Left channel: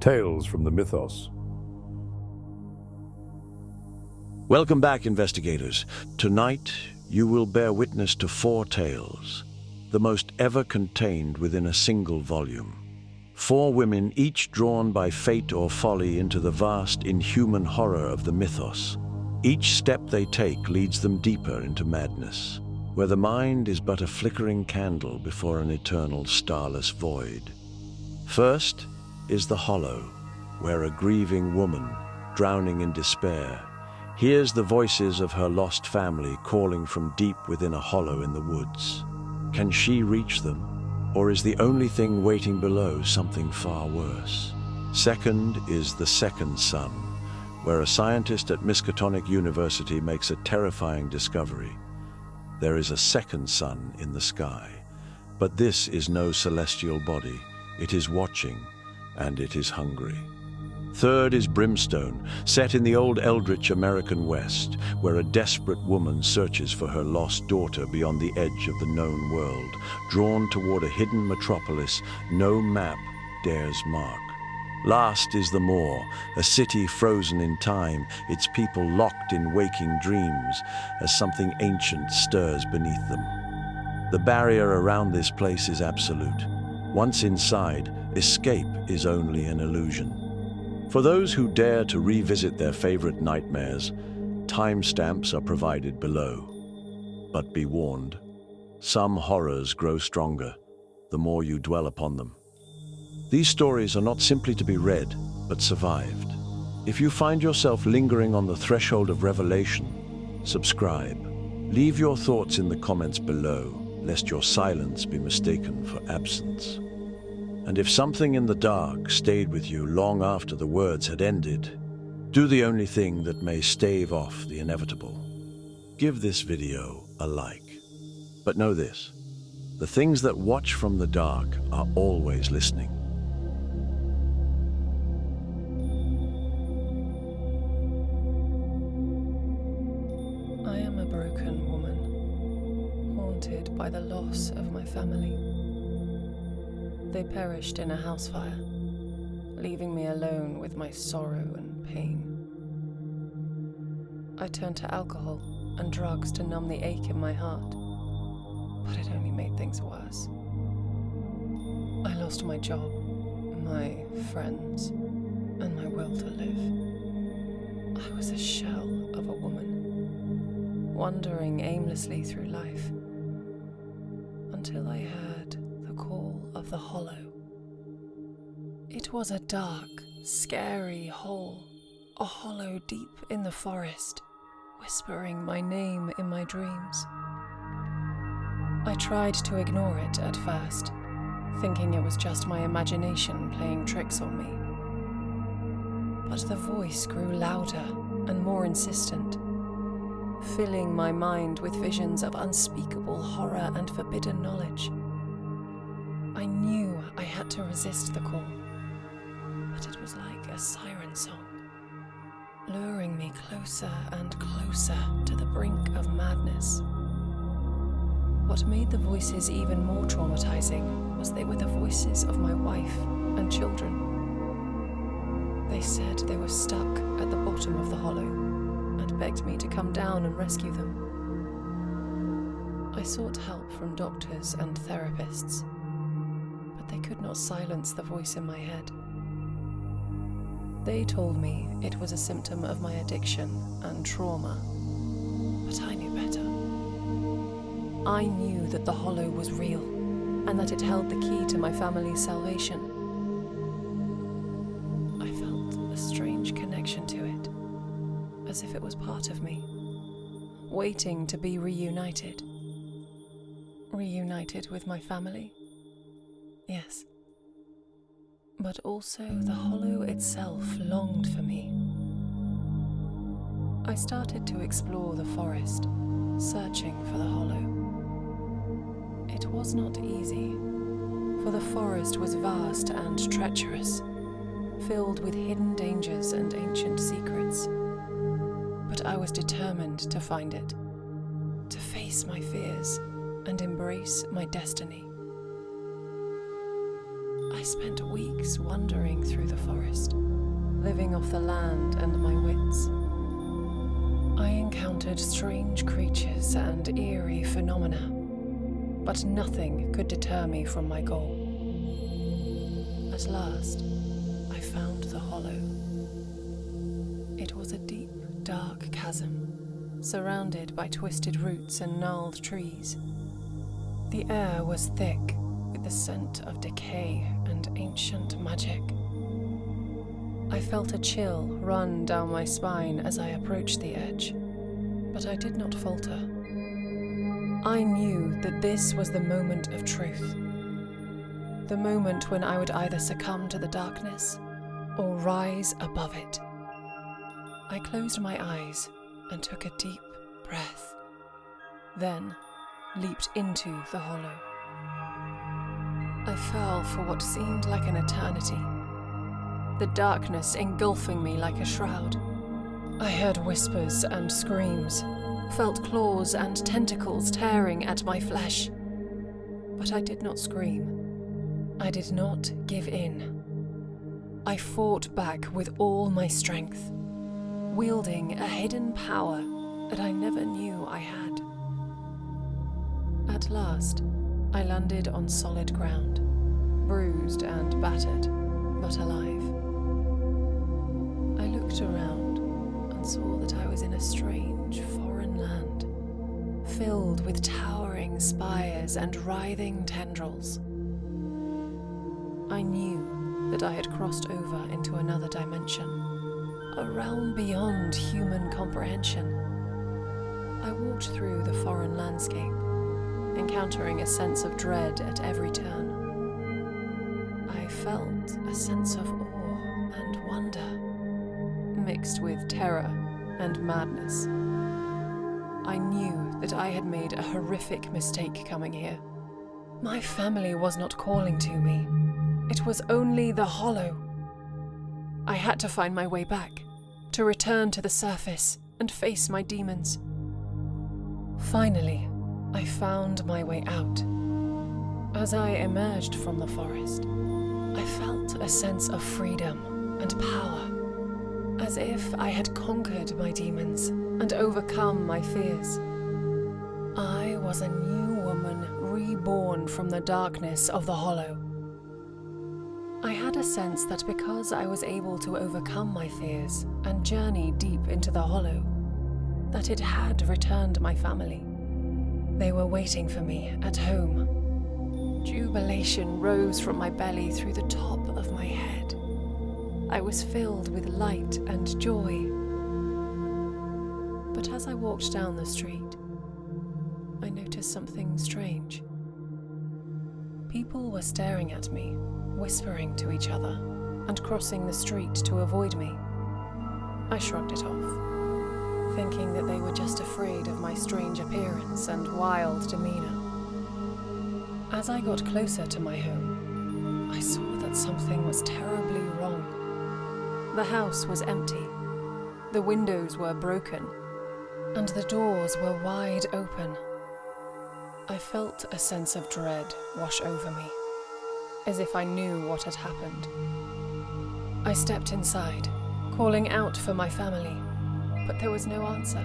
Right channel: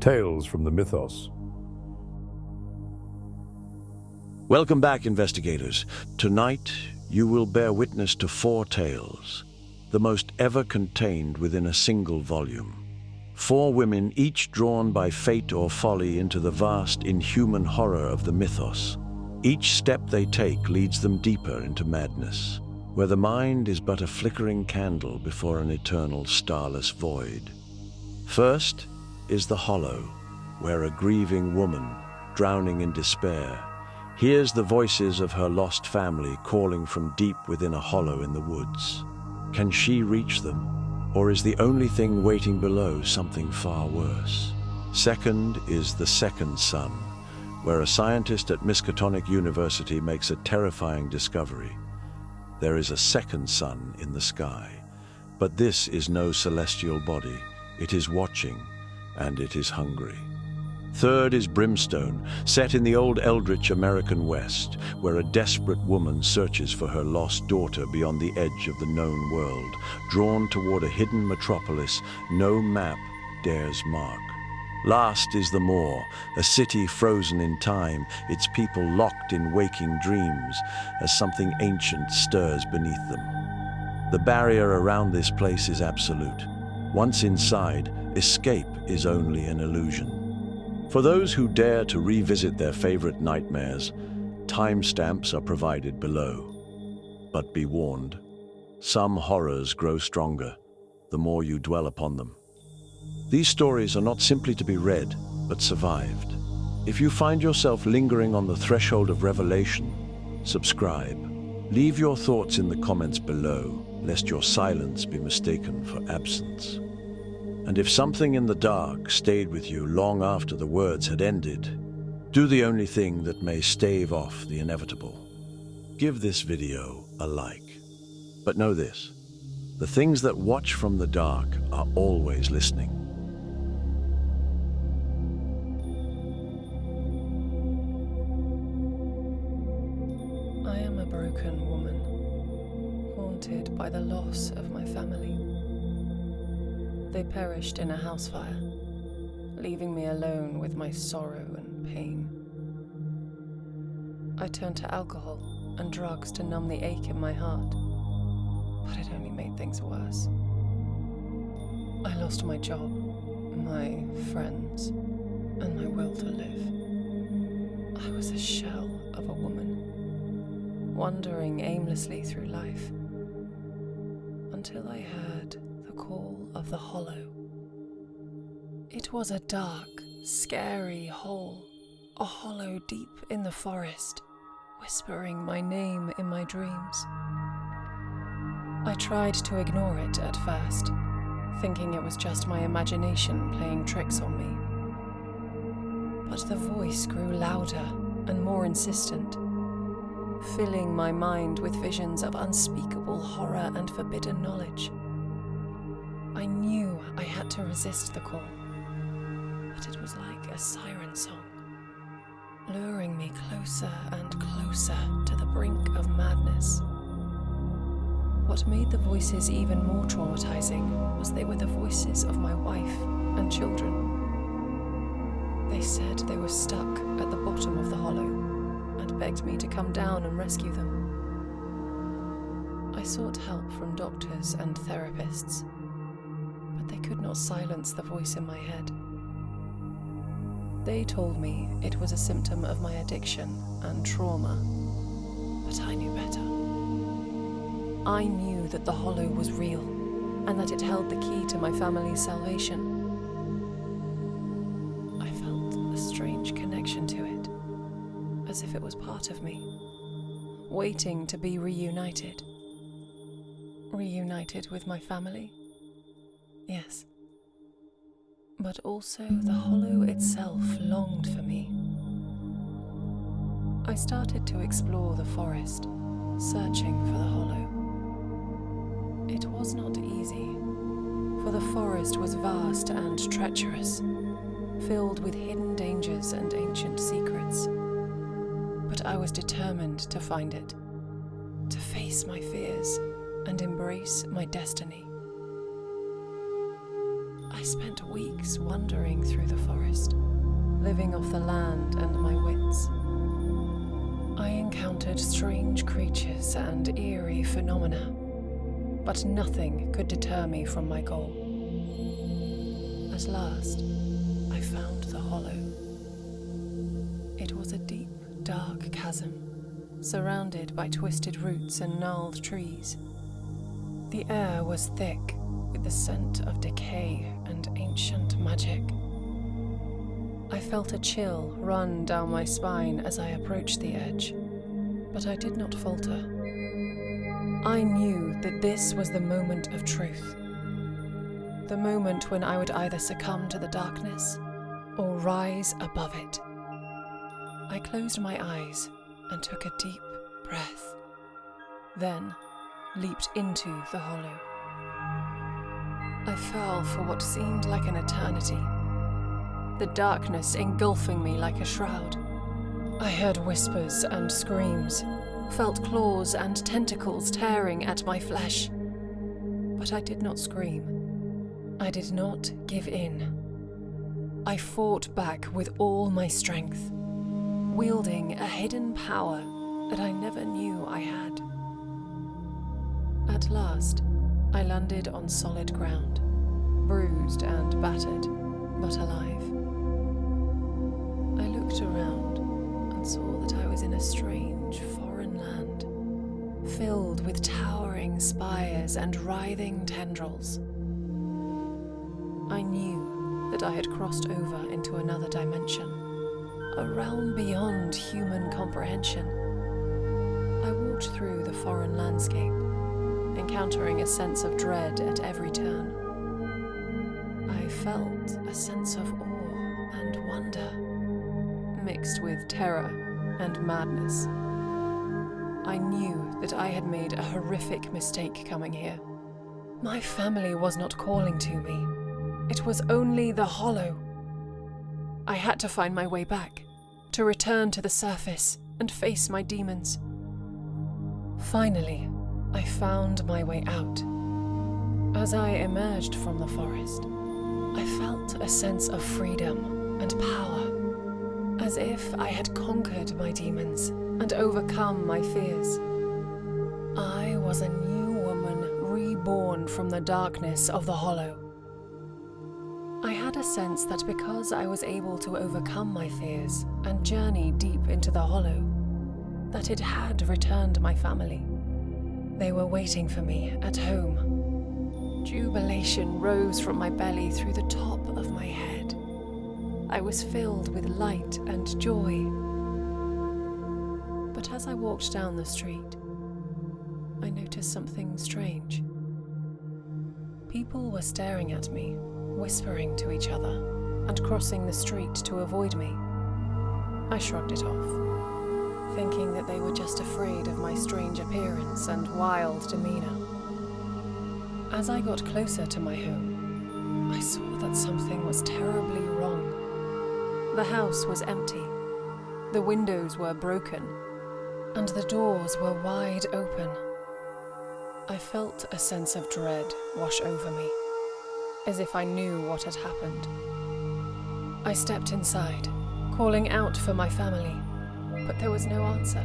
Tales from the Mythos. Welcome back, investigators. Tonight, you will bear witness to 4 tales, the most ever contained within a single volume. 4 women, each drawn by fate or folly into the vast, inhuman horror of the mythos. Each step they take leads them deeper into madness, where the mind is but a flickering candle before an eternal starless void. First is the hollow, where a grieving woman, drowning in despair, hears the voices of her lost family calling from deep within a hollow in the woods. Can she reach them, or is the only thing waiting below something far worse? Second is the second sun, where a scientist at Miskatonic University makes a terrifying discovery. There is a second sun in the sky, but this is no celestial body. It is watching, and it is hungry. Third is Brimstone, set in the old Eldritch American West, where a desperate woman searches for her lost daughter beyond the edge of the known world, drawn toward a hidden metropolis no map dares mark. Last is the Moor, a city frozen in time, its people locked in waking dreams, as something ancient stirs beneath them. The barrier around this place is absolute. Once inside, escape is only an illusion. For those who dare to revisit their favorite nightmares, timestamps are provided below. But be warned, some horrors grow stronger the more you dwell upon them. These stories are not simply to be read, but survived. If you find yourself lingering on the threshold of revelation, subscribe. Leave your thoughts in the comments below, lest your silence be mistaken for absence. And if something in the dark stayed with you long after the words had ended, do the only thing that may stave off the inevitable. Give this video a like. But know this, the things that watch from the dark are always listening. I am a broken woman, haunted by the loss of my family. They perished in a house fire, leaving me alone with my sorrow and pain. I turned to alcohol and drugs to numb the ache in my heart, but it only made things worse. I lost my job, my friends, and my will to live. I was a shell of a woman, wandering aimlessly through life, until I heard the call of the hollow. It was a dark, scary hole, a hollow deep in the forest, whispering my name in my dreams. I tried to ignore it at first, thinking it was just my imagination playing tricks on me. But the voice grew louder and more insistent, filling my mind with visions of unspeakable horror and forbidden knowledge. I knew I had to resist the call, but it was like a siren song, luring me closer and closer to the brink of madness. What made the voices even more traumatizing was they were the voices of my wife and children. They said they were stuck at the bottom of the hollow and begged me to come down and rescue them. I sought help from doctors and therapists, but they could not silence the voice in my head. They told me it was a symptom of my addiction and trauma, but I knew better. I knew that the hollow was real, and that it held the key to my family's salvation. I felt a strange connection to it, as if it was part of me, waiting to be reunited. Reunited with my family? Yes. But also the hollow itself longed for me. I started to explore the forest, searching for the hollow. It was not easy, for the forest was vast and treacherous, filled with hidden dangers and ancient secrets. But I was determined to find it, to face my fears and embrace my destiny. I I spent weeks wandering through the forest, living off the land and my wits. I encountered strange creatures and eerie phenomena, but nothing could deter me from my goal. At last, I found the hollow. It was a deep, dark chasm, surrounded by twisted roots and gnarled trees. The air was thick with the scent of decay and ancient magic. I felt a chill run down my spine as I approached the edge, but I did not falter. I knew that this was the moment of truth, the moment when I would either succumb to the darkness or rise above it. I closed my eyes and took a deep breath, then leaped into the hollow. I fell for what seemed like an eternity, the darkness engulfing me like a shroud. I heard whispers and screams, felt claws and tentacles tearing at my flesh. But I did not scream. I did not give in. I fought back with all my strength, wielding a hidden power that I never knew I had. At last, I landed on solid ground, bruised and battered, but alive. I looked around and saw that I was in a strange foreign land, filled with towering spires and writhing tendrils. I knew that I had crossed over into another dimension, a realm beyond human comprehension. I walked through the foreign landscape, encountering a sense of dread at every turn. I felt a sense of awe and wonder, mixed with terror and madness. I knew that I had made a horrific mistake coming here. My family was not calling to me. It was only the hollow. I had to find my way back, to return to the surface and face my demons. Finally, I found my way out. As I emerged from the forest, I felt a sense of freedom and power, as if I had conquered my demons and overcome my fears. I was a new woman reborn from the darkness of the hollow. I had a sense that because I was able to overcome my fears and journey deep into the hollow, that it had returned my family. They were waiting for me at home. Jubilation rose from my belly through the top of my head. I was filled with light and joy. But as I walked down the street, I noticed something strange. People were staring at me, whispering to each other, and crossing the street to avoid me. I shrugged it off, thinking that they were just afraid of my strange appearance and wild demeanor. As I got closer to my home, I saw that something was terribly wrong. The house was empty, the windows were broken, and the doors were wide open. I felt a sense of dread wash over me, as if I knew what had happened. I stepped inside, calling out for my family, but there was no answer.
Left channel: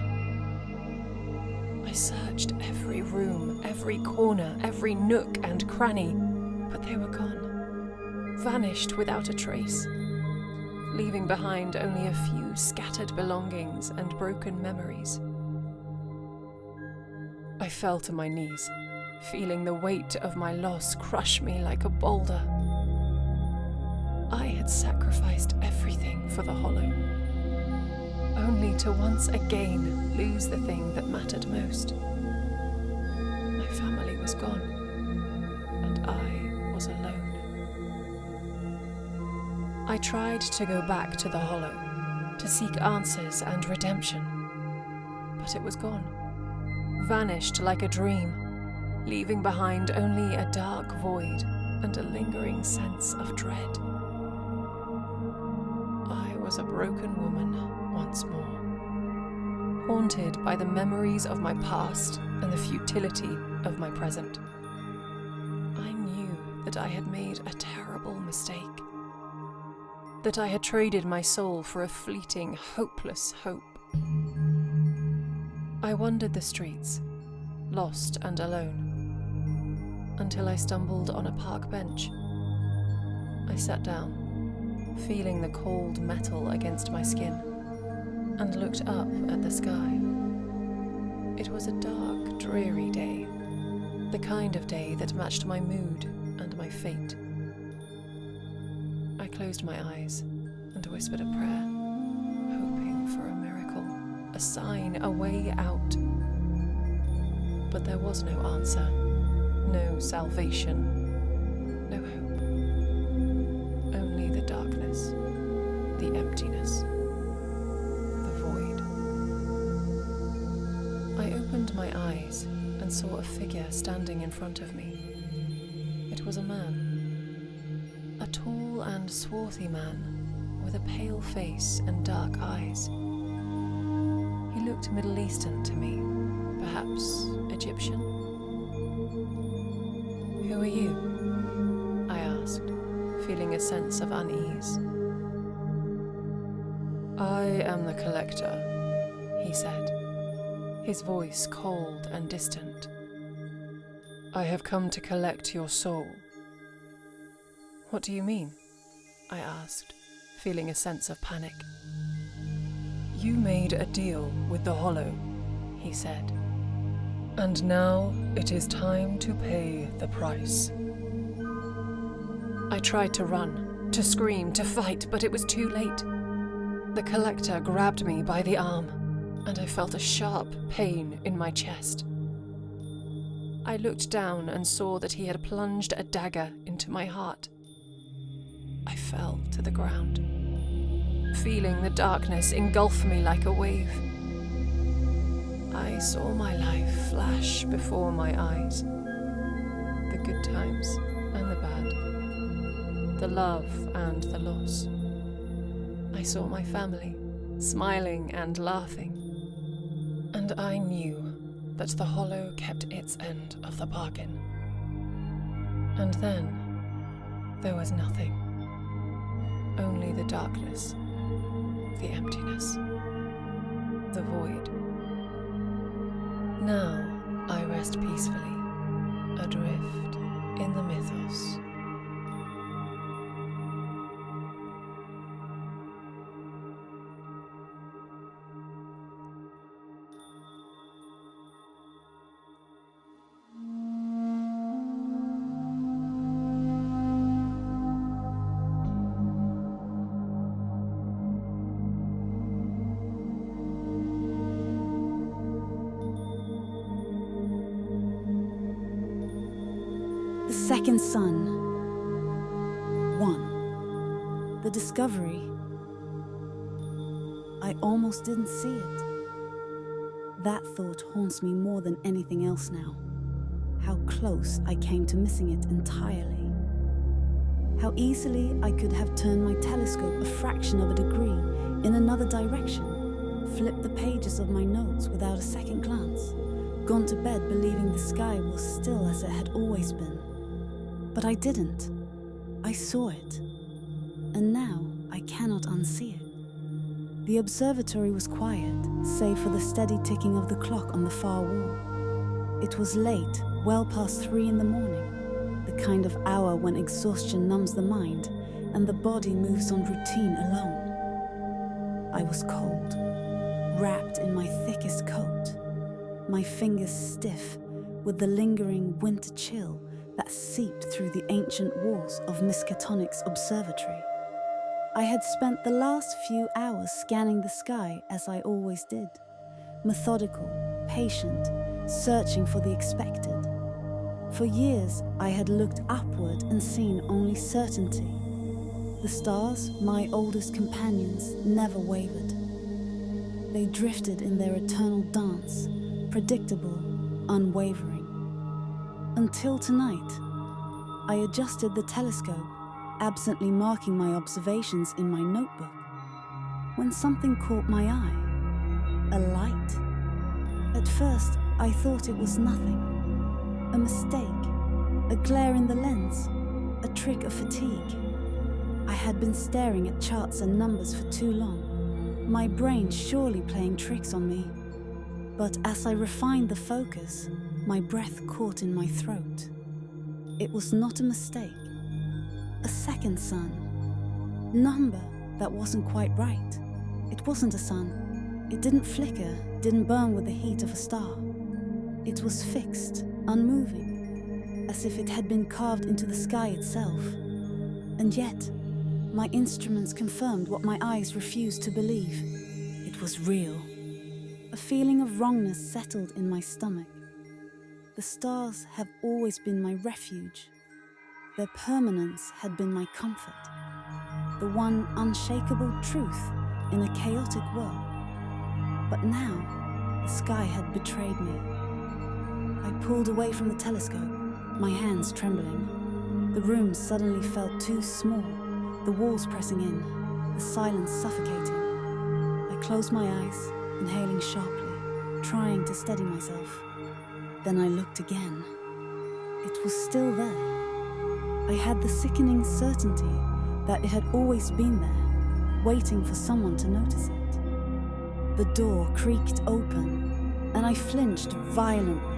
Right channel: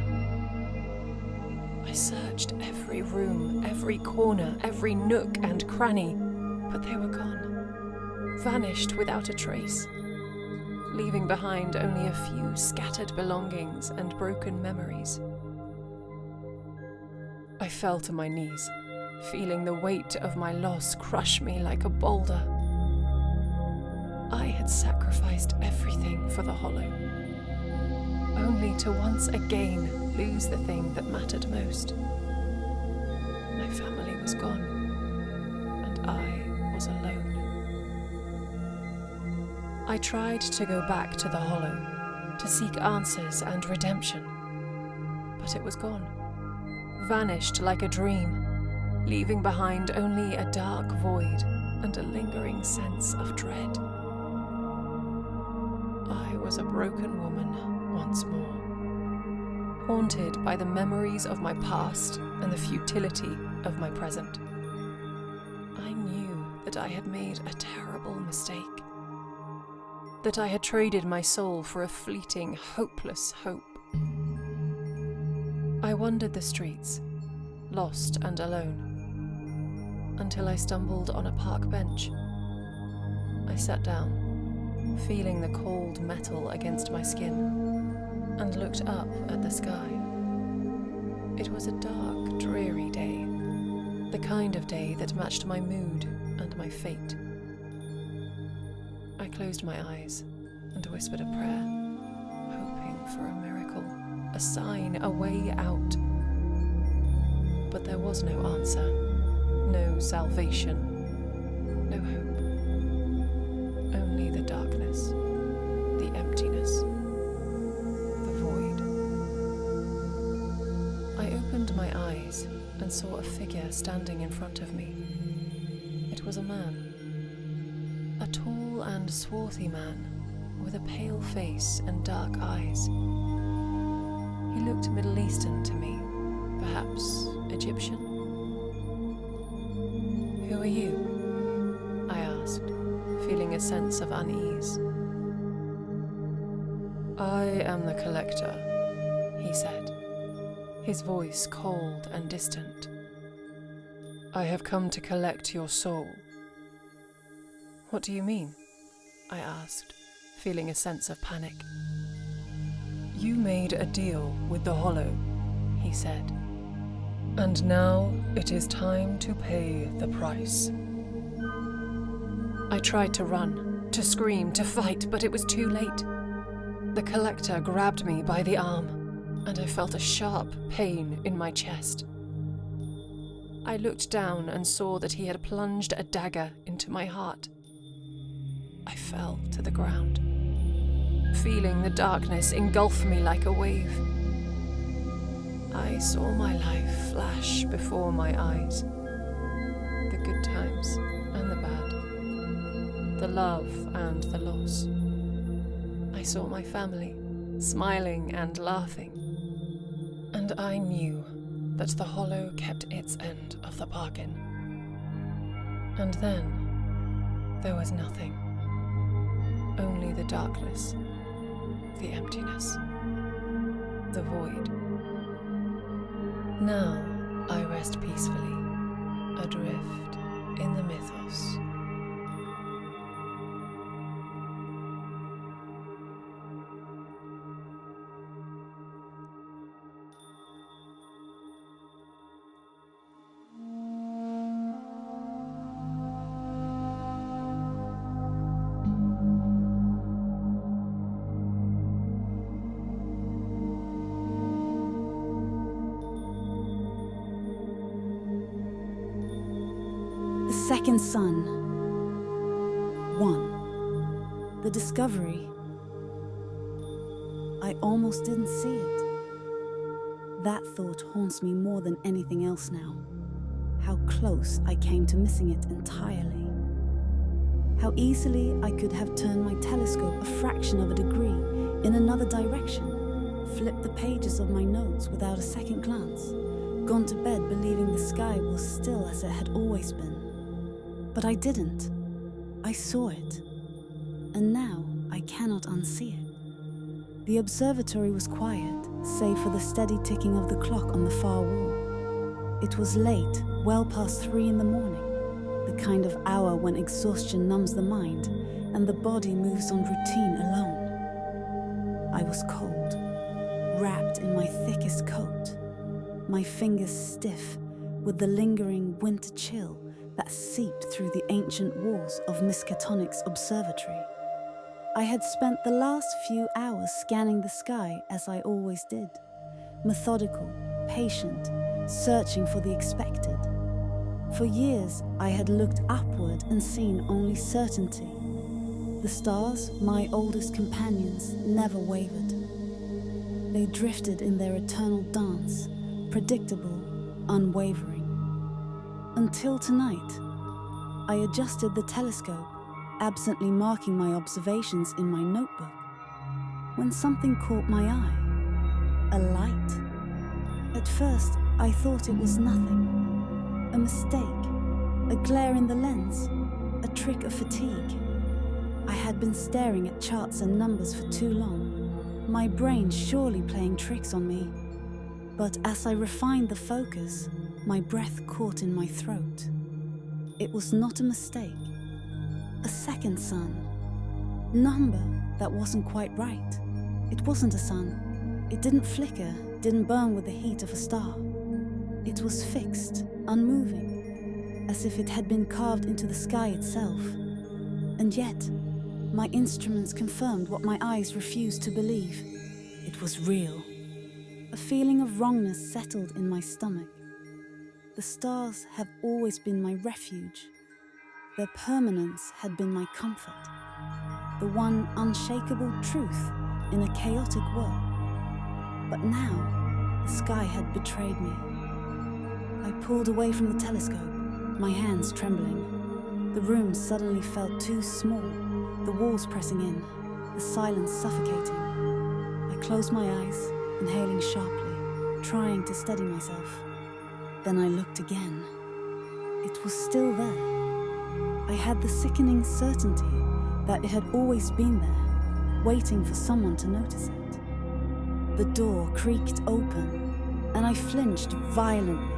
I searched every room, every corner, every nook and cranny, but they were gone, vanished without a trace, leaving behind only a few scattered belongings and broken memories. I fell to my knees, feeling the weight of my loss crush me like a boulder. I had sacrificed everything for the hollow, only to once again lose the thing that mattered most. My family was gone, and I was alone. I tried to go back to the hollow, to seek answers and redemption, but it was gone, vanished like a dream, leaving behind only a dark void and a lingering sense of dread. I was a broken woman once more, haunted by the memories of my past and the futility of my present. I knew that I had made a terrible mistake. That I had traded my soul for a fleeting, hopeless hope. I wandered the streets, lost and alone, until I stumbled on a park bench. I sat down, feeling the cold metal against my skin, and looked up at the sky. It was a dark, dreary day, the kind of day that matched my mood and my fate. I closed my eyes and whispered a prayer, hoping for a miracle, a sign, a way out. But there was no answer, no salvation, no hope. Only the darkness, the emptiness, the void. I opened my eyes and saw a figure standing in front of me. It was a man. A tall and swarthy man, with a pale face and dark eyes. He looked Middle Eastern to me, perhaps Egyptian. "Who are you?" I asked, feeling a sense of unease. "I am the Collector," he said, his voice cold and distant. "I have come to collect your soul." "What do you mean?" I asked, feeling a sense of panic. "You made a deal with the Hollow," he said, "and now it is time to pay the price." I tried to run, to scream, to fight, but it was too late. The Collector grabbed me by the arm, and I felt a sharp pain in my chest. I looked down and saw that he had plunged a dagger into my heart. I fell to the ground, feeling the darkness engulf me like a wave. I saw my life flash before my eyes. The good times and the bad, the love and the loss. I saw my family, smiling and laughing. And I knew that the Hollow kept its end of the bargain. And then there was nothing. Only the darkness, the emptiness, the void. Now I rest peacefully, adrift in the Mythos. The second son. 1. The discovery. I almost didn't see it. That thought haunts me more than anything else now. How close I came to missing it entirely. How easily I could have turned my telescope a fraction of a degree in another direction, flipped the pages of my notes without a second glance, gone to bed believing the sky was still as it had always been. But I didn't. I saw it. And now I cannot unsee it. The observatory was quiet, save for the steady ticking of the clock on the far wall. It was late, well past 3 in the morning, the kind of hour when exhaustion numbs the mind and the body moves on routine alone. I was cold, wrapped in my thickest coat, my fingers stiff with the lingering winter chill that seeped through the ancient walls of Miskatonic's observatory. I had spent the last few hours scanning the sky as I always did, methodical, patient, searching for the expected. For years, I had looked upward and seen only certainty. The stars, my oldest companions, never wavered. They drifted in their eternal dance, predictable, unwavering. Until tonight, I adjusted the telescope, absently marking my observations in my notebook, when something caught my eye. A light. At first, I thought it was nothing. A mistake. A glare in the lens. A trick of fatigue. I had been staring at charts and numbers for too long, my brain surely playing tricks on me. But as I refined the focus, my breath caught in my throat. It was not a mistake. A second sun. Number that wasn't quite right. It wasn't a sun. It didn't flicker, didn't burn with the heat of a star. It was fixed, unmoving, as if it had been carved into the sky itself. And yet, my instruments confirmed what my eyes refused to believe. It was real. A feeling of wrongness settled in my stomach. The stars have always been my refuge. Their permanence had been my comfort. The one unshakable truth in a chaotic world. But now, the sky had betrayed me. I pulled away from the telescope, my hands trembling. The room suddenly felt too small, the walls pressing in, the silence suffocating. I closed my eyes, inhaling sharply, trying to steady myself. Then I looked again. It was still there. I had the sickening certainty that it had always been there, waiting for someone to notice it. The door creaked open, and I flinched violently,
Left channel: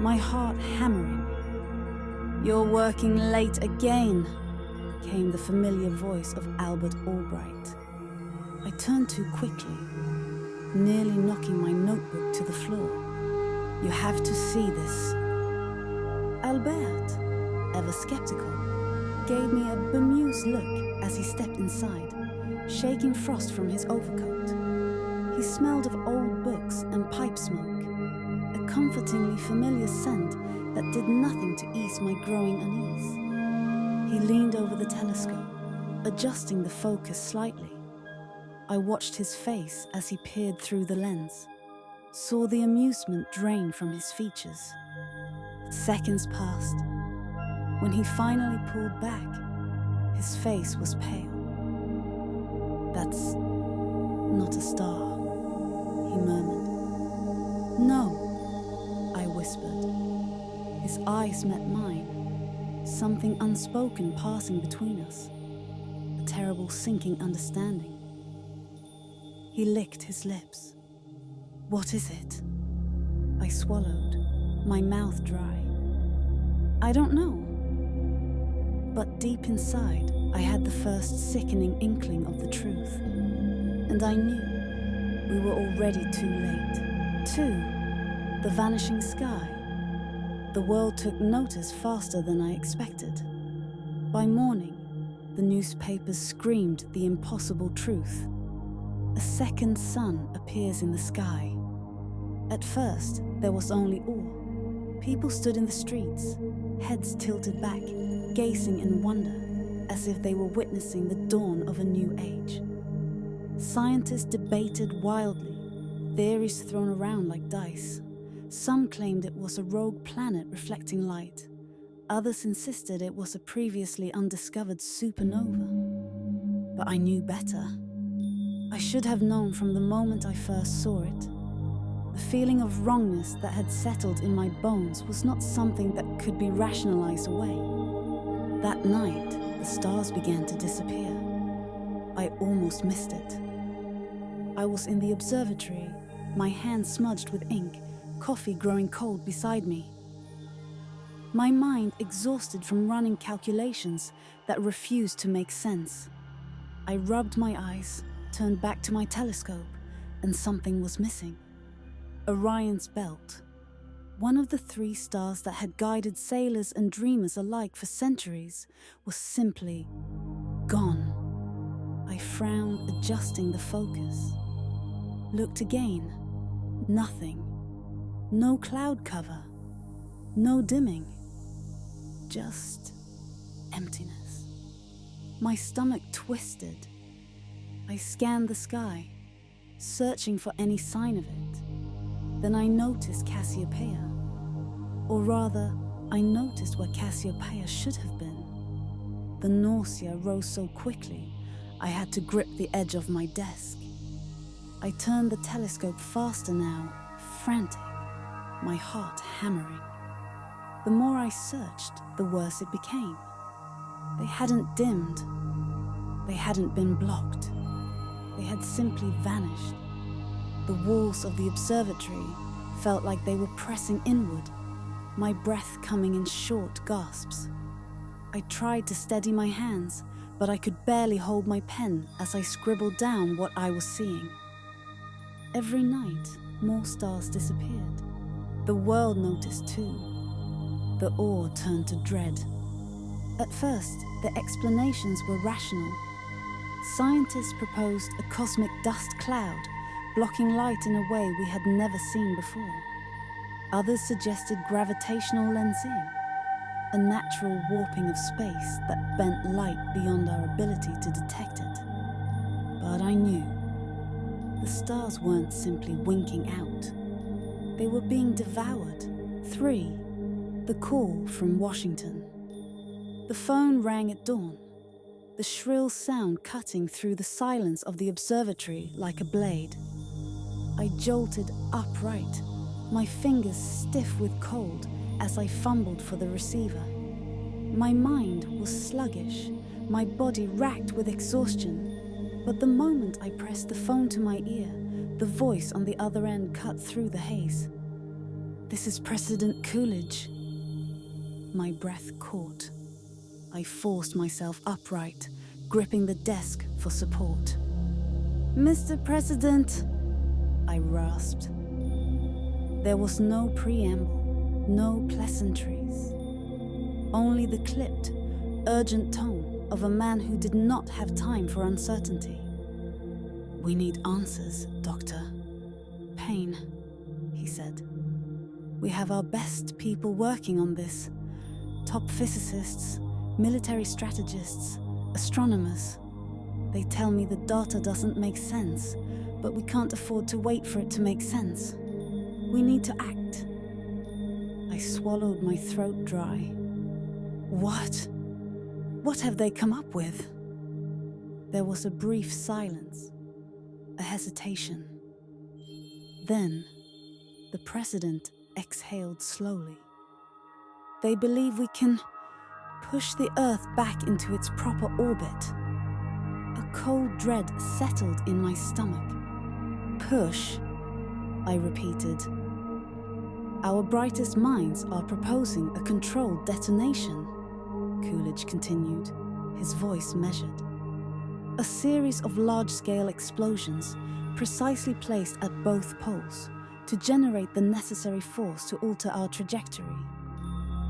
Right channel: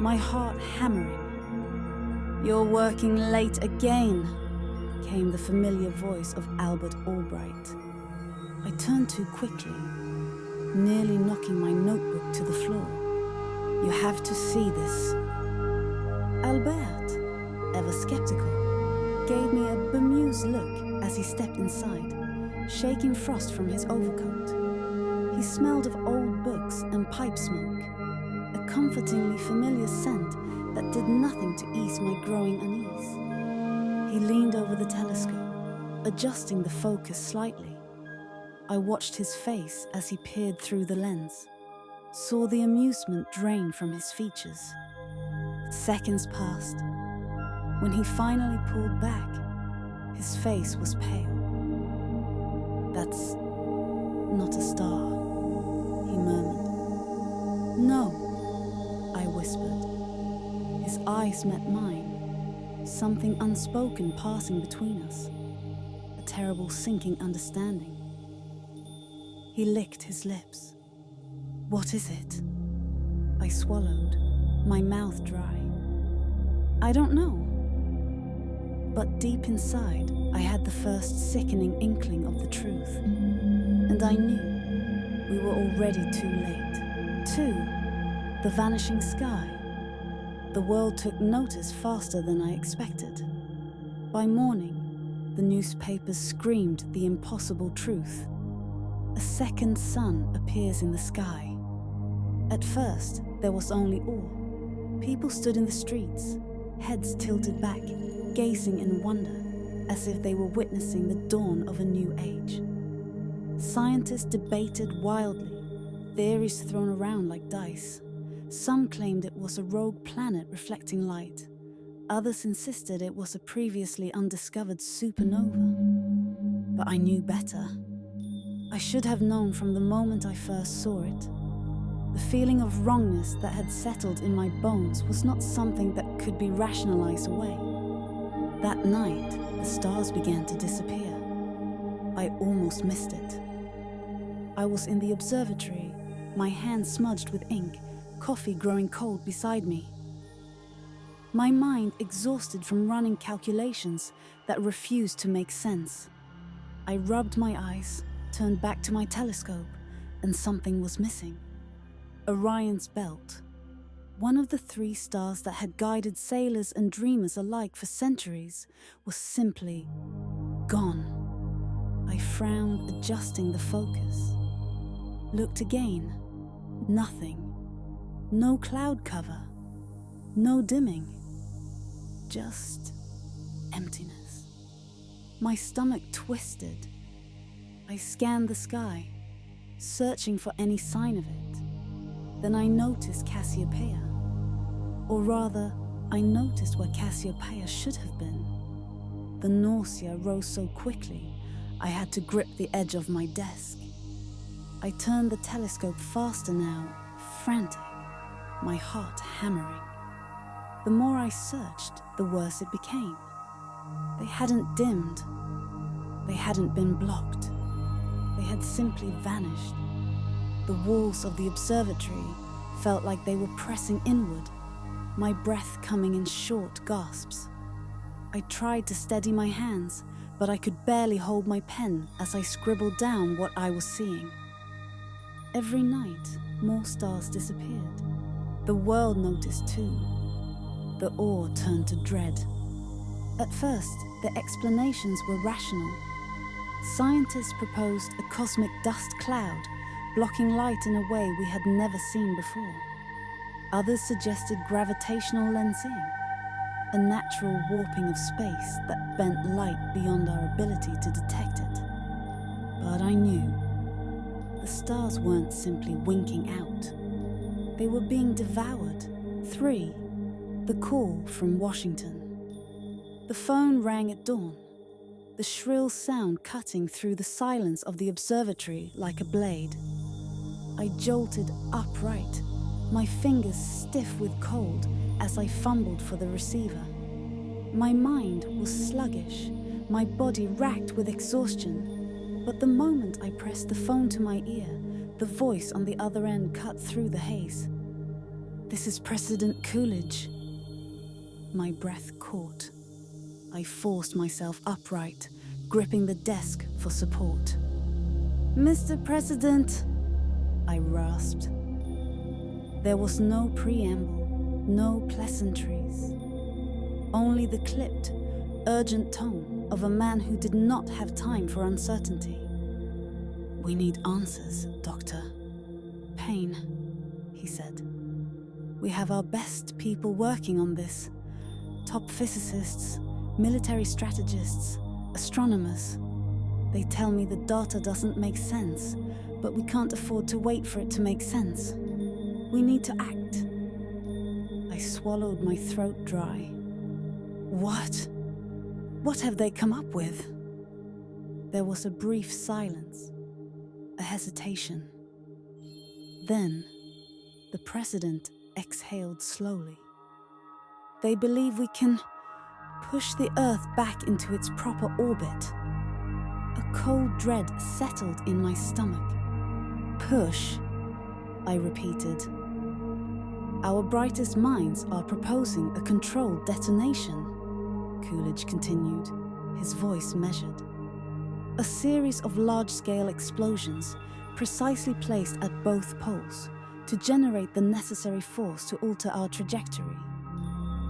my heart hammering. "You're working late again," came the familiar voice of Albert Albright. I turned too quickly, nearly knocking my notebook to the floor. "You have to see this." Albert, ever skeptical, gave me a bemused look as he stepped inside, shaking frost from his overcoat. He smelled of old books and pipe smoke, a comfortingly familiar scent that did nothing to ease my growing unease. He leaned over the telescope, adjusting the focus slightly. I watched his face as he peered through the lens, saw the amusement drain from his features. Seconds passed. When he finally pulled back, his face was pale. "That's not a star," he murmured. "No," I whispered. His eyes met mine, something unspoken passing between us, a terrible sinking understanding. He licked his lips. "What is it?" I swallowed, my mouth dry. "I don't know." But deep inside, I had the first sickening inkling of the truth. And I knew we were already too late. The vanishing sky. The world took notice faster than I expected. By morning, the newspapers screamed the impossible truth. A second sun appears in the sky. At first, there was only awe. People stood in the streets, heads tilted back, gazing in wonder, as if they were witnessing the dawn of a new age. Scientists debated wildly, theories thrown around like dice. Some claimed it was a rogue planet reflecting light. Others insisted it was a previously undiscovered supernova. But I knew better. I should have known from the moment I first saw it. The feeling of wrongness that had settled in my bones was not something that could be rationalized away. That night, the stars began to disappear. I almost missed it. I was in the observatory, my hands smudged with ink, coffee growing cold beside me. My mind exhausted from running calculations that refused to make sense. I rubbed my eyes, turned back to my telescope, and something was missing. Orion's belt. One of the 3 stars that had guided sailors and dreamers alike for centuries was simply gone. I frowned, adjusting the focus. Looked again. Nothing. No cloud cover. No dimming. Just emptiness. My stomach twisted. I scanned the sky, searching for any sign of it. Then I noticed Cassiopeia. Or rather, I noticed where Cassiopeia should have been. The nausea rose so quickly, I had to grip the edge of my desk. I turned the telescope faster now, frantic, my heart hammering. The more I searched, the worse it became. They hadn't dimmed. They hadn't been blocked. They had simply vanished. The walls of the observatory felt like they were pressing inward, my breath coming in short gasps. I tried to steady my hands, but I could barely hold my pen as I scribbled down what I was seeing. Every night, more stars disappeared. The world noticed too. The awe turned to dread. At first, the explanations were rational. Scientists proposed a cosmic dust cloud, blocking light in a way we had never seen before. Others suggested gravitational lensing, a natural warping of space that bent light beyond our ability to detect it. But I knew the stars weren't simply winking out. They were being devoured. 3. The call from Washington. The phone rang at dawn, the shrill sound cutting through the silence of the observatory like a blade. I jolted upright, my fingers stiff with cold as I fumbled for the receiver. My mind was sluggish, my body racked with exhaustion. But the moment I pressed the phone to my ear, the voice on the other end cut through the haze. "This is President Coolidge." My breath caught. I forced myself upright, gripping the desk for support. "Mr. President," I rasped. There was no preamble, no pleasantries. Only the clipped, urgent tone of a man who did not have time for uncertainty. "We need answers, Doctor Payne," he said. "We have our best people working on this. Top physicists, military strategists, astronomers. They tell me the data doesn't make sense, but we can't afford to wait for it to make sense. We need to act." I swallowed my throat dry. What? What have they come up with? There was a brief silence, a hesitation. Then, the president exhaled slowly. "They believe we can push the Earth back into its proper orbit." A cold dread settled in my stomach. "Push," I repeated. "Our brightest minds are proposing a controlled detonation," Coolidge continued, his voice measured. "A series of large-scale explosions, precisely placed at both poles, to generate the necessary force to alter our trajectory.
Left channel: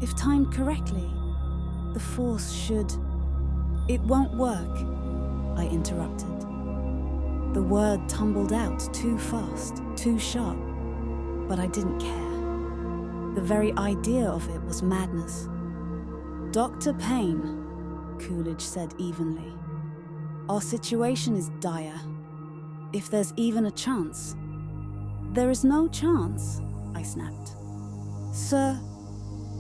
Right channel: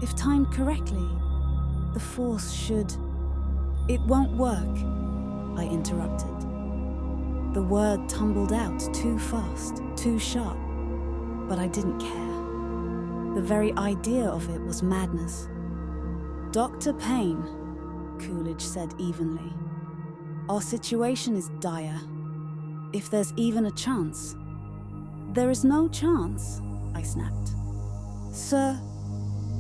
If timed correctly, the force should..." "It won't work," I interrupted. The word tumbled out too fast, too sharp, but I didn't care. The very idea of it was madness. "Dr. Payne," Coolidge said evenly, "our situation is dire. If there's even a chance..." "There is no chance," I snapped. "Sir,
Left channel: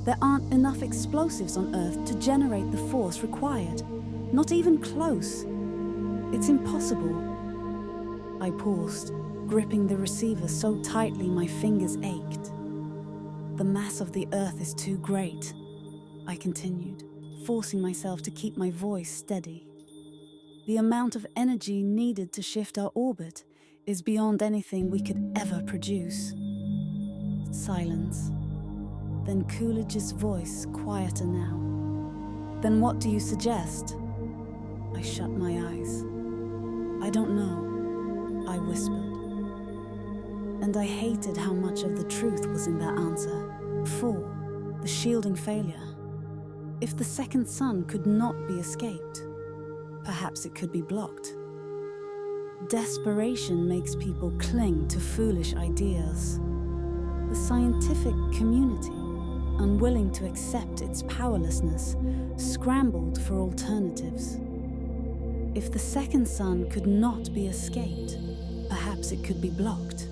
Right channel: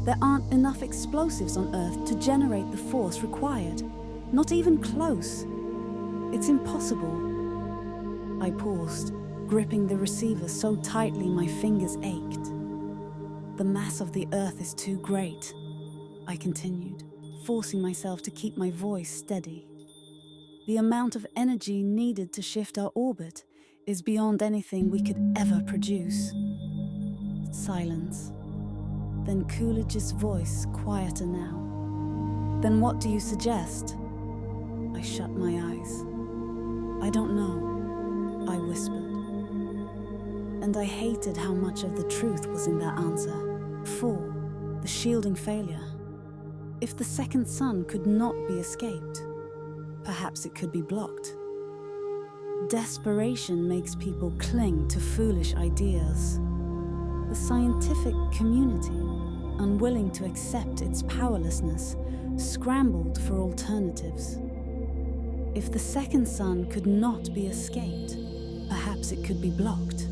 there aren't enough explosives on Earth to generate the force required. Not even close. It's impossible." I paused, gripping the receiver so tightly my fingers ached. "The mass of the Earth is too great," I continued, forcing myself to keep my voice steady. "The amount of energy needed to shift our orbit is beyond anything we could ever produce." Silence. Then Coolidge's voice, quieter now. "Then what do you suggest?" I shut my eyes. "I don't know," I whispered. And I hated how much of the truth was in that answer. 4. The shielding failure. If the second sun could not be escaped, perhaps it could be blocked. Desperation makes people cling to foolish ideas. The scientific community, unwilling to accept its powerlessness, scrambled for alternatives. If the second sun could not be escaped, perhaps it could be blocked.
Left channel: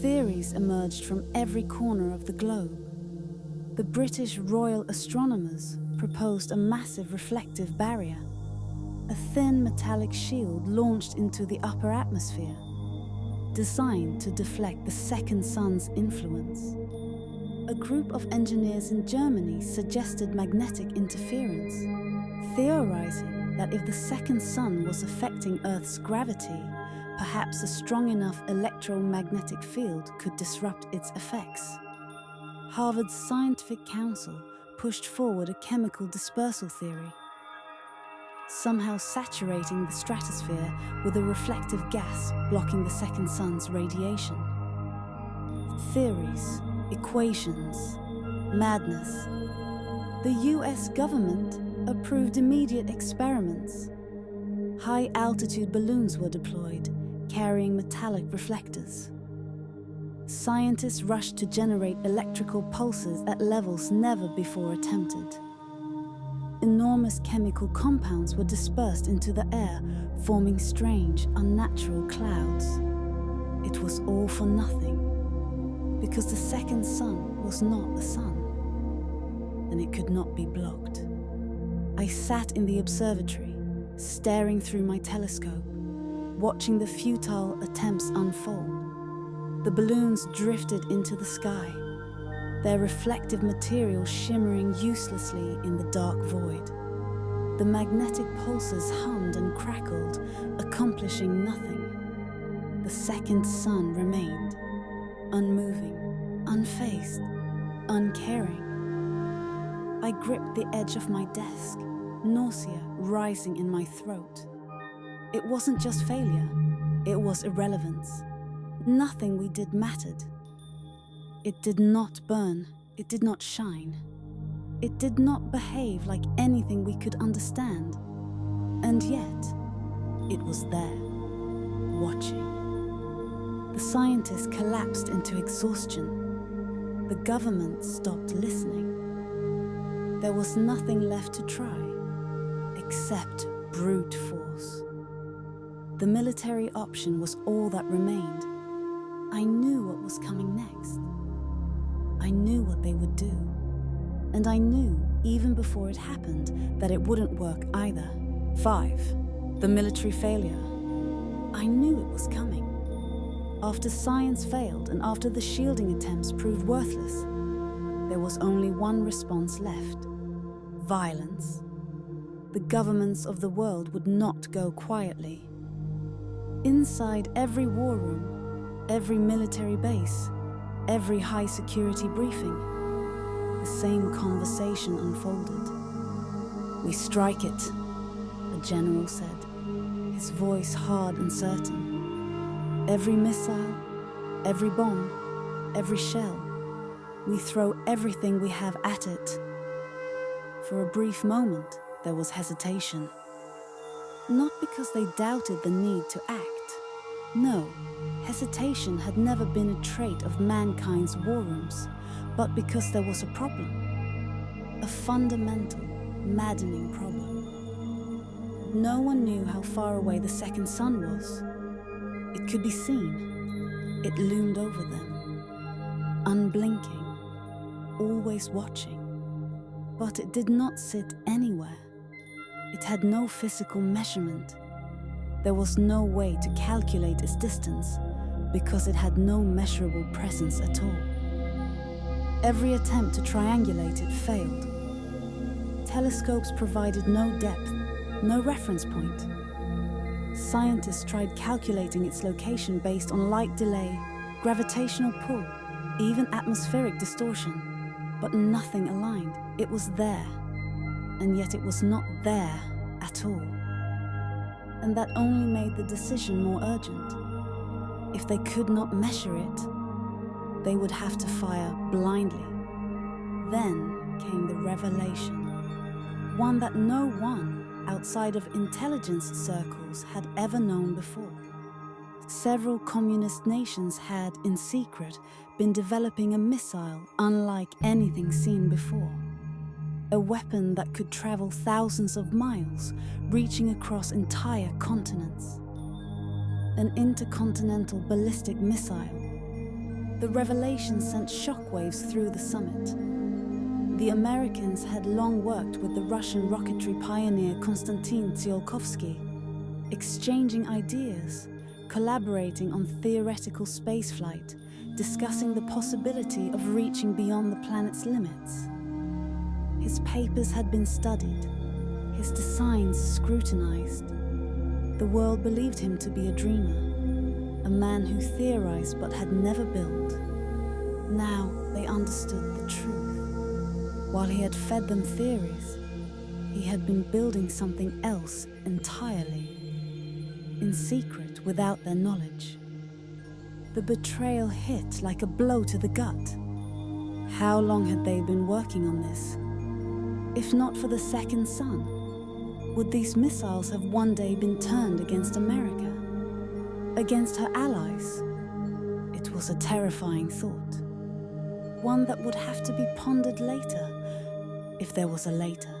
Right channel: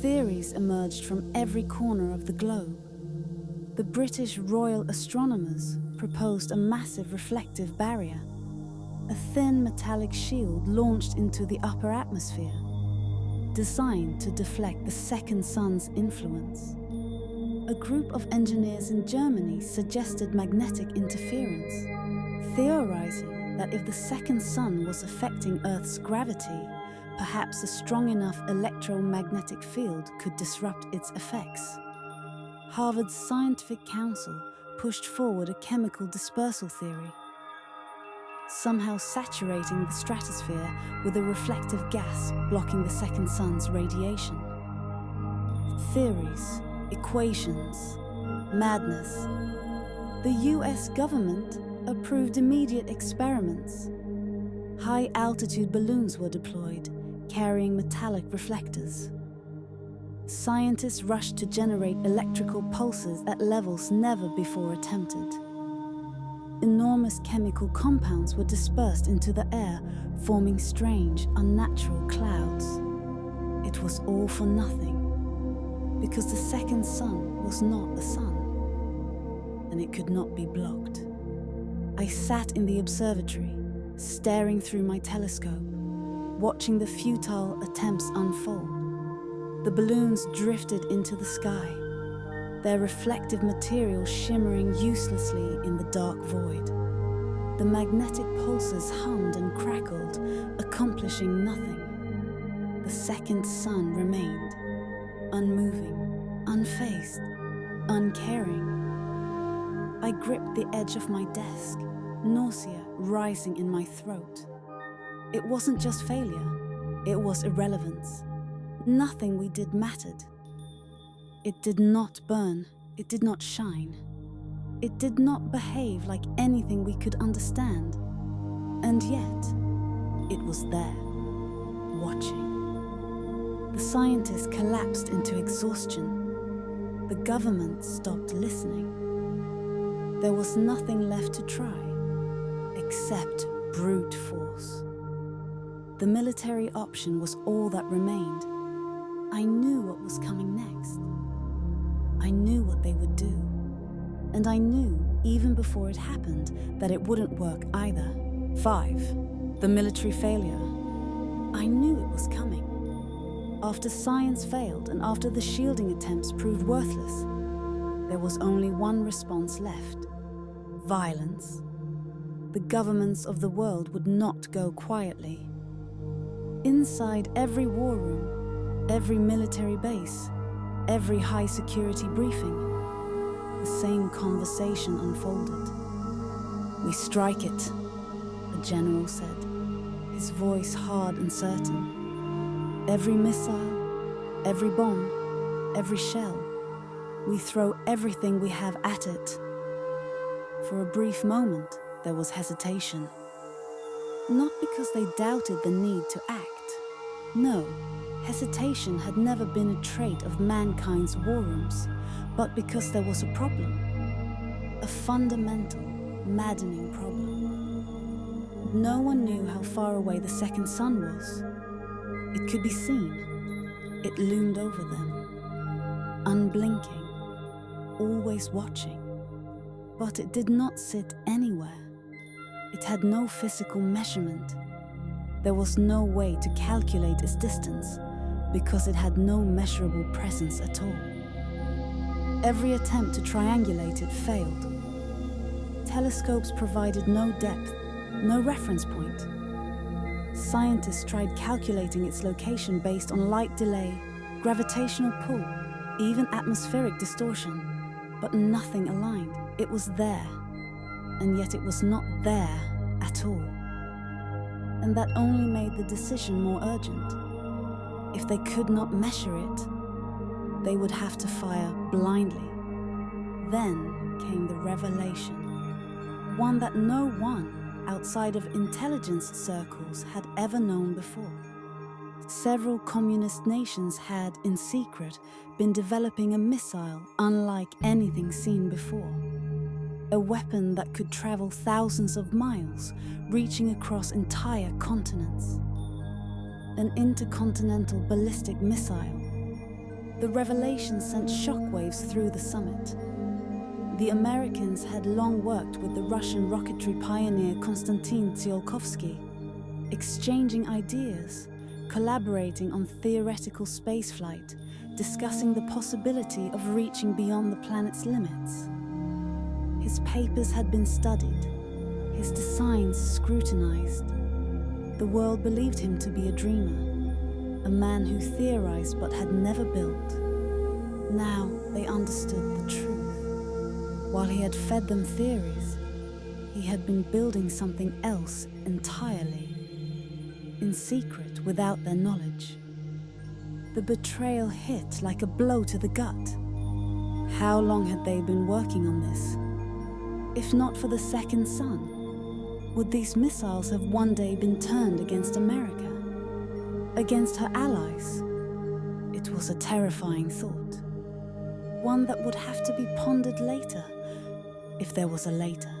Theories emerged from every corner of the globe. The British Royal Astronomers proposed a massive reflective barrier, a thin metallic shield launched into the upper atmosphere, designed to deflect the second sun's influence. A group of engineers in Germany suggested magnetic interference. theorizing that if the second sun was affecting Earth's gravity, perhaps a strong enough electromagnetic field could disrupt its effects. Harvard's Scientific Council pushed forward a chemical dispersal theory, somehow saturating the stratosphere with a reflective gas blocking the second sun's radiation. Theories, equations, madness. The US government approved immediate experiments. High-altitude balloons were deployed, carrying metallic reflectors. Scientists rushed to generate electrical pulses at levels never before attempted. Enormous chemical compounds were dispersed into the air, forming strange, unnatural clouds. It was all for nothing, because the second sun was not a sun, and it could not be blocked. I sat in the observatory, staring through my telescope, watching the futile attempts unfold. The balloons drifted into the sky, their reflective material shimmering uselessly in the dark void. The magnetic pulses hummed and crackled, accomplishing nothing. The second sun remained, unmoving, unfazed, uncaring. I gripped the edge of my desk, nausea rising in my throat. It wasn't just failure, it was irrelevance. Nothing we did mattered. It did not burn, it did not shine. It did not behave like anything we could understand. And yet, it was there, watching. The scientists collapsed into exhaustion. The government stopped listening. There was nothing left to try, except brute force. The military option was all that remained. I knew what was coming next. I knew what they would do. And I knew, even before it happened, that it wouldn't work either. 5. The military failure. I knew it was coming. After science failed and after the shielding attempts proved worthless, there was only one response left: violence. The governments of the world would not go quietly. Inside every war room, every military base, every high-security briefing, the same conversation unfolded. "We strike it," a general said, his voice hard and certain. "Every missile, every bomb, every shell, we throw everything we have at it." For a brief moment, there was hesitation. Not because they doubted the need to act. No, hesitation had never been a trait of mankind's war rooms, but because there was a problem. A fundamental, maddening problem. No one knew how far away the second sun was. It could be seen. It loomed over them, unblinking, always watching. But it did not sit anywhere. It had no physical measurement. There was no way to calculate its distance, because it had no measurable presence at all. Every attempt to triangulate it failed. Telescopes provided no depth, no reference point. Scientists tried calculating its location based on light delay, gravitational pull, even atmospheric distortion, but nothing aligned. It was there, and yet it was not there at all. And that only made the decision more urgent. If they could not measure it, they would have to fire blindly. Then came the revelation, one that no one outside of intelligence circles had ever known before. Several communist nations had, in secret, been developing a missile unlike anything seen before. A weapon that could travel thousands of miles, reaching across entire continents. An intercontinental ballistic missile. The revelation sent shockwaves through the summit. The Americans had long worked with the Russian rocketry pioneer Konstantin Tsiolkovsky, exchanging ideas, collaborating on theoretical spaceflight, discussing the possibility of reaching beyond the planet's limits. His papers had been studied, his designs scrutinized. The world believed him to be a dreamer, a man who theorized but had never built. Now they understood the truth. While he had fed them theories, he had been building something else entirely, in secret without their knowledge. The betrayal hit like a blow to the gut. How long had they been working on this? If not for the second son, would these missiles have one day been turned against America? Against her allies? It was a terrifying thought. One that would have to be pondered later, if there was a later.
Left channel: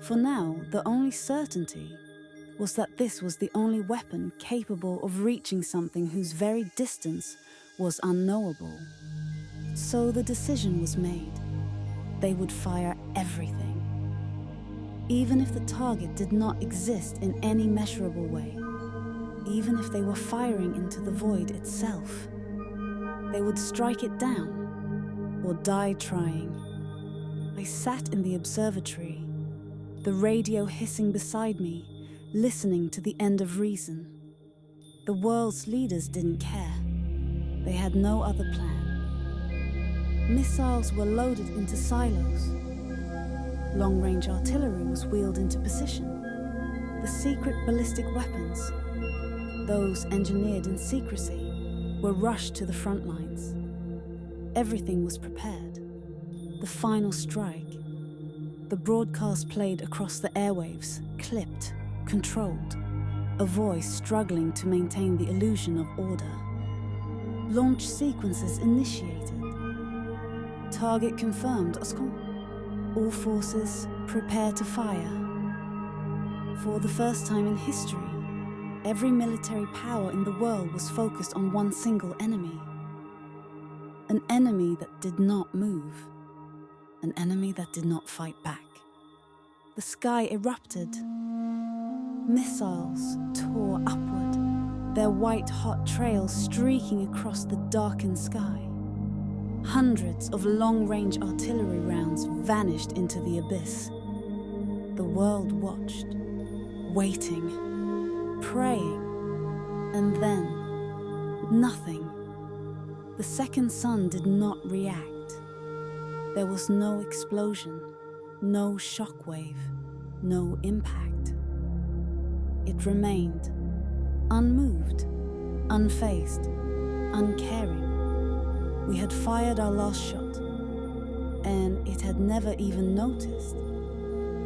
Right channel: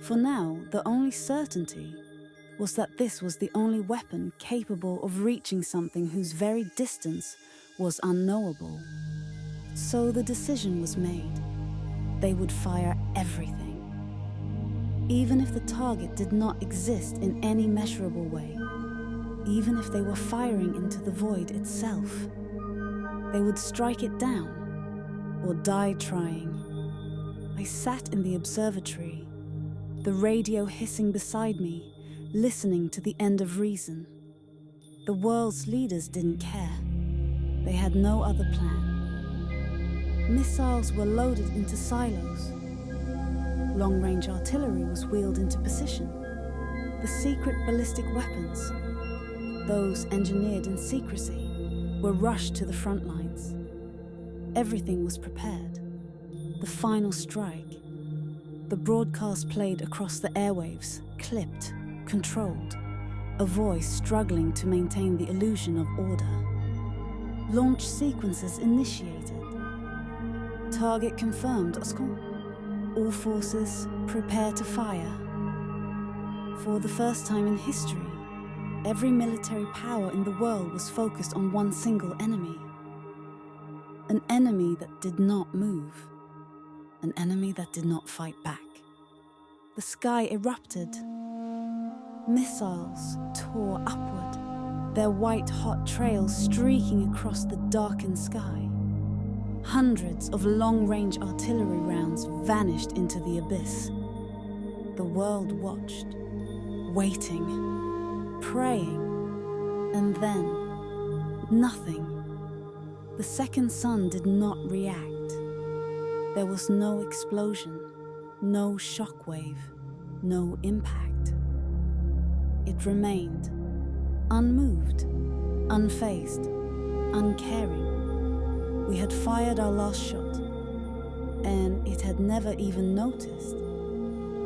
For now, the only certainty was that this was the only weapon capable of reaching something whose very distance was unknowable. So the decision was made. They would fire everything. Even if the target did not exist in any measurable way, even if they were firing into the void itself, they would strike it down or die trying. I sat in the observatory, the radio hissing beside me, listening to the end of reason. The world's leaders didn't care. They had no other plan. Missiles were loaded into silos. Long-range artillery was wheeled into position. The secret ballistic weapons, those engineered in secrecy, were rushed to the front lines. Everything was prepared. The final strike. The broadcast played across the airwaves, clipped, controlled, a voice struggling to maintain the illusion of order. Launch sequences initiated. Target confirmed, Oscar. All forces prepare to fire. For the first time in history, every military power in the world was focused on one single enemy. An enemy that did not move. An enemy that did not fight back. The sky erupted. Missiles tore upward, their white-hot trails streaking across the darkened sky. Hundreds of long-range artillery rounds vanished into the abyss. The world watched, waiting, praying, and then nothing. The second son did not react. There was no explosion, no shockwave, no impact. It remained, unmoved, unfazed, uncaring. We had fired our last shot, and it had never even noticed.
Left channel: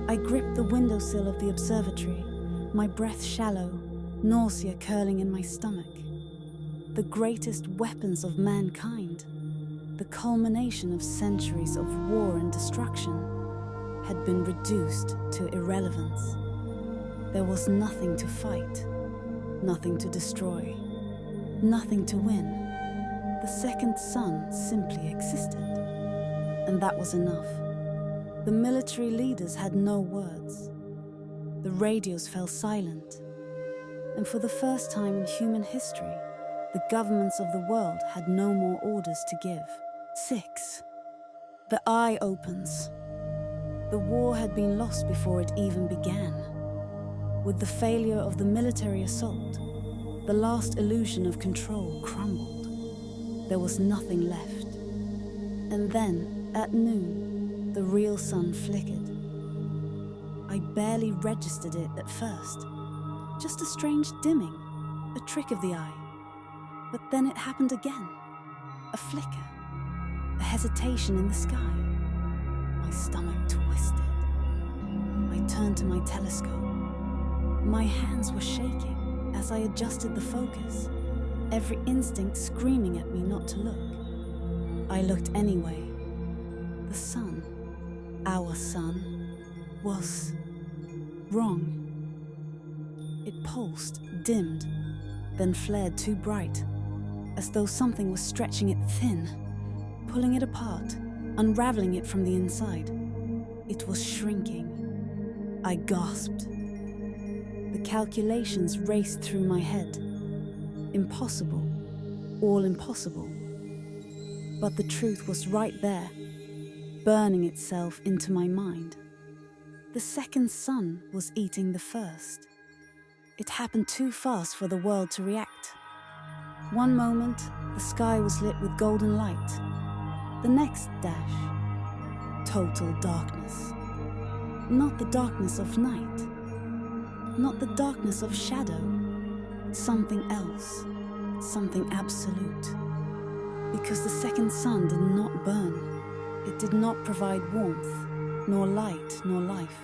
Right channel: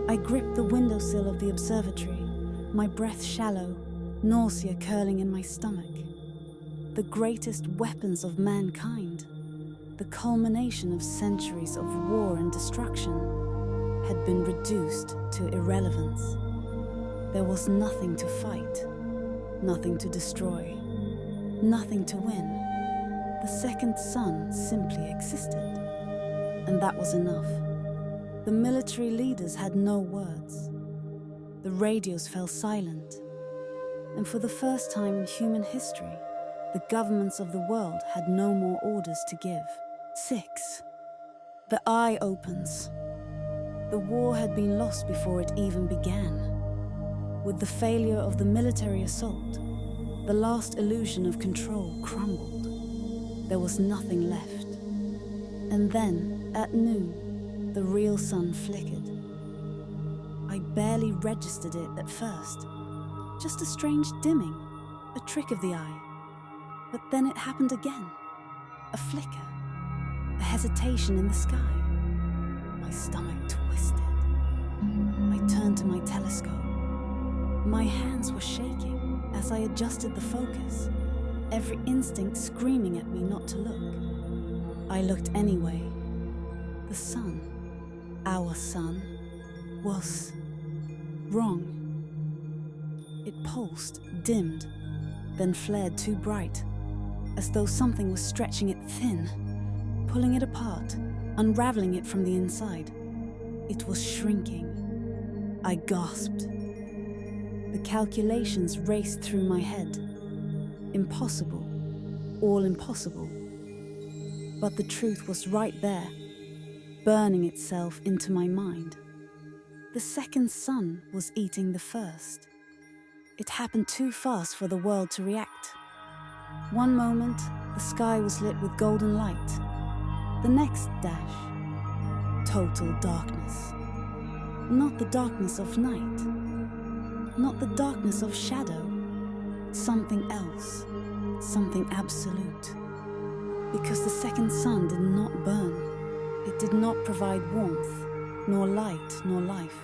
I gripped the windowsill of the observatory, my breath shallow, nausea curling in my stomach. The greatest weapons of mankind, the culmination of centuries of war and destruction, had been reduced to irrelevance. There was nothing to fight, nothing to destroy, nothing to win. The second son simply existed, and that was enough. The military leaders had no words. The radios fell silent, and for the first time in human history, the governments of the world had no more orders to give. 6. The eye opens. The war had been lost before it even began. With the failure of the military assault, the last illusion of control crumbled. There was nothing left. And then, at noon, the real sun flickered. I barely registered it at first. Just a strange dimming, a trick of the eye. But then it happened again. A flicker, a hesitation in the sky. My stomach twisted. I turned to my telescope. My hands were shaking as I adjusted the focus, every instinct screaming at me not to look. I looked anyway. The sun, our sun, was wrong. It pulsed, dimmed, then flared too bright, as though something was stretching it thin, pulling it apart, unraveling it from the inside. It was shrinking. I gasped. The calculations raced through my head. Impossible. All impossible. But the truth was right there, burning itself into my mind. The second sun was eating the first. It happened too fast for the world to react. One moment, the sky was lit with golden light. The next dash, total darkness. Not the darkness of night. Not the darkness of shadow. Something else. Something absolute. Because the second sun did not burn. It did not provide warmth, nor light, nor life.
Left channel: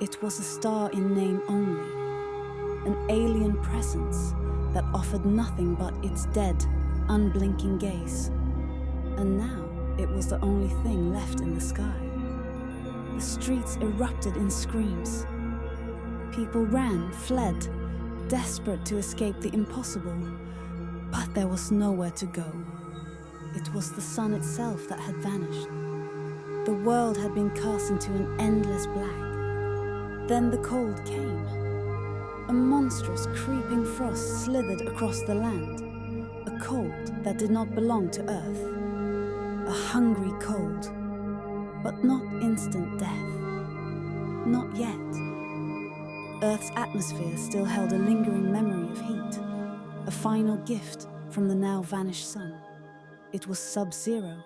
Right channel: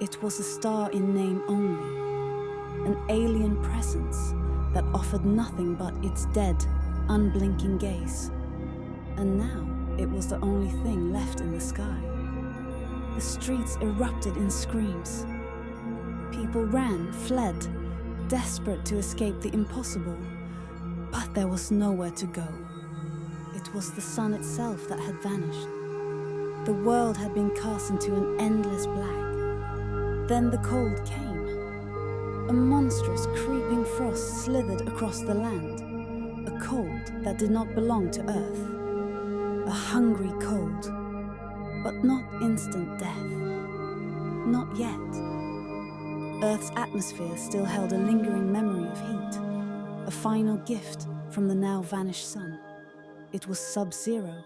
It was a star in name only. An alien presence that offered nothing but its dead, unblinking gaze. And now it was the only thing left in the sky. The streets erupted in screams. People ran, fled, desperate to escape the impossible. But there was nowhere to go. It was the sun itself that had vanished. The world had been cast into an endless black. Then the cold came. A monstrous, creeping frost slithered across the land. A cold that did not belong to Earth. A hungry cold, but not instant death. Not yet. Earth's atmosphere still held a lingering memory of heat, a final gift from the now vanished sun. It was sub-zero,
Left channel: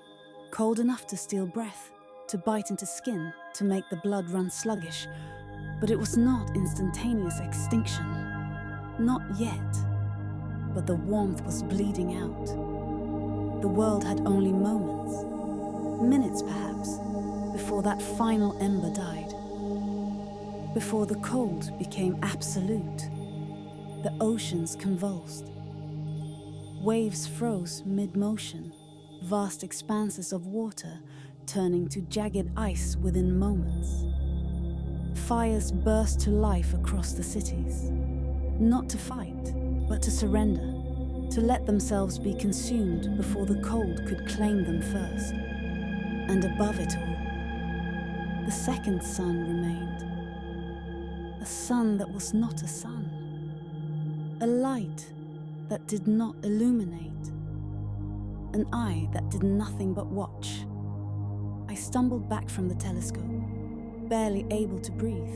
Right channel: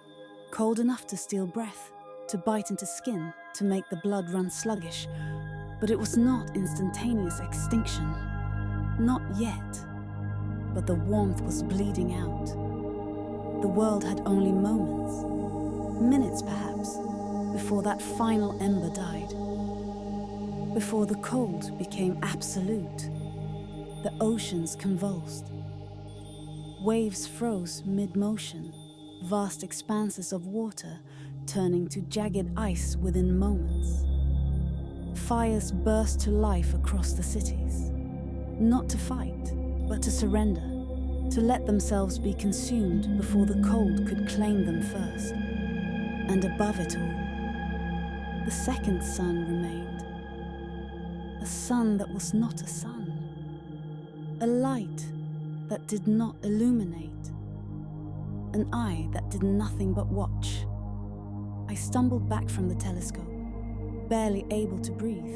cold enough to steal breath, to bite into skin, to make the blood run sluggish, but it was not instantaneous extinction. Not yet. But the warmth was bleeding out. The world had only moments, minutes perhaps, before that final ember died. Before the cold became absolute, the oceans convulsed. Waves froze mid-motion, vast expanses of water turning to jagged ice within moments. Fires burst to life across the cities, not to fight, but to surrender, to let themselves be consumed before the cold could claim them first. And above it all, the second sun remained. A sun that was not a sun. A light that did not illuminate. An eye that did nothing but watch. I stumbled back from the telescope, barely able to breathe.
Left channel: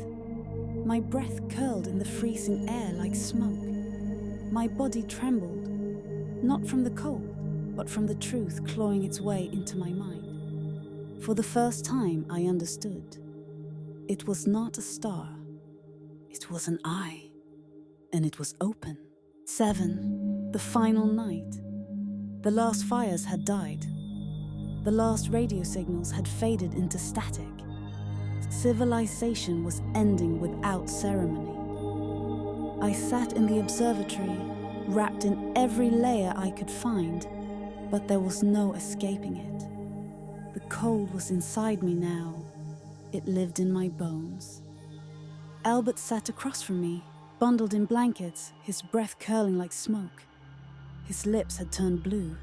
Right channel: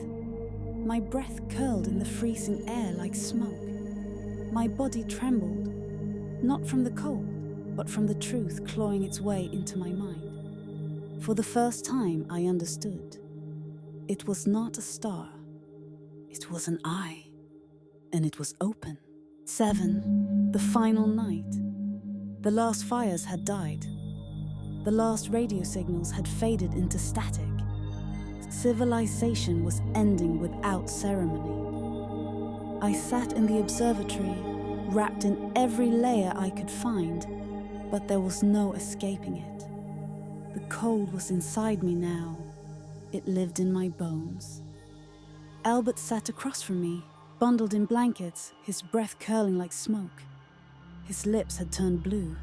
My breath curled in the freezing air like smoke. My body trembled, not from the cold, but from the truth clawing its way into my mind. For the first time, I understood. It was not a star. It was an eye, and it was open. 7, the final night. The last fires had died. The last radio signals had faded into static. Civilization was ending without ceremony. I sat in the observatory, wrapped in every layer I could find, but there was no escaping it. The cold was inside me now. It lived in my bones. Albert sat across from me, bundled in blankets, his breath curling like smoke. His lips had turned blue.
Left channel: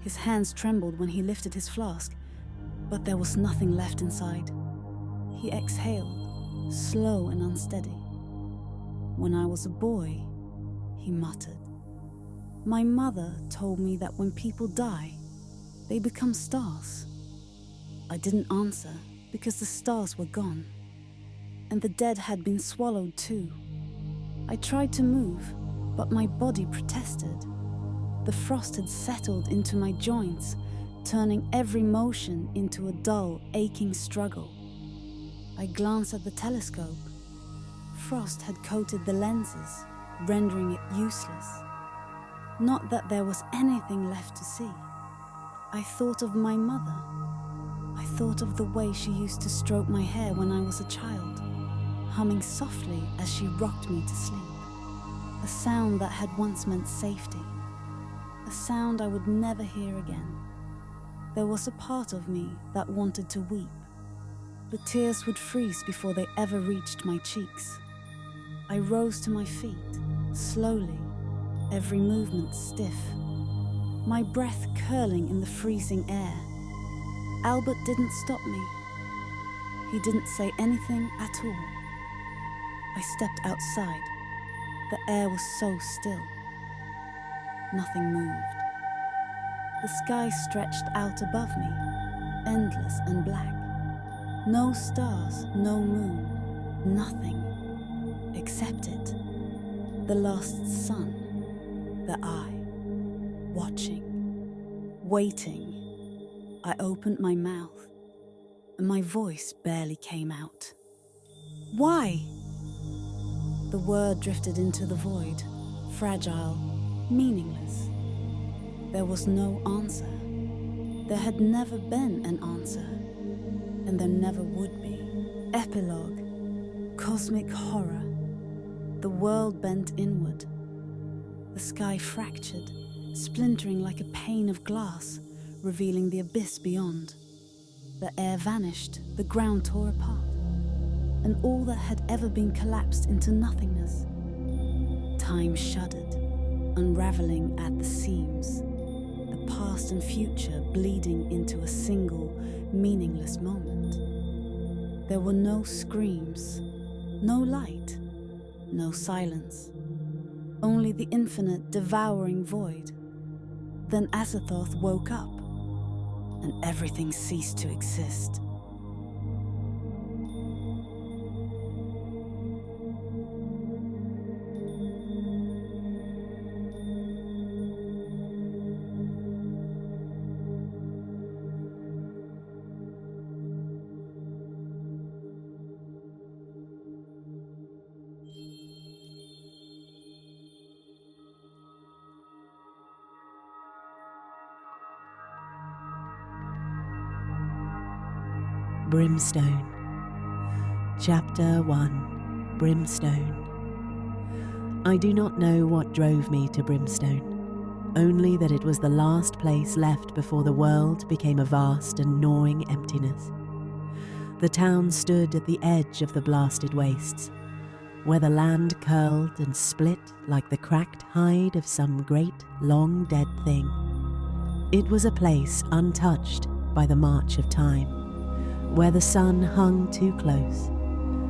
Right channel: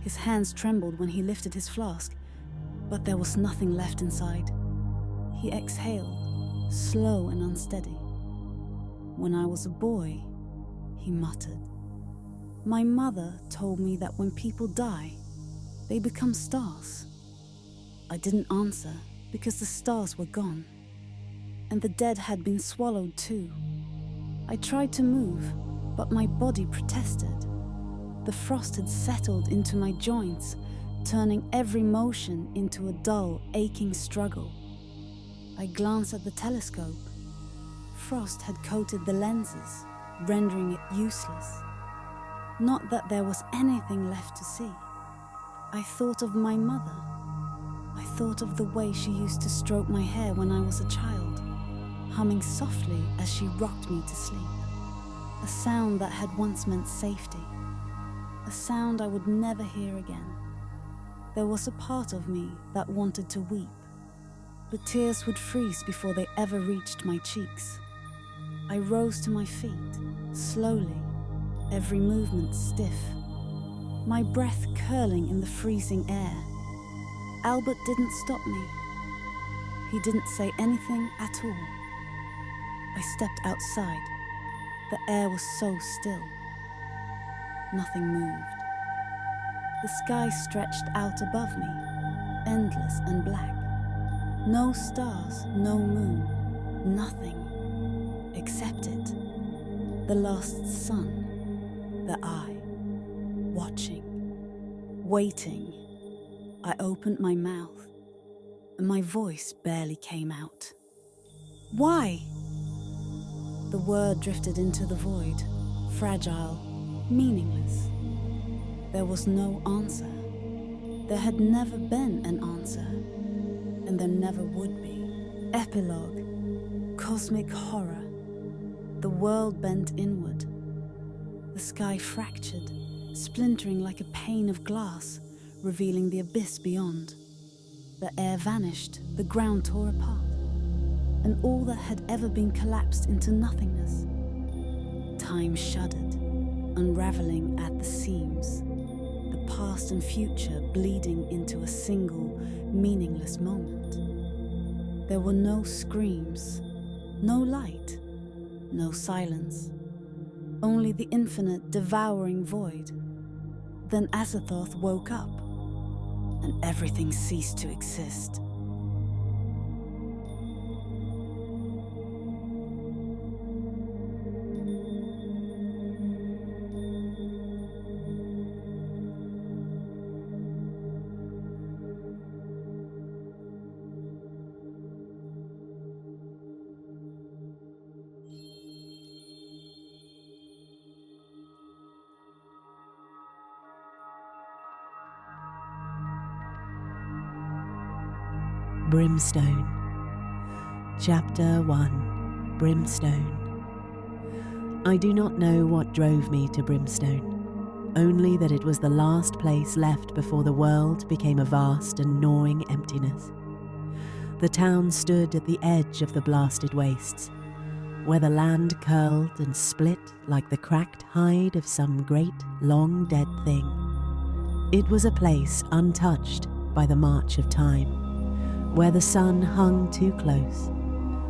His hands trembled when he lifted his flask, but there was nothing left inside. He exhaled, slow and unsteady. "When I was a boy," he muttered, "my mother told me that when people die, they become stars." I didn't answer because the stars were gone, and the dead had been swallowed too. I tried to move, but my body protested. The frost had settled into my joints, turning every motion into a dull, aching struggle. I glanced at the telescope. Frost had coated the lenses, rendering it useless. Not that there was anything left to see. I thought of my mother. I thought of the way she used to stroke my hair when I was a child, humming softly as she rocked me to sleep. A sound that had once meant safety. A sound I would never hear again. There was a part of me that wanted to weep. The tears would freeze before they ever reached my cheeks. I rose to my feet, slowly, every movement stiff. My breath curling in the freezing air. Albert didn't stop me. He didn't say anything at all. I stepped outside. The air was so still. Nothing moved. The sky stretched out above me, endless and black. No stars, no moon, nothing except it. The lost sun, the eye, watching, waiting. I opened my mouth, and my voice barely came out. Why? The word drifted into the void, fragile, meaningless. There was no answer. There had never been an answer, and there never would be. Epilogue, cosmic horror. The world bent inward. The sky fractured, splintering like a pane of glass, revealing the abyss beyond. The air vanished, the ground tore apart, and all that had ever been collapsed into nothingness. Time shuddered, unraveling at the seams, the past and future bleeding into a single, meaningless moment. There were no screams, no light, no silence, only the infinite, devouring void. Then Azathoth woke up, and everything ceased to exist. Brimstone. Chapter 1. Brimstone. I do not know what drove me to Brimstone, only that it was the last place left before the world became a vast and gnawing emptiness. The town stood at the edge of the blasted wastes, where the land curled and split like the cracked hide of some great, long-dead thing. It was a place untouched by the march of time, where the sun hung too close,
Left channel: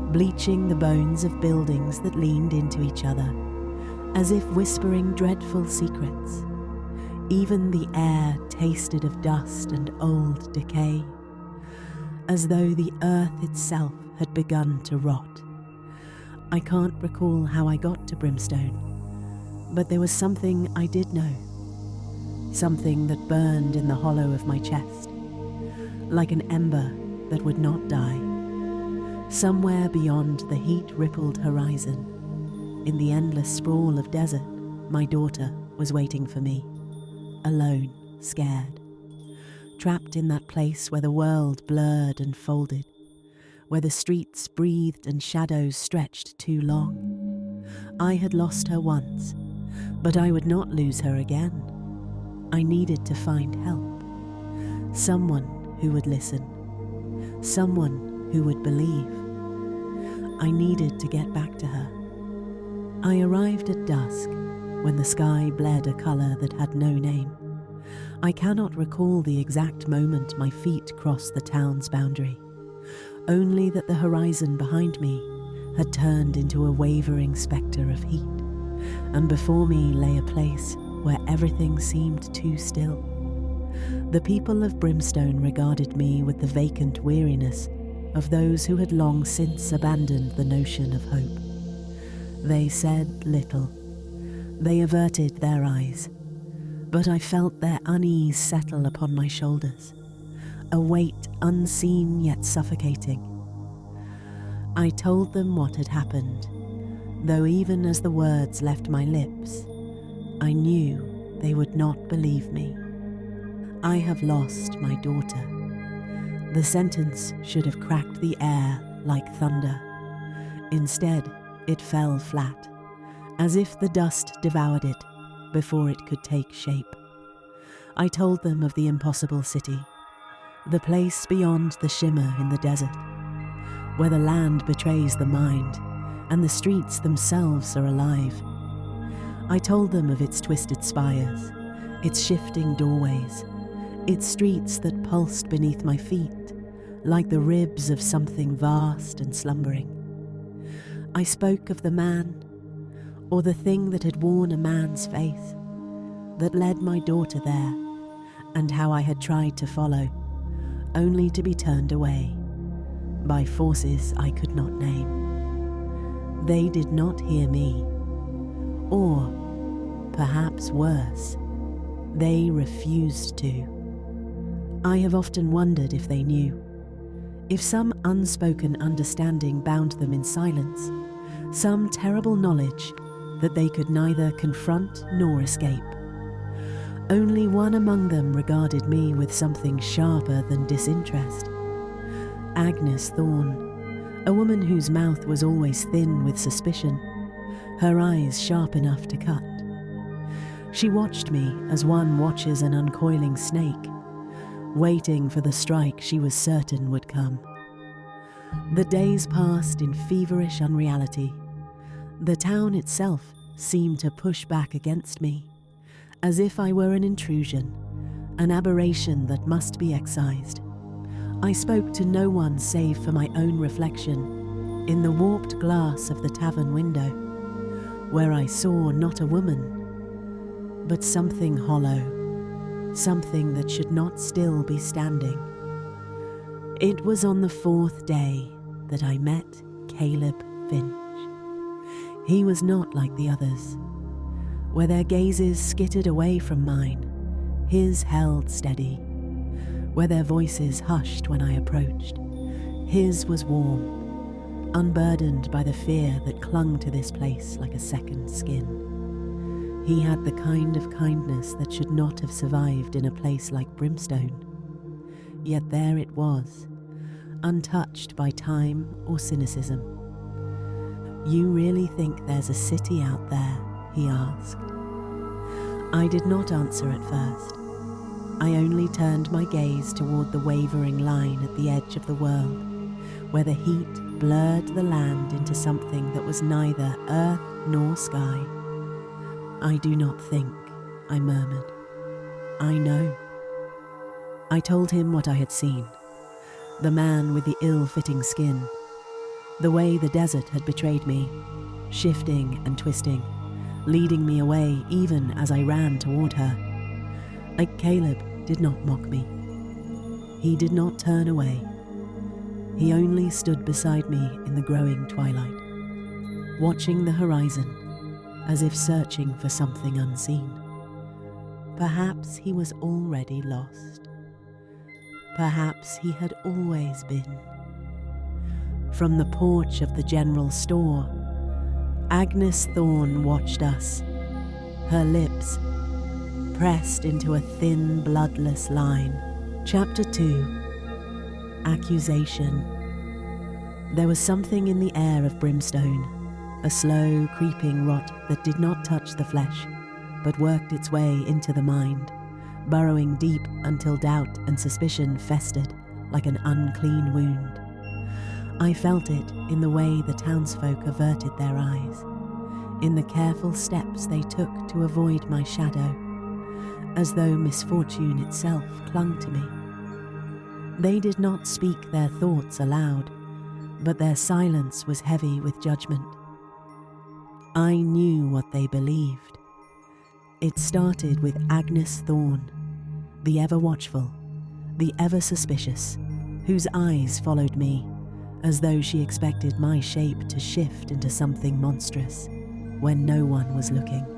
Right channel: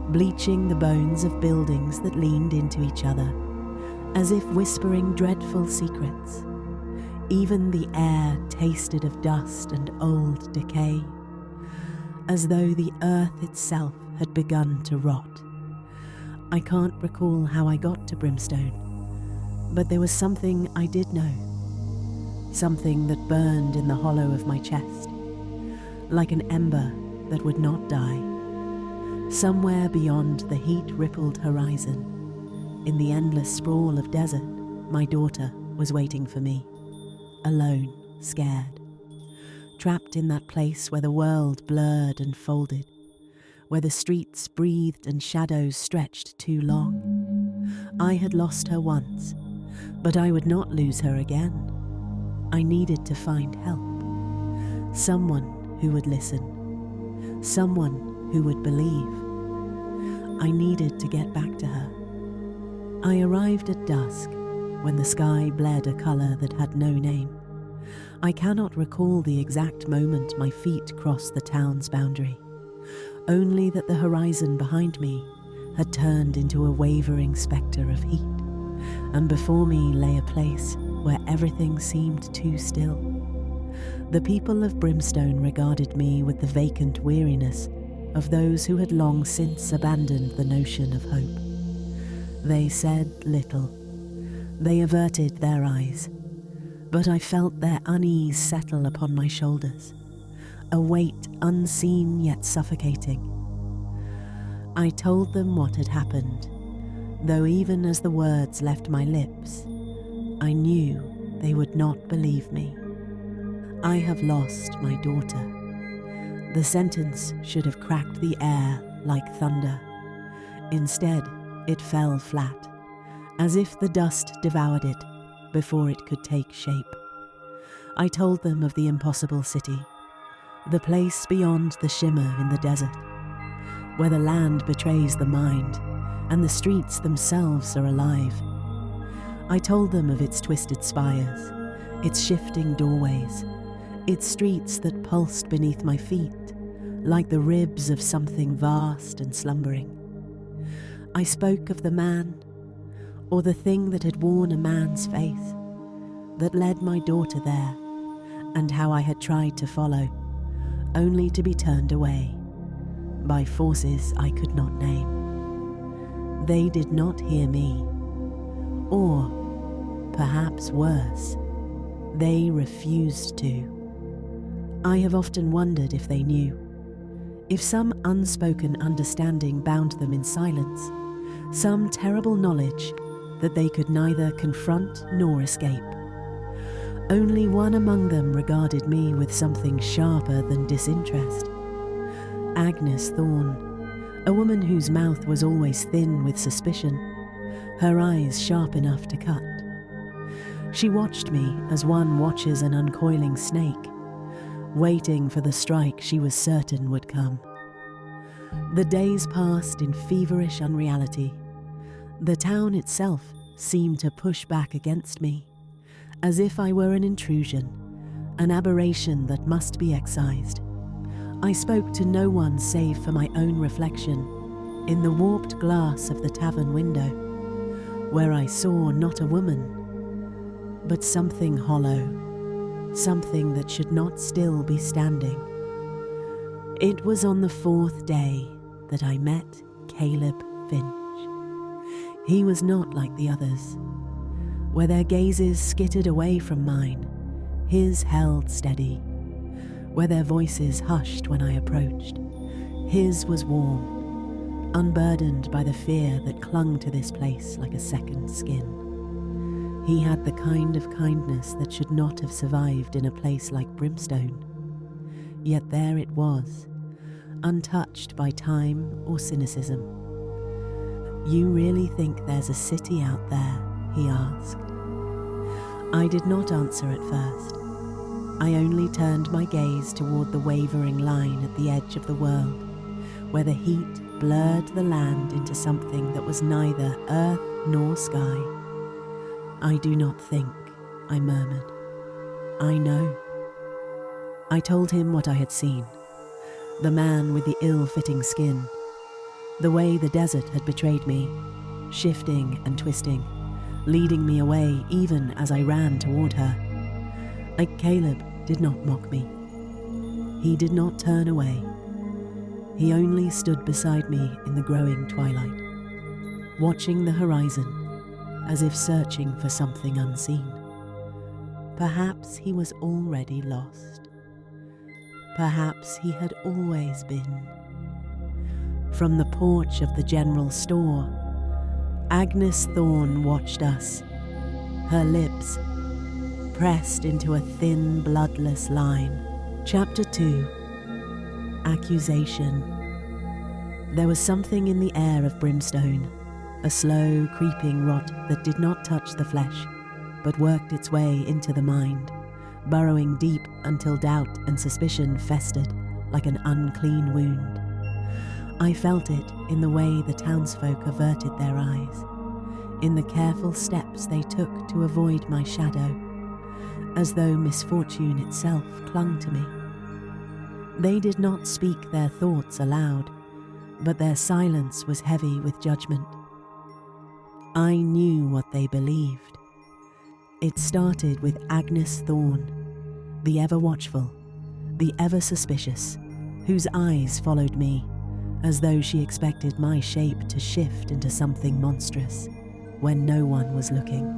bleaching the bones of buildings that leaned into each other, as if whispering dreadful secrets. Even the air tasted of dust and old decay, as though the earth itself had begun to rot. I can't recall how I got to Brimstone, but there was something I did know, something that burned in the hollow of my chest, like an ember that would not die. Somewhere beyond the heat-rippled horizon, in the endless sprawl of desert, my daughter was waiting for me, alone, scared, trapped in that place where the world blurred and folded, where the streets breathed and shadows stretched too long. I had lost her once, but I would not lose her again. I needed to find help, someone who would listen, someone who would believe. I needed to get back to her. I arrived at dusk, when the sky bled a colour that had no name. I cannot recall the exact moment my feet crossed the town's boundary, only that the horizon behind me had turned into a wavering spectre of heat, and before me lay a place where everything seemed too still. The people of Brimstone regarded me with the vacant weariness of those who had long since abandoned the notion of hope. They said little. They averted their eyes, but I felt their unease settle upon my shoulders, a weight unseen yet suffocating. I told them what had happened, though even as the words left my lips, I knew they would not believe me. I have lost my daughter. The sentence should have cracked the air like thunder. Instead, it fell flat, as if the dust devoured it before it could take shape. I told them of the impossible city, the place beyond the shimmer in the desert, where the land betrays the mind and the streets themselves are alive. I told them of its twisted spires, its shifting doorways, its streets that pulsed beneath my feet like the ribs of something vast and slumbering. I spoke of the man, or the thing that had worn a man's face, that led my daughter there, and how I had tried to follow, only to be turned away, by forces I could not name. They did not hear me, or, perhaps worse, they refused to. I have often wondered if they knew, if some unspoken understanding bound them in silence, some terrible knowledge that they could neither confront nor escape. Only one among them regarded me with something sharper than disinterest. Agnes Thorne, a woman whose mouth was always thin with suspicion, her eyes sharp enough to cut. She watched me as one watches an uncoiling snake, waiting for the strike she was certain would come. The days passed in feverish unreality. The town itself seemed to push back against me, as if I were an intrusion, an aberration that must be excised. I spoke to no one save for my own reflection in the warped glass of the tavern window, where I saw not a woman, but something hollow, something that should not still be standing. It was on the 4th day that I met Caleb Finch. He was not like the others. Where their gazes skittered away from mine, his held steady. Where their voices hushed when I approached, his was warm, unburdened by the fear that clung to this place like a second skin. He had the kind of kindness that should not have survived in a place like Brimstone. Yet there it was, untouched by time or cynicism. "You really think there's a city out there?" he asked. I did not answer at first. I only turned my gaze toward the wavering line at the edge of the world, where the heat blurred the land into something that was neither earth nor sky. "I do not think," I murmured. "I know." I told him what I had seen. The man with the ill-fitting skin. The way the desert had betrayed me, shifting and twisting, leading me away even as I ran toward her. Caleb did not mock me. He did not turn away. He only stood beside me in the growing twilight, watching the horizon as if searching for something unseen. Perhaps he was already lost. Perhaps he had always been. From the porch of the general store, Agnes Thorne watched us, her lips pressed into a thin, bloodless line. Chapter 2. Accusation. There was something in the air of Brimstone, a slow, creeping rot that did not touch the flesh, but worked its way into the mind, burrowing deep until doubt and suspicion festered like an unclean wound. I felt it in the way the townsfolk averted their eyes, in the careful steps they took to avoid my shadow, as though misfortune itself clung to me. They did not speak their thoughts aloud, but their silence was heavy with judgment. I knew what they believed. It started with Agnes Thorne, the ever-watchful, the ever-suspicious, whose eyes followed me, as though she expected my shape to shift into something monstrous when no one was looking.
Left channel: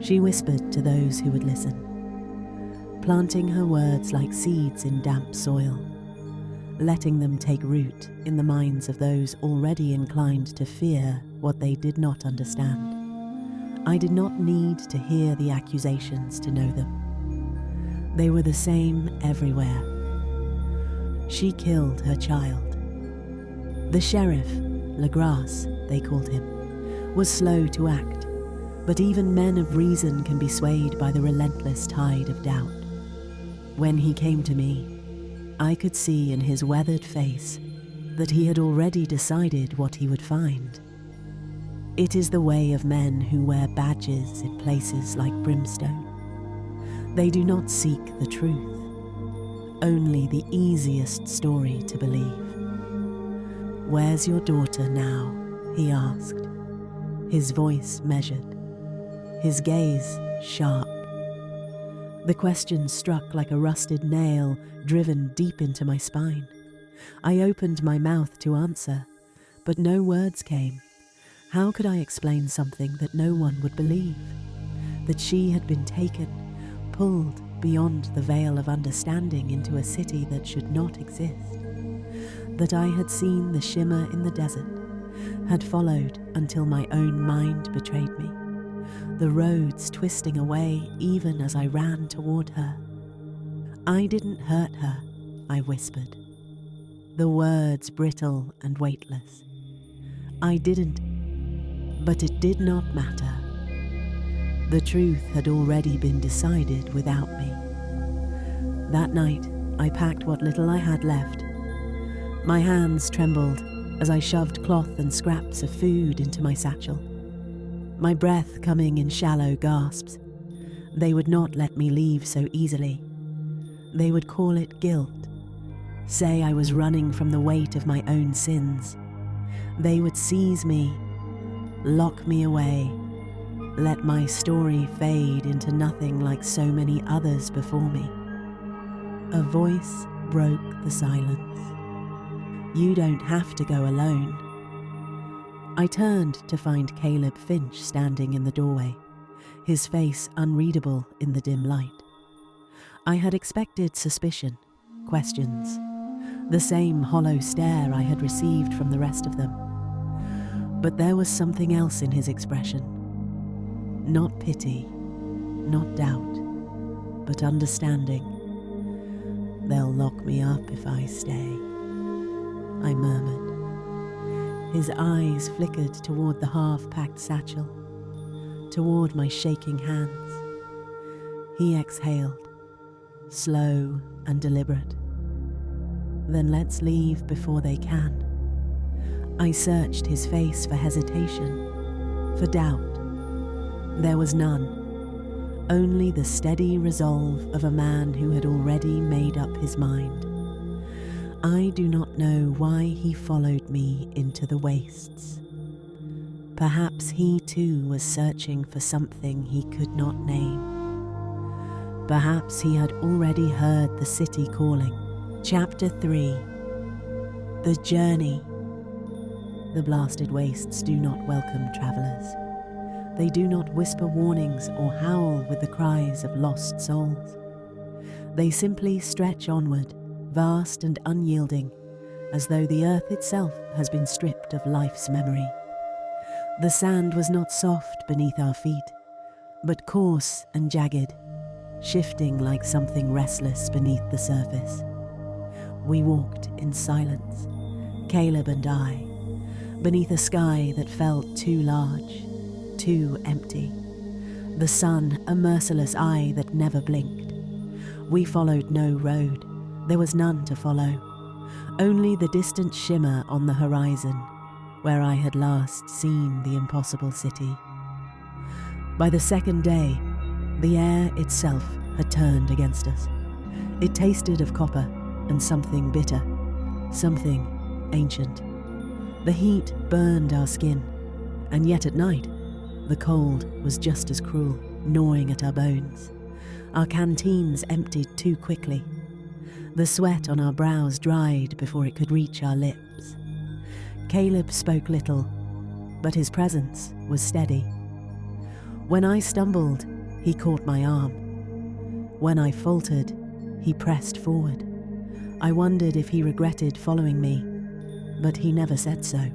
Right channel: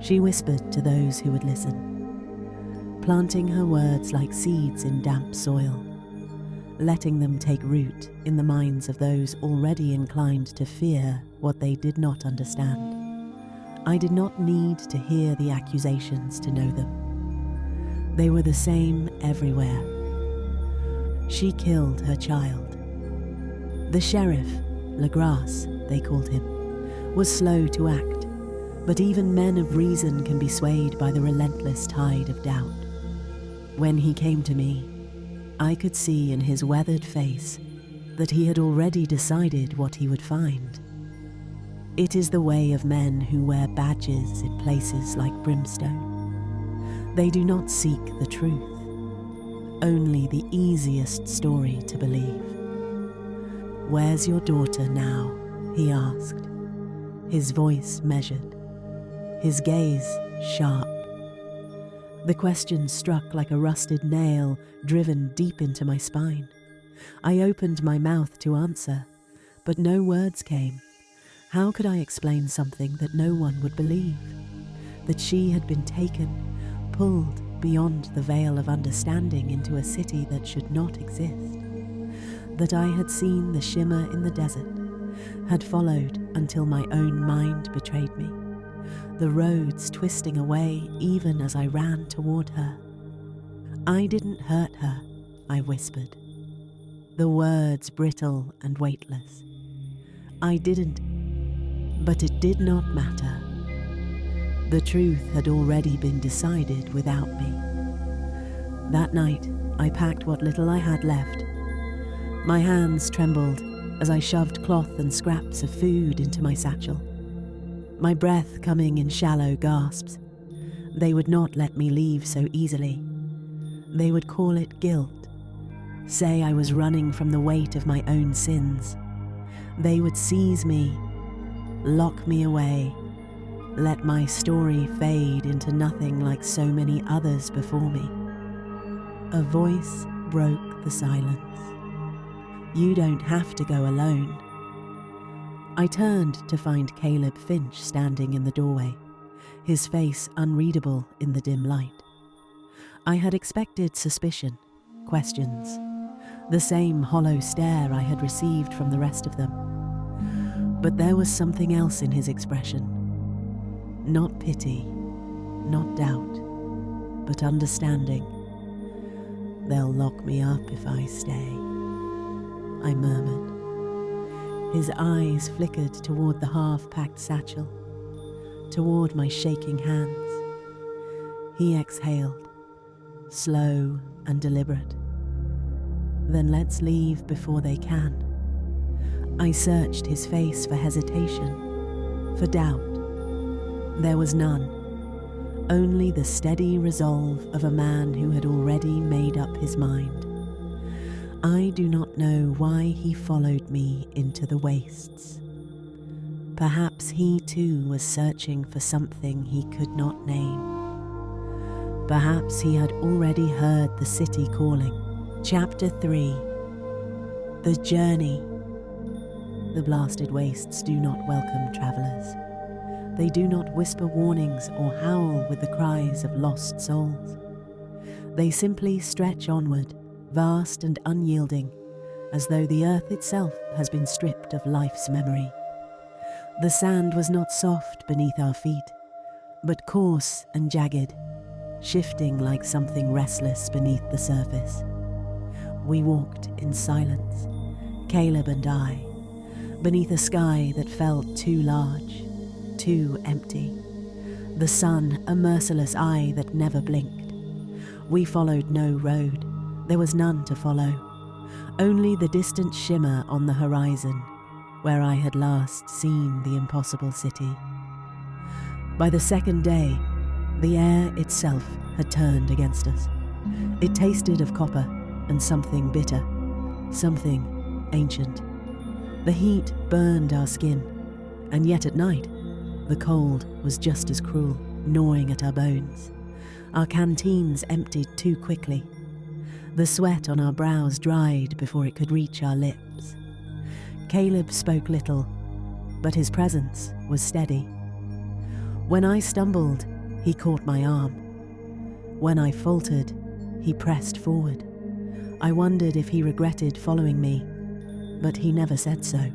She whispered to those who would listen, planting her words like seeds in damp soil, letting them take root in the minds of those already inclined to fear what they did not understand. I did not need to hear the accusations to know them. They were the same everywhere. She killed her child. The sheriff, Legrasse, they called him, was slow to act, but even men of reason can be swayed by the relentless tide of doubt. When he came to me, I could see in his weathered face that he had already decided what he would find. It is the way of men who wear badges in places like Brimstone. They do not seek the truth, only the easiest story to believe. "Where's your daughter now?" he asked, his voice measured, his gaze sharp. The question struck like a rusted nail driven deep into my spine. I opened my mouth to answer, but no words came. How could I explain something that no one would believe? That she had been taken, pulled beyond the veil of understanding into a city that should not exist. That I had seen the shimmer in the desert, had followed until my own mind betrayed me, the roads twisting away even as I ran toward her. I didn't hurt her, I whispered, the words brittle and weightless. I didn't, but it did not matter. The truth had already been decided without me. That night, I packed what little I had left. My hands trembled as I shoved cloth and scraps of food into my satchel, my breath coming in shallow gasps. They would not let me leave so easily. They would call it guilt, say I was running from the weight of my own sins. They would seize me, lock me away, let my story fade into nothing like so many others before me. A voice broke the silence. You don't have to go alone. I turned to find Caleb Finch standing in the doorway, his face unreadable in the dim light. I had expected suspicion, questions, the same hollow stare I had received from the rest of them. But there was something else in his expression. Not pity, not doubt, but understanding. They'll lock me up if I stay, I murmured. His eyes flickered toward the half-packed satchel, toward my shaking hands. He exhaled, slow and deliberate. Then let's leave before they can. I searched his face for hesitation, for doubt. There was none, only the steady resolve of a man who had already made up his mind. I do not know why he followed me into the wastes. Perhaps he too was searching for something he could not name. Perhaps he had already heard the city calling. Chapter 3. The Journey. The blasted wastes do not welcome travellers. They do not whisper warnings or howl with the cries of lost souls. They simply stretch onward, vast and unyielding, as though the earth itself has been stripped of life's memory. The sand was not soft beneath our feet, but coarse and jagged, shifting like something restless beneath the surface. We walked in silence, Caleb and I, beneath a sky that felt too large, too empty. The sun, a merciless eye that never blinked. We followed no road. There was none to follow. Only the distant shimmer on the horizon, where I had last seen the impossible city. By the second day, the air itself had turned against us. It tasted of copper and something bitter, something ancient. The heat burned our skin, and yet at night, the cold was just as cruel, gnawing at our bones. Our canteens emptied too quickly. The sweat on our brows dried before it could reach our lips. Caleb spoke little, but his presence was steady. When I stumbled, he caught my arm. When I faltered, he pressed forward. I wondered if he regretted following me, but he never said so.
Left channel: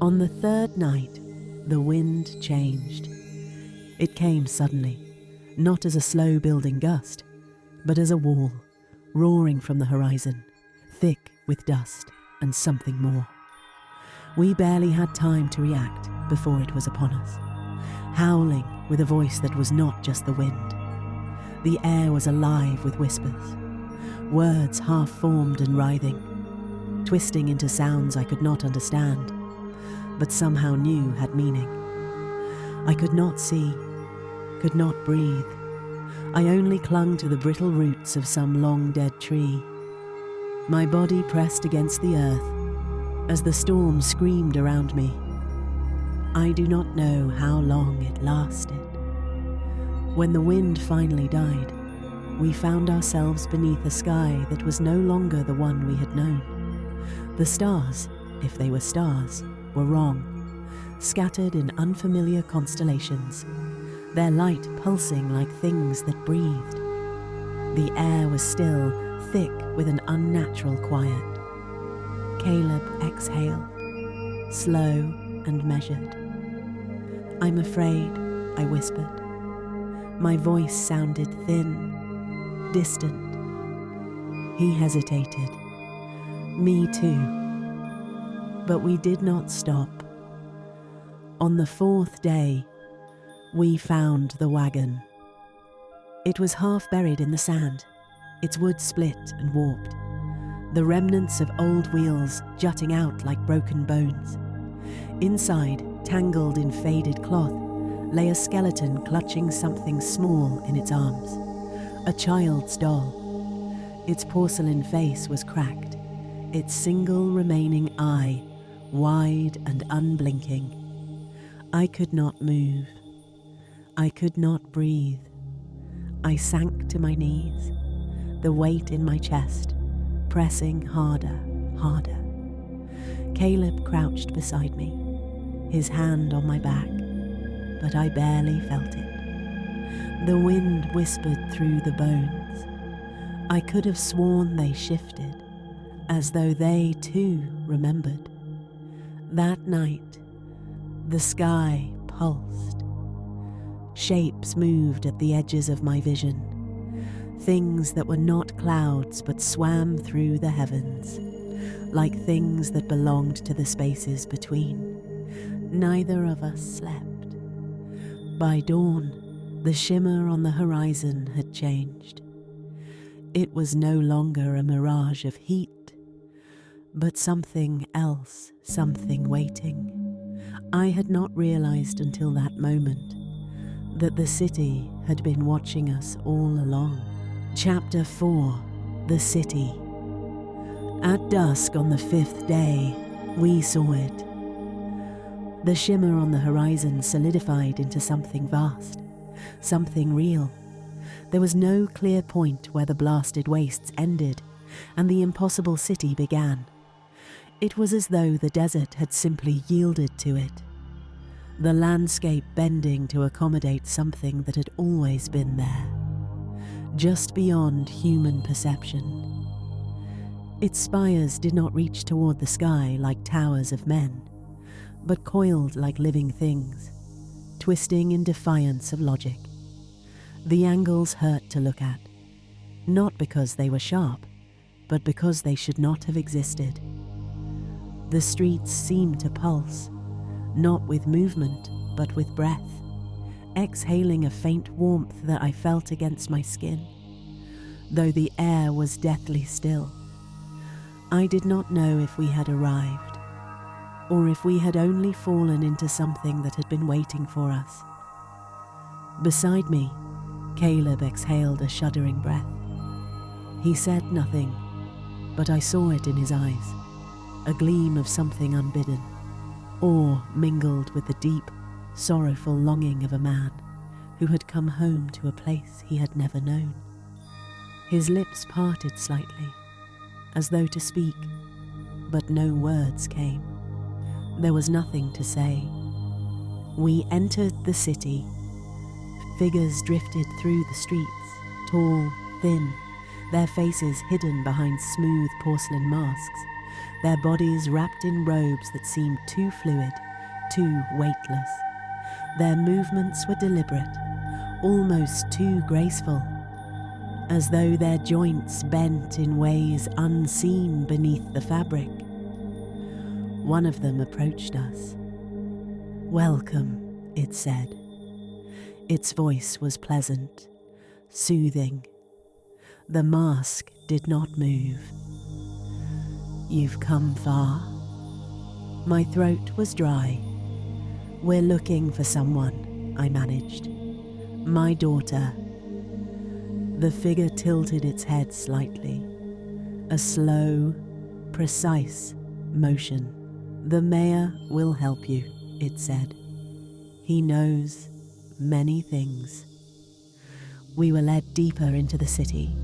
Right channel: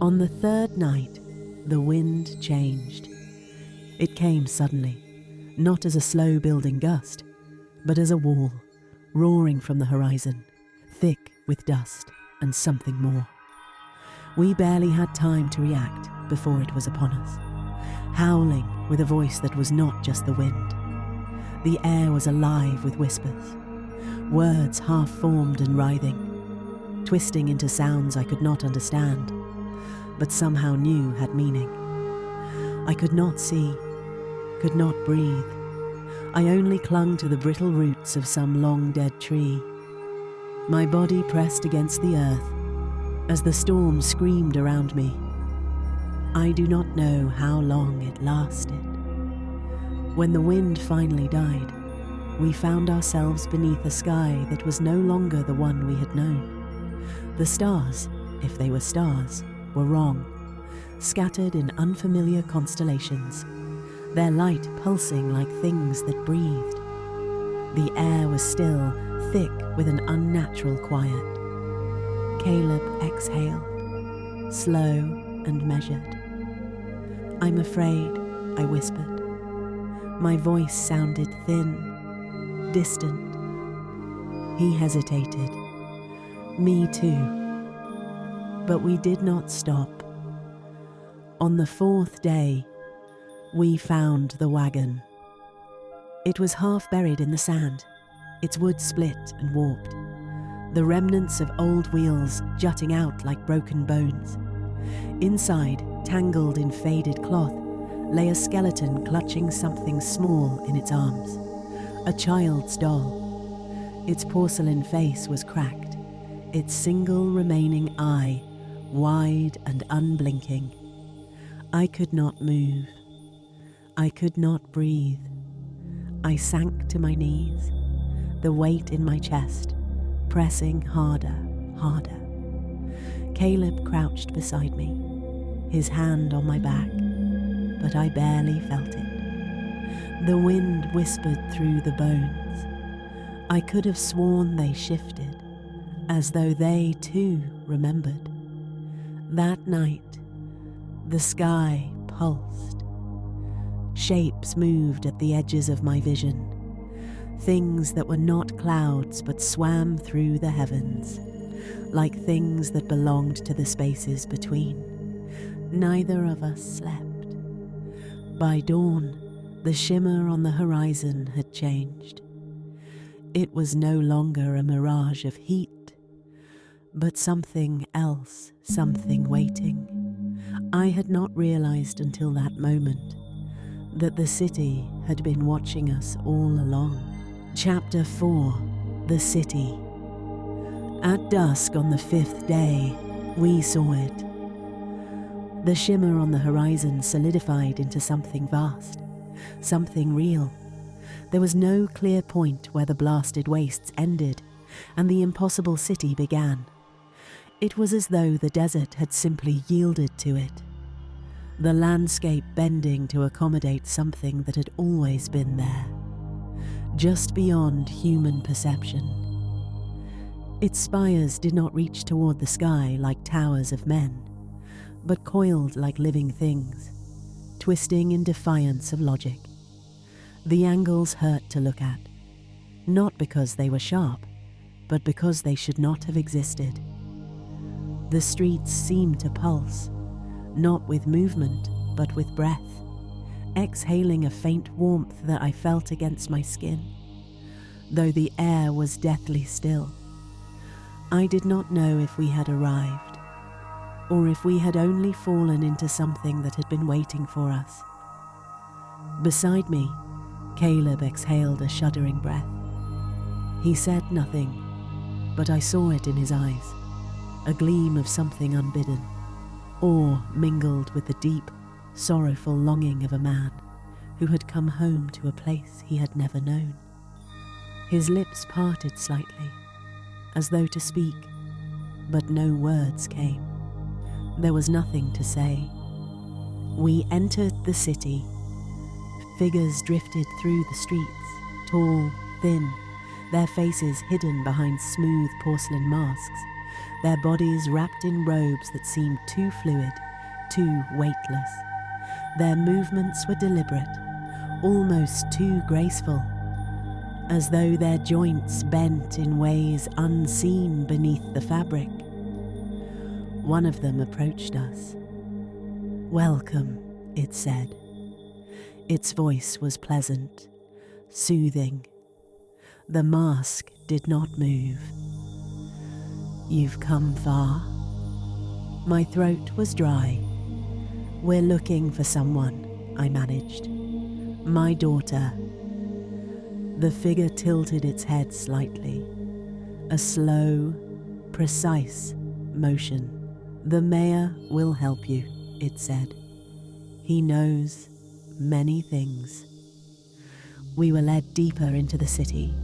On the third night, the wind changed. It came suddenly, not as a slow-building gust, but as a wall, roaring from the horizon, thick with dust and something more. We barely had time to react before it was upon us, howling with a voice that was not just the wind. The air was alive with whispers, words half-formed and writhing, twisting into sounds I could not understand, but somehow knew had meaning. I could not see, could not breathe. I only clung to the brittle roots of some long-dead tree. My body pressed against the earth as the storm screamed around me. I do not know how long it lasted. When the wind finally died, we found ourselves beneath a sky that was no longer the one we had known. The stars, if they were stars, were wrong, scattered in unfamiliar constellations, their light pulsing like things that breathed. The air was still, thick with an unnatural quiet. Caleb exhaled, slow and measured. "I'm afraid," I whispered. My voice sounded thin, distant. He hesitated. Me too. But we did not stop. On the 4th day, we found the wagon. It was half buried in the sand, its wood split and warped, the remnants of old wheels jutting out like broken bones. Inside, tangled in faded cloth, lay a skeleton clutching something small in its arms, a child's doll. Its porcelain face was cracked, its single remaining eye wide and unblinking. I could not move. I could not breathe. I sank to my knees, the weight in my chest pressing harder, harder. Caleb crouched beside me, his hand on my back, but I barely felt it. The wind whispered through the bones. I could have sworn they shifted, as though they too remembered. That night, the sky pulsed. Shapes moved at the edges of my vision, things that were not clouds but swam through the heavens, like things that belonged to the spaces between. Neither of us slept. By dawn, the shimmer on the horizon had changed. It was no longer a mirage of heat, but something else, something waiting. I had not realized until that moment that the city had been watching us all along. Chapter 4, The City. At dusk on the 5th day, we saw it. The shimmer on the horizon solidified into something vast, something real. There was no clear point where the blasted wastes ended and the impossible city began. It was as though the desert had simply yielded to it, the landscape bending to accommodate something that had always been there, just beyond human perception. Its spires did not reach toward the sky like towers of men, but coiled like living things, twisting in defiance of logic. The angles hurt to look at, not because they were sharp, but because they should not have existed. The streets seemed to pulse, not with movement, but with breath, exhaling a faint warmth that I felt against my skin, though the air was deathly still. I did not know if we had arrived, or if we had only fallen into something that had been waiting for us. Beside me, Caleb exhaled a shuddering breath. He said nothing, but I saw it in his eyes, a gleam of something unbidden, awe mingled with the deep, sorrowful longing of a man who had come home to a place he had never known. His lips parted slightly, as though to speak, but no words came. There was nothing to say. We entered the city. Figures drifted through the streets, tall, thin, their faces hidden behind smooth porcelain masks, their bodies wrapped in robes that seemed too fluid, too weightless. Their movements were deliberate, almost too graceful, as though their joints bent in ways unseen beneath the fabric. One of them approached us. "Welcome," it said. Its voice was pleasant, soothing. The mask did not move. "You've come far." My throat was dry. "We're looking for someone," I managed. "My daughter." The figure tilted its head slightly, a slow, precise motion. "The mayor will help you," it said. "He knows many things." We were led deeper into the city,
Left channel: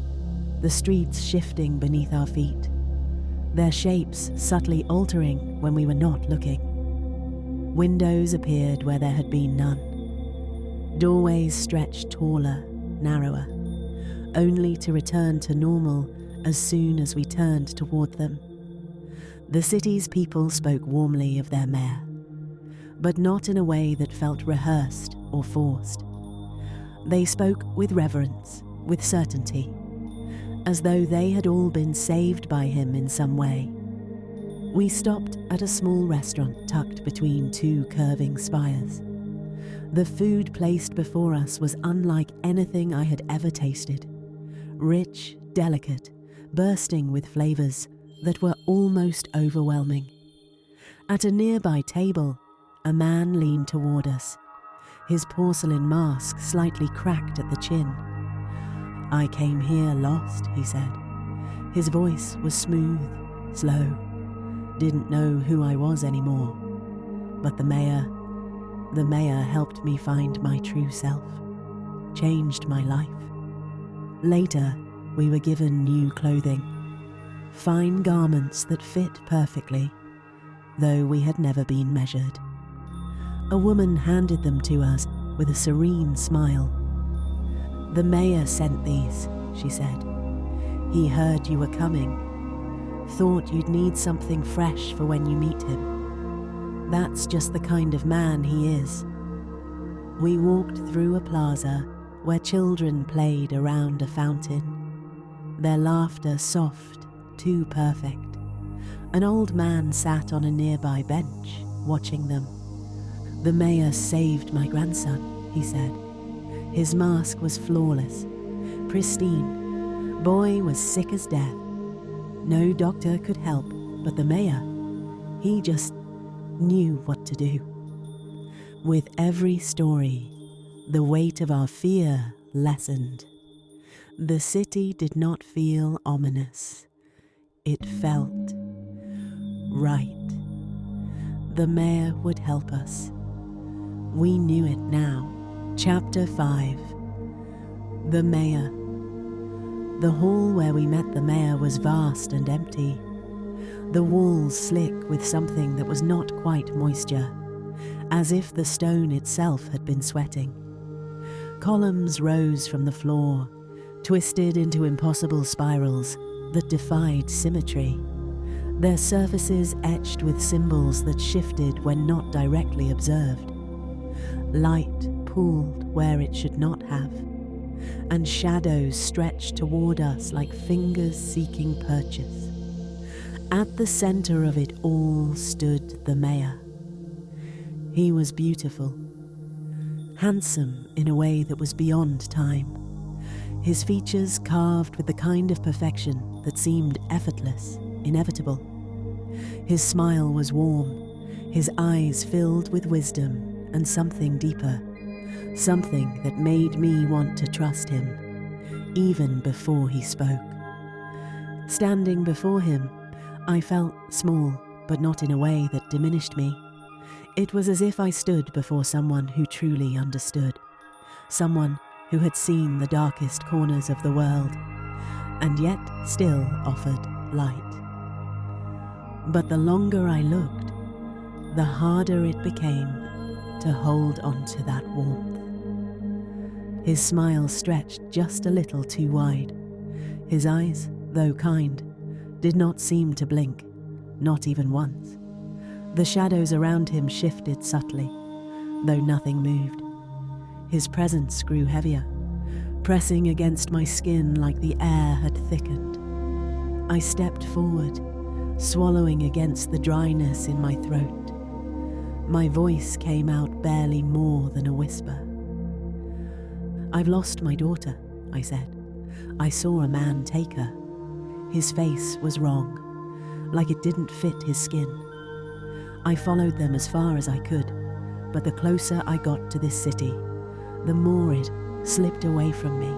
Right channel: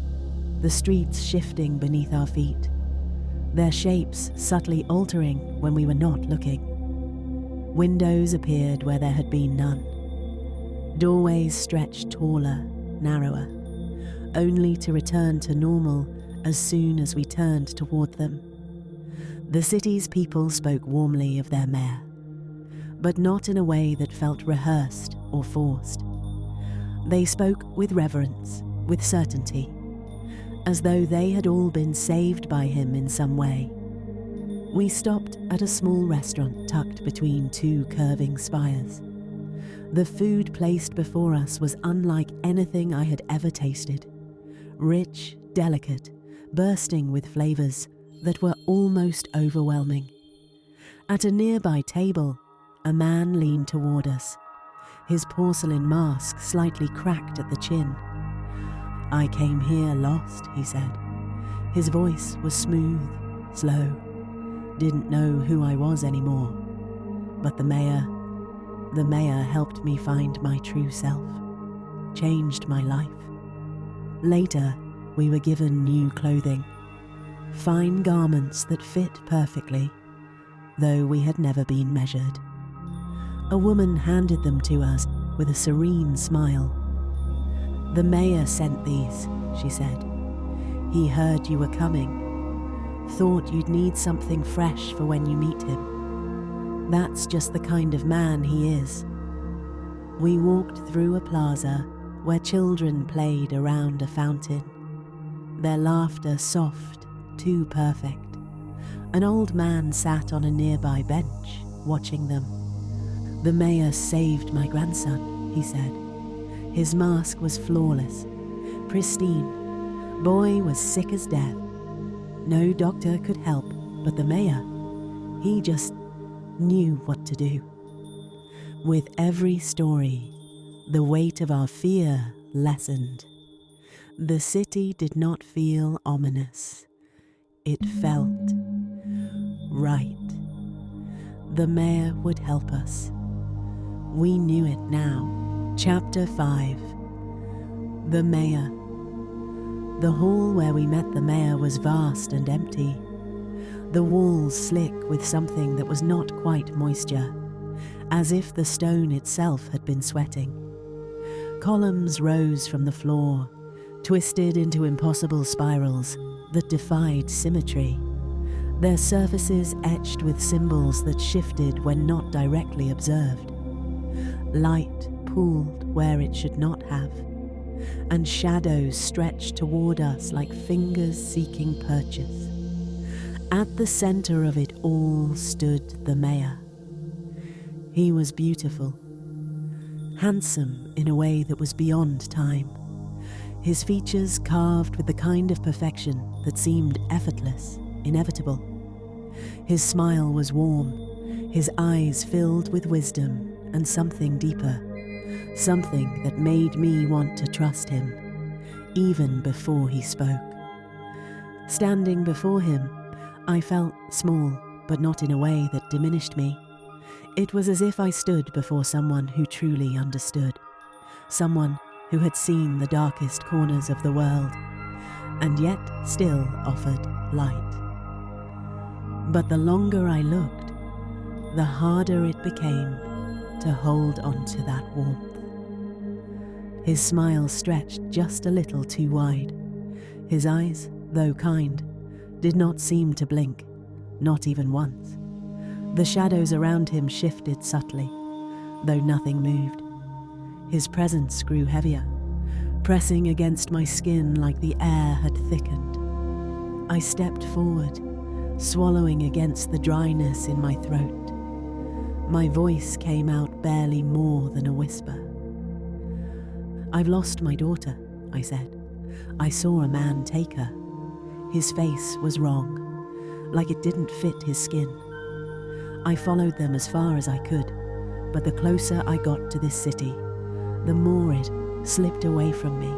the streets shifting beneath our feet, their shapes subtly altering when we were not looking. Windows appeared where there had been none. Doorways stretched taller, narrower, only to return to normal as soon as we turned toward them. The city's people spoke warmly of their mayor, but not in a way that felt rehearsed or forced. They spoke with reverence, with certainty, as though they had all been saved by him in some way. We stopped at a small restaurant tucked between two curving spires. The food placed before us was unlike anything I had ever tasted. Rich, delicate, bursting with flavours that were almost overwhelming. At a nearby table, a man leaned toward us, his porcelain mask slightly cracked at the chin. "I came here lost," he said. His voice was smooth, slow. Didn't know who I was anymore. But the mayor helped me find my true self, changed my life. Later, we were given new clothing, fine garments that fit perfectly, though we had never been measured. A woman handed them to us with a serene smile. "The mayor sent these," she said. "He heard you were coming. Thought you'd need something fresh for when you meet him. That's just the kind of man he is." We walked through a plaza where children played around a fountain, their laughter soft, too perfect. An old man sat on a nearby bench, watching them. "The mayor saved my grandson," he said. His mask was flawless, pristine. Boy was sick as death. No doctor could help, but the mayor, he just knew what to do. With every story, the weight of our fear lessened. The city did not feel ominous. It felt right. The mayor would help us. We knew it now. Chapter 5. The mayor. The hall where we met the mayor was vast and empty. The walls slick with something that was not quite moisture, as if the stone itself had been sweating. Columns rose from the floor, twisted into impossible spirals that defied symmetry, their surfaces etched with symbols that shifted when not directly observed. Light pooled where it should not have, and shadows stretched toward us like fingers seeking purchase. At the center of it all stood the mayor. He was beautiful, handsome in a way that was beyond time, his features carved with the kind of perfection that seemed effortless, inevitable. His smile was warm, his eyes filled with wisdom and something deeper, something that made me want to trust him, even before he spoke. Standing before him, I felt small, but not in a way that diminished me. It was as if I stood before someone who truly understood, someone who had seen the darkest corners of the world, and yet still offered light. But the longer I looked, the harder it became to hold on to that warmth. His smile stretched just a little too wide. His eyes, though kind, did not seem to blink, not even once. The shadows around him shifted subtly, though nothing moved. His presence grew heavier, pressing against my skin like the air had thickened. I stepped forward, swallowing against the dryness in my throat. My voice came out barely more than a whisper. "I've lost my daughter," I said. "I saw a man take her. His face was wrong, like it didn't fit his skin. I followed them as far as I could, but the closer I got to this city, the more it slipped away from me,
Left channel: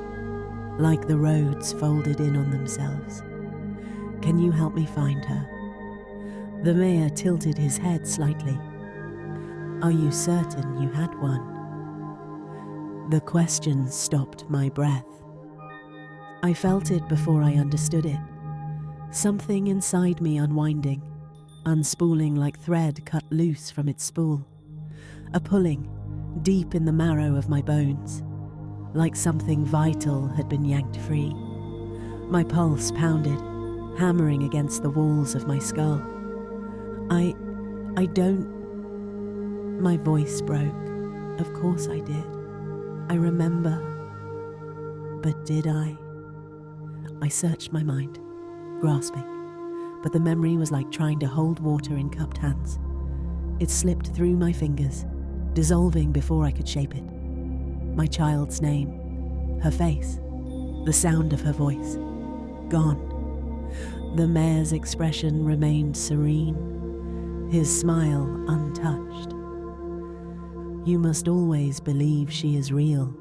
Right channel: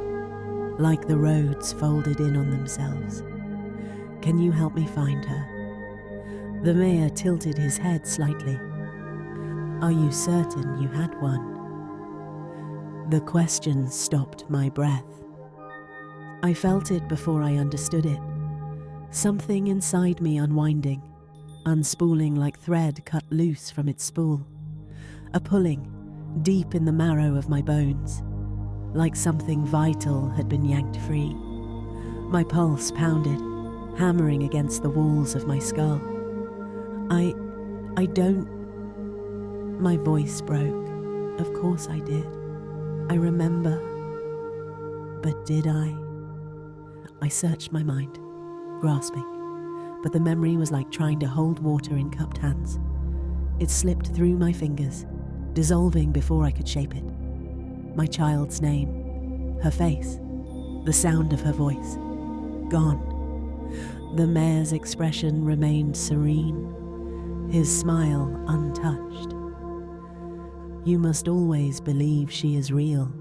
like the roads folded in on themselves. Can you help me find her?" The mayor tilted his head slightly. "Are you certain you had one?" The question stopped my breath. I felt it before I understood it. Something inside me unwinding, unspooling like thread cut loose from its spool. A pulling, deep in the marrow of my bones, like something vital had been yanked free. My pulse pounded, hammering against the walls of my skull. I don't... My voice broke. Of course I did. I remember. But did I? I searched my mind, grasping, but the memory was like trying to hold water in cupped hands. It slipped through my fingers, dissolving before I could shape it. My child's name, her face, the sound of her voice, gone. The mayor's expression remained serene, his smile untouched. "You must always believe she is real,"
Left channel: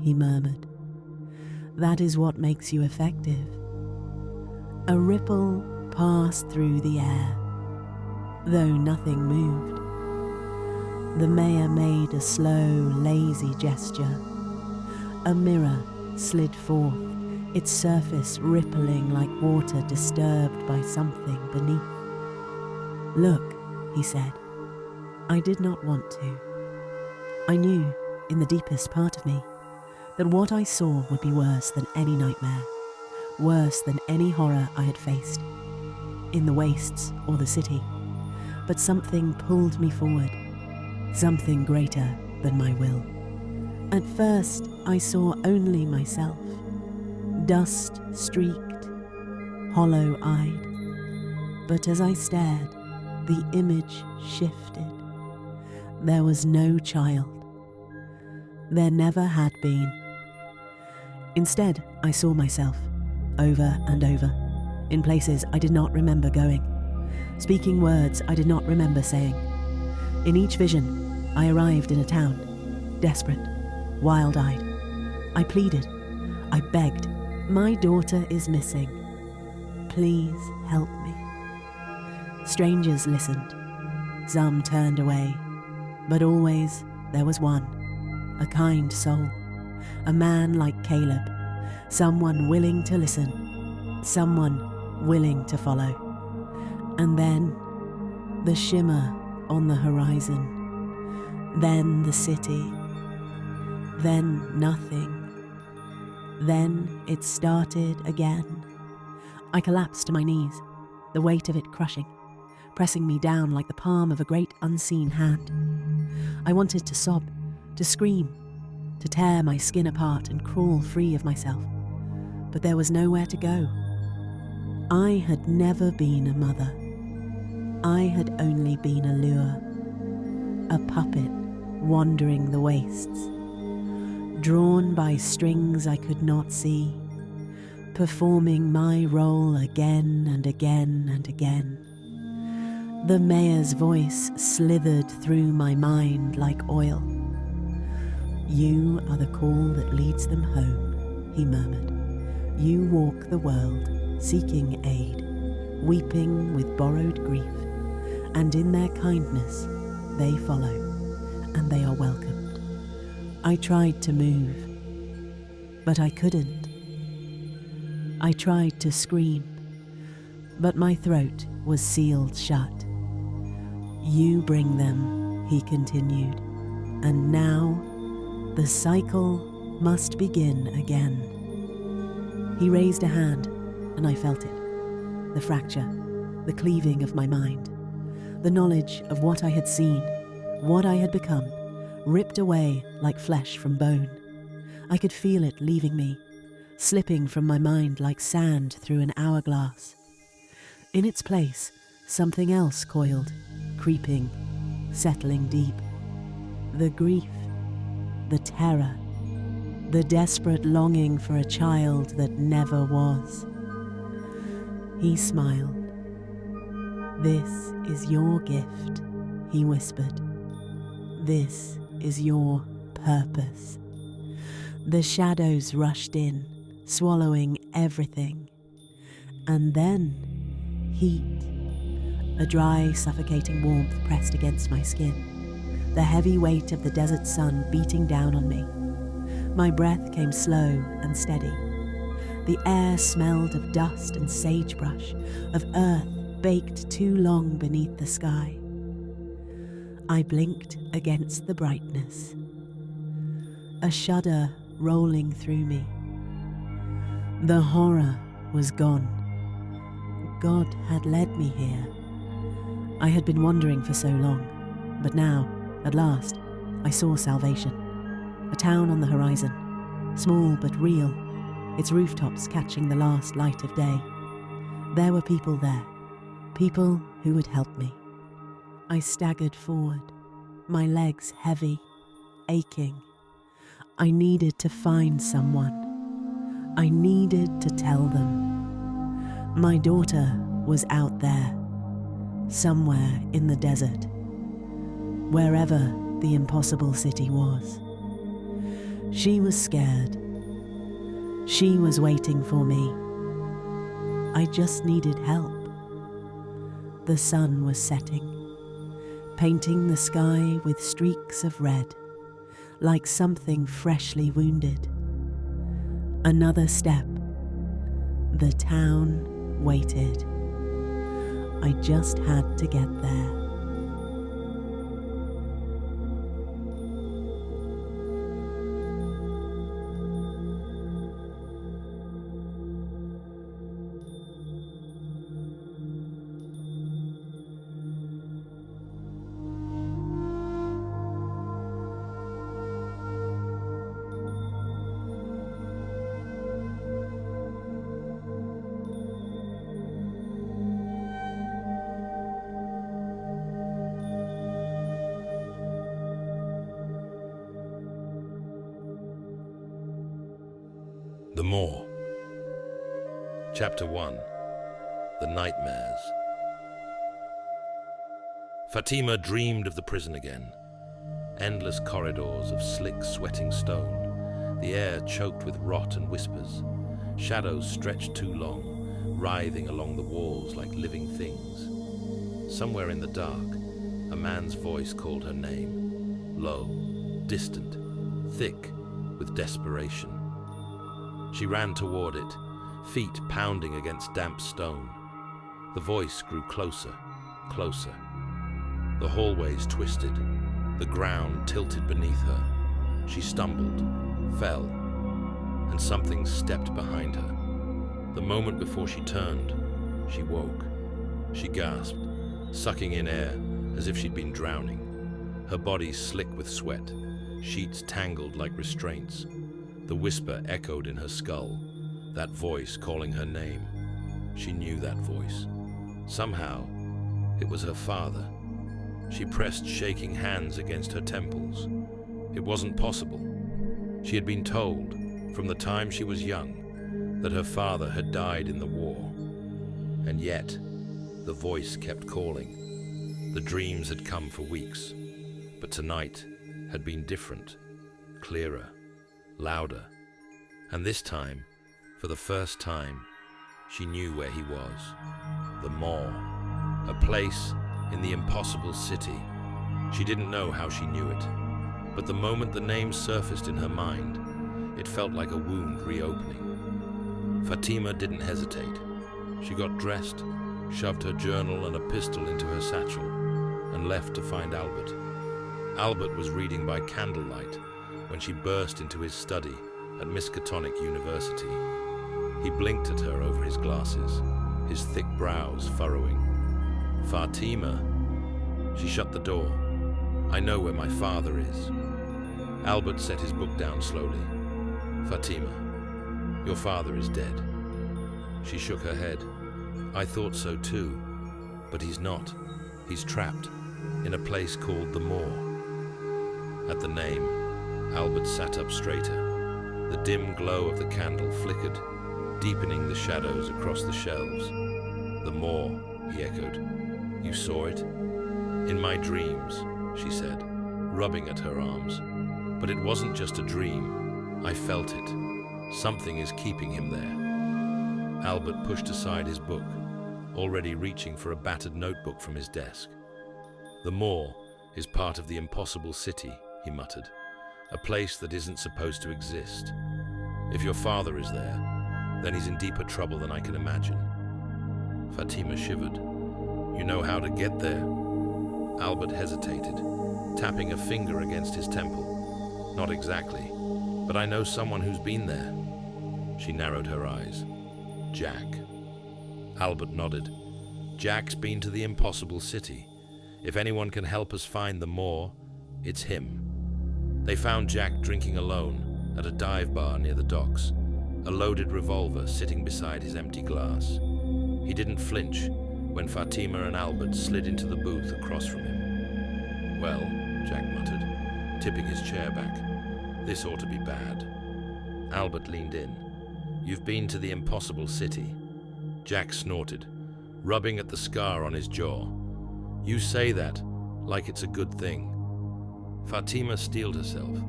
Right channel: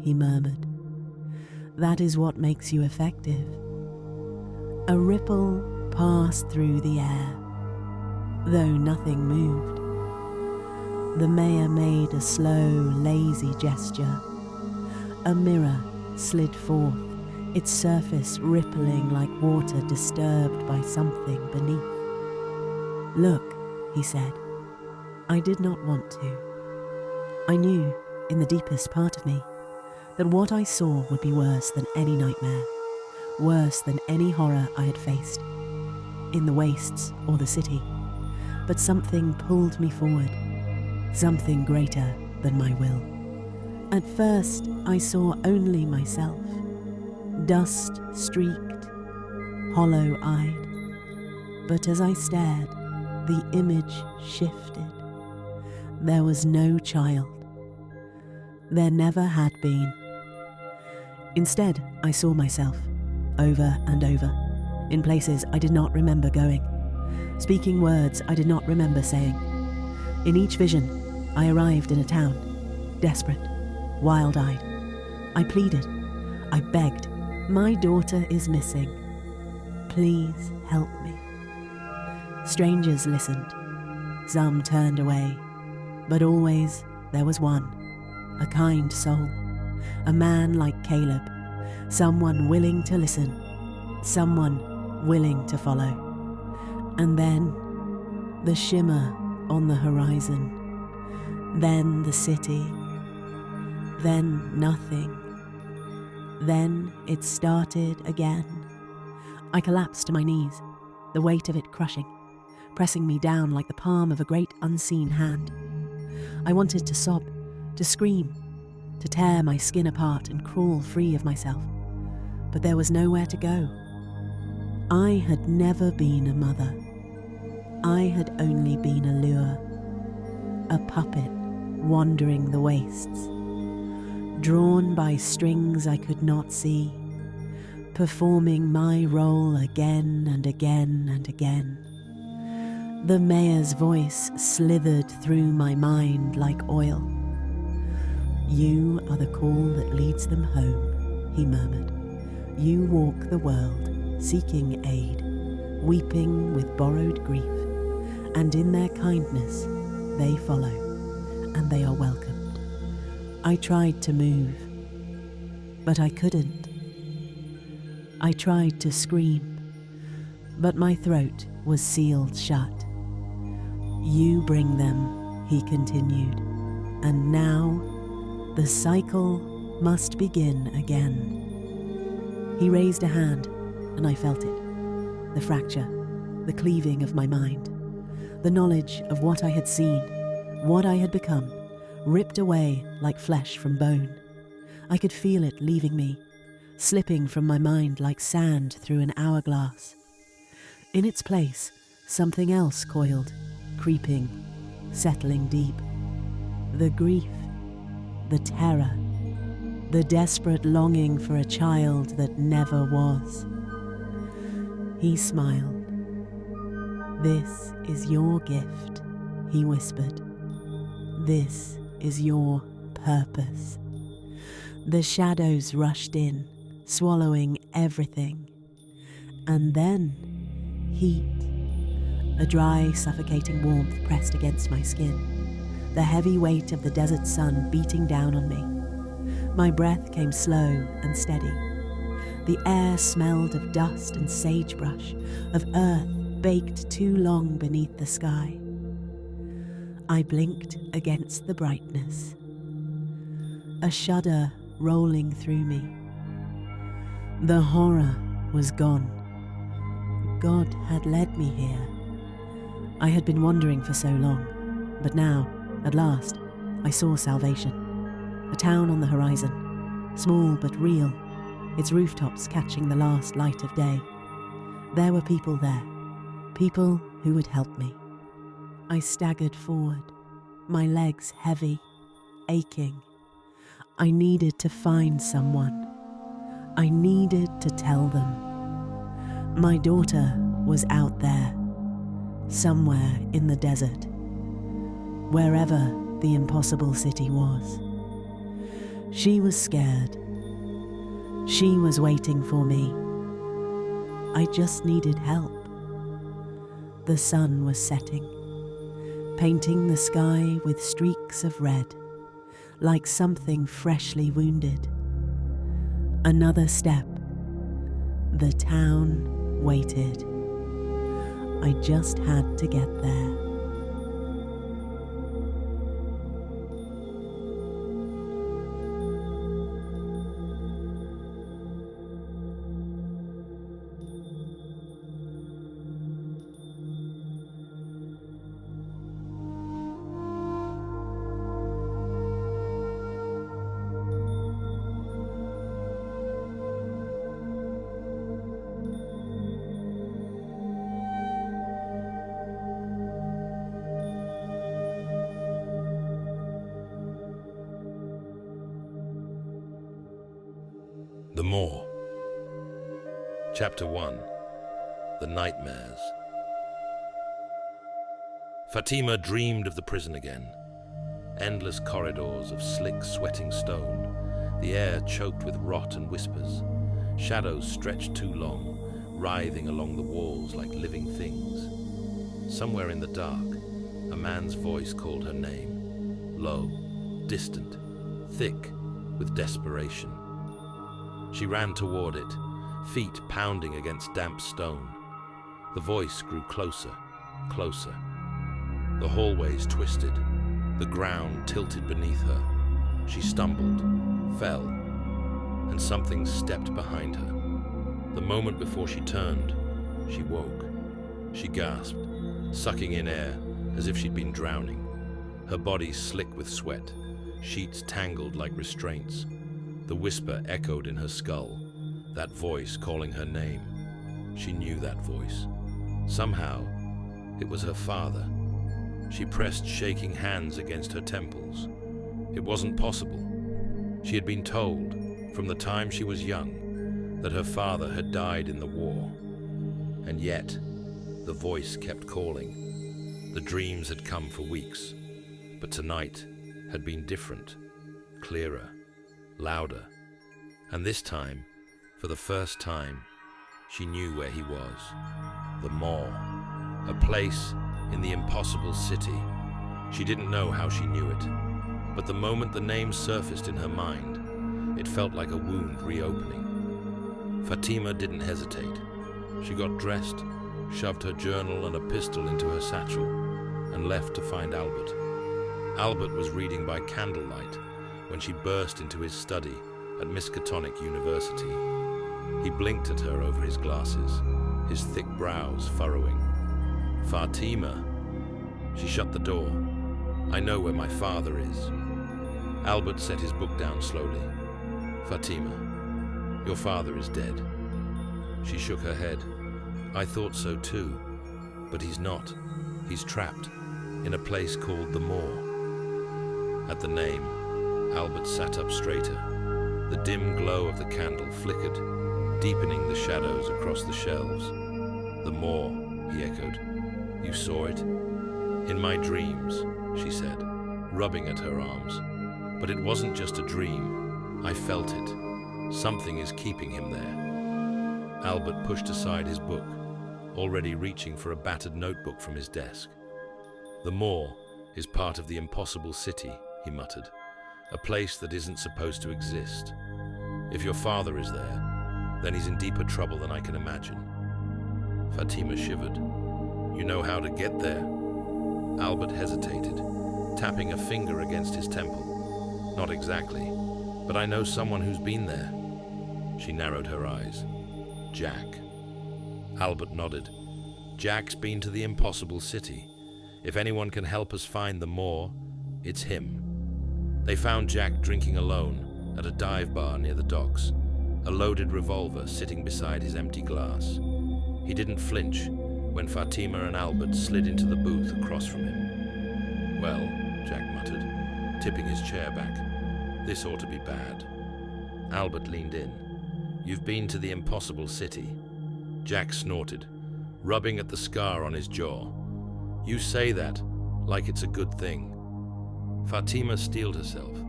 he murmured. "That is what makes you effective." A ripple passed through the air, though nothing moved. The mayor made a slow, lazy gesture. A mirror slid forth, its surface rippling like water disturbed by something beneath. "Look," he said. I did not want to. I knew, in the deepest part of me, that what I saw would be worse than any nightmare, worse than any horror I had faced, in the wastes or the city. But something pulled me forward, something greater than my will. At first, I saw only myself, dust-streaked, hollow-eyed. But as I stared, the image shifted. There was no child. There never had been. Instead, I saw myself, over and over, in places I did not remember going, speaking words I did not remember saying. In each vision, I arrived in a town, desperate, wild-eyed. I pleaded, I begged, "My daughter is missing. Please help me." Strangers listened. Some turned away, but always there was one, a kind soul, a man like Caleb, someone willing to listen, someone willing to follow. And then the shimmer on the horizon, then the city, then nothing. Then it started again. I collapsed to my knees, the weight of it crushing, pressing me down like the palm of a great unseen hand. I wanted to sob, to scream, to tear my skin apart and crawl free of myself. But there was nowhere to go. I had never been a mother. I had only been a lure, a puppet wandering the wastes, drawn by strings I could not see, performing my role again and again and again. The mayor's voice slithered through my mind like oil. "You are the call that leads them home," he murmured. "You walk the world, seeking aid, weeping with borrowed grief, and in their kindness they follow, and they are welcomed." I tried to move, but I couldn't. I tried to scream, but my throat was sealed shut. "You bring them," he continued, "and now the cycle must begin again." He raised a hand, and I felt it. The fracture, the cleaving of my mind, the knowledge of what I had seen, what I had become, ripped away like flesh from bone. I could feel it leaving me, slipping from my mind like sand through an hourglass. In its place, something else coiled, creeping, settling deep. The grief, the terror, the desperate longing for a child that never was. He smiled. "This is your gift," he whispered. "This is your purpose." The shadows rushed in, swallowing everything. And then, heat. A dry, suffocating warmth pressed against my skin, the heavy weight of the desert sun beating down on me. My breath came slow and steady. The air smelled of dust and sagebrush, of earth baked too long beneath the sky. I blinked against the brightness, a shudder rolling through me. The horror was gone. God had led me here. I had been wandering for so long, but now, at last, I saw salvation. A town on the horizon, small but real, its rooftops catching the last light of day. There were people there, people who would help me. I staggered forward, my legs heavy, aching. I needed to find someone. I needed to tell them. My daughter was out there, somewhere in the desert, wherever the impossible city was. She was scared. She was waiting for me. I just needed help. The sun was setting, painting the sky with streaks of red, like something freshly wounded. Another step. The town waited. I just had to get there. The Moor. Chapter 1. The Nightmares. Fatima dreamed of the prison again. Endless corridors of slick, sweating stone, the air choked with rot and whispers, shadows stretched too long, writhing along the walls like living things. Somewhere in the dark, a man's voice called her name, low, distant, thick with desperation. She ran toward it, feet pounding against damp stone. The voice grew closer, closer. The hallways twisted, the ground tilted beneath her. She stumbled, fell, and something stepped behind her. The moment before she turned, she woke. She gasped, sucking in air as if she'd been drowning. Her body slick with sweat, sheets tangled like restraints. The whisper echoed in her skull, that voice calling her name. She knew that voice. Somehow, it was her father. She pressed shaking hands against her temples. It wasn't possible. She had been told, from the time she was young, that her father had died in the war. And yet, the voice kept calling. The dreams had come for weeks, but tonight had been different, clearer, louder. And this time, for the first time, she knew where he was. The Moor, a place in the impossible city. She didn't know how she knew it, but the moment the name surfaced in her mind, it felt like a wound reopening. Fatima didn't hesitate. She got dressed, shoved her journal and a pistol into her satchel, and left to find Albert. Albert was reading by candlelight when she burst into his study at Miskatonic University. He blinked at her over his glasses, his thick brows furrowing. Fatima. She shut the door. I know where my father is. Albert set his book down slowly. Fatima, your father is dead. She shook her head. I thought so too, but he's not. He's trapped in a place called the Moor. At the name, Albert sat up straighter. The dim glow of the candle flickered, deepening the shadows across the shelves. The Moor, he echoed. You saw it? In my dreams, she said, rubbing at her arms. But it wasn't just a dream. I felt it. Something is keeping him there. Albert pushed aside his book, already reaching for a battered notebook from his desk. The Moor is part of the impossible city, he muttered. a place that isn't supposed to exist. If your father is there, then he's in deeper trouble than I can imagine." Fatima shivered. "You know how to get there?" Albert hesitated, tapping a finger against his temple. "Not exactly, but I know someone who's been there." She narrowed her eyes. "Jack." Albert nodded. "Jack's been to the impossible city. If anyone can help us find the Moor, it's him." They found Jack drinking alone at a dive bar near the docks, a loaded revolver sitting beside his empty glass. He didn't flinch when Fatima and Albert slid into the booth across from him. "Well," Jack muttered, tipping his chair back, "this ought to be bad." Albert leaned in. "You've been to the impossible city." Jack snorted, rubbing at the scar on his jaw. "You say that like it's a good thing." Fatima steeled herself.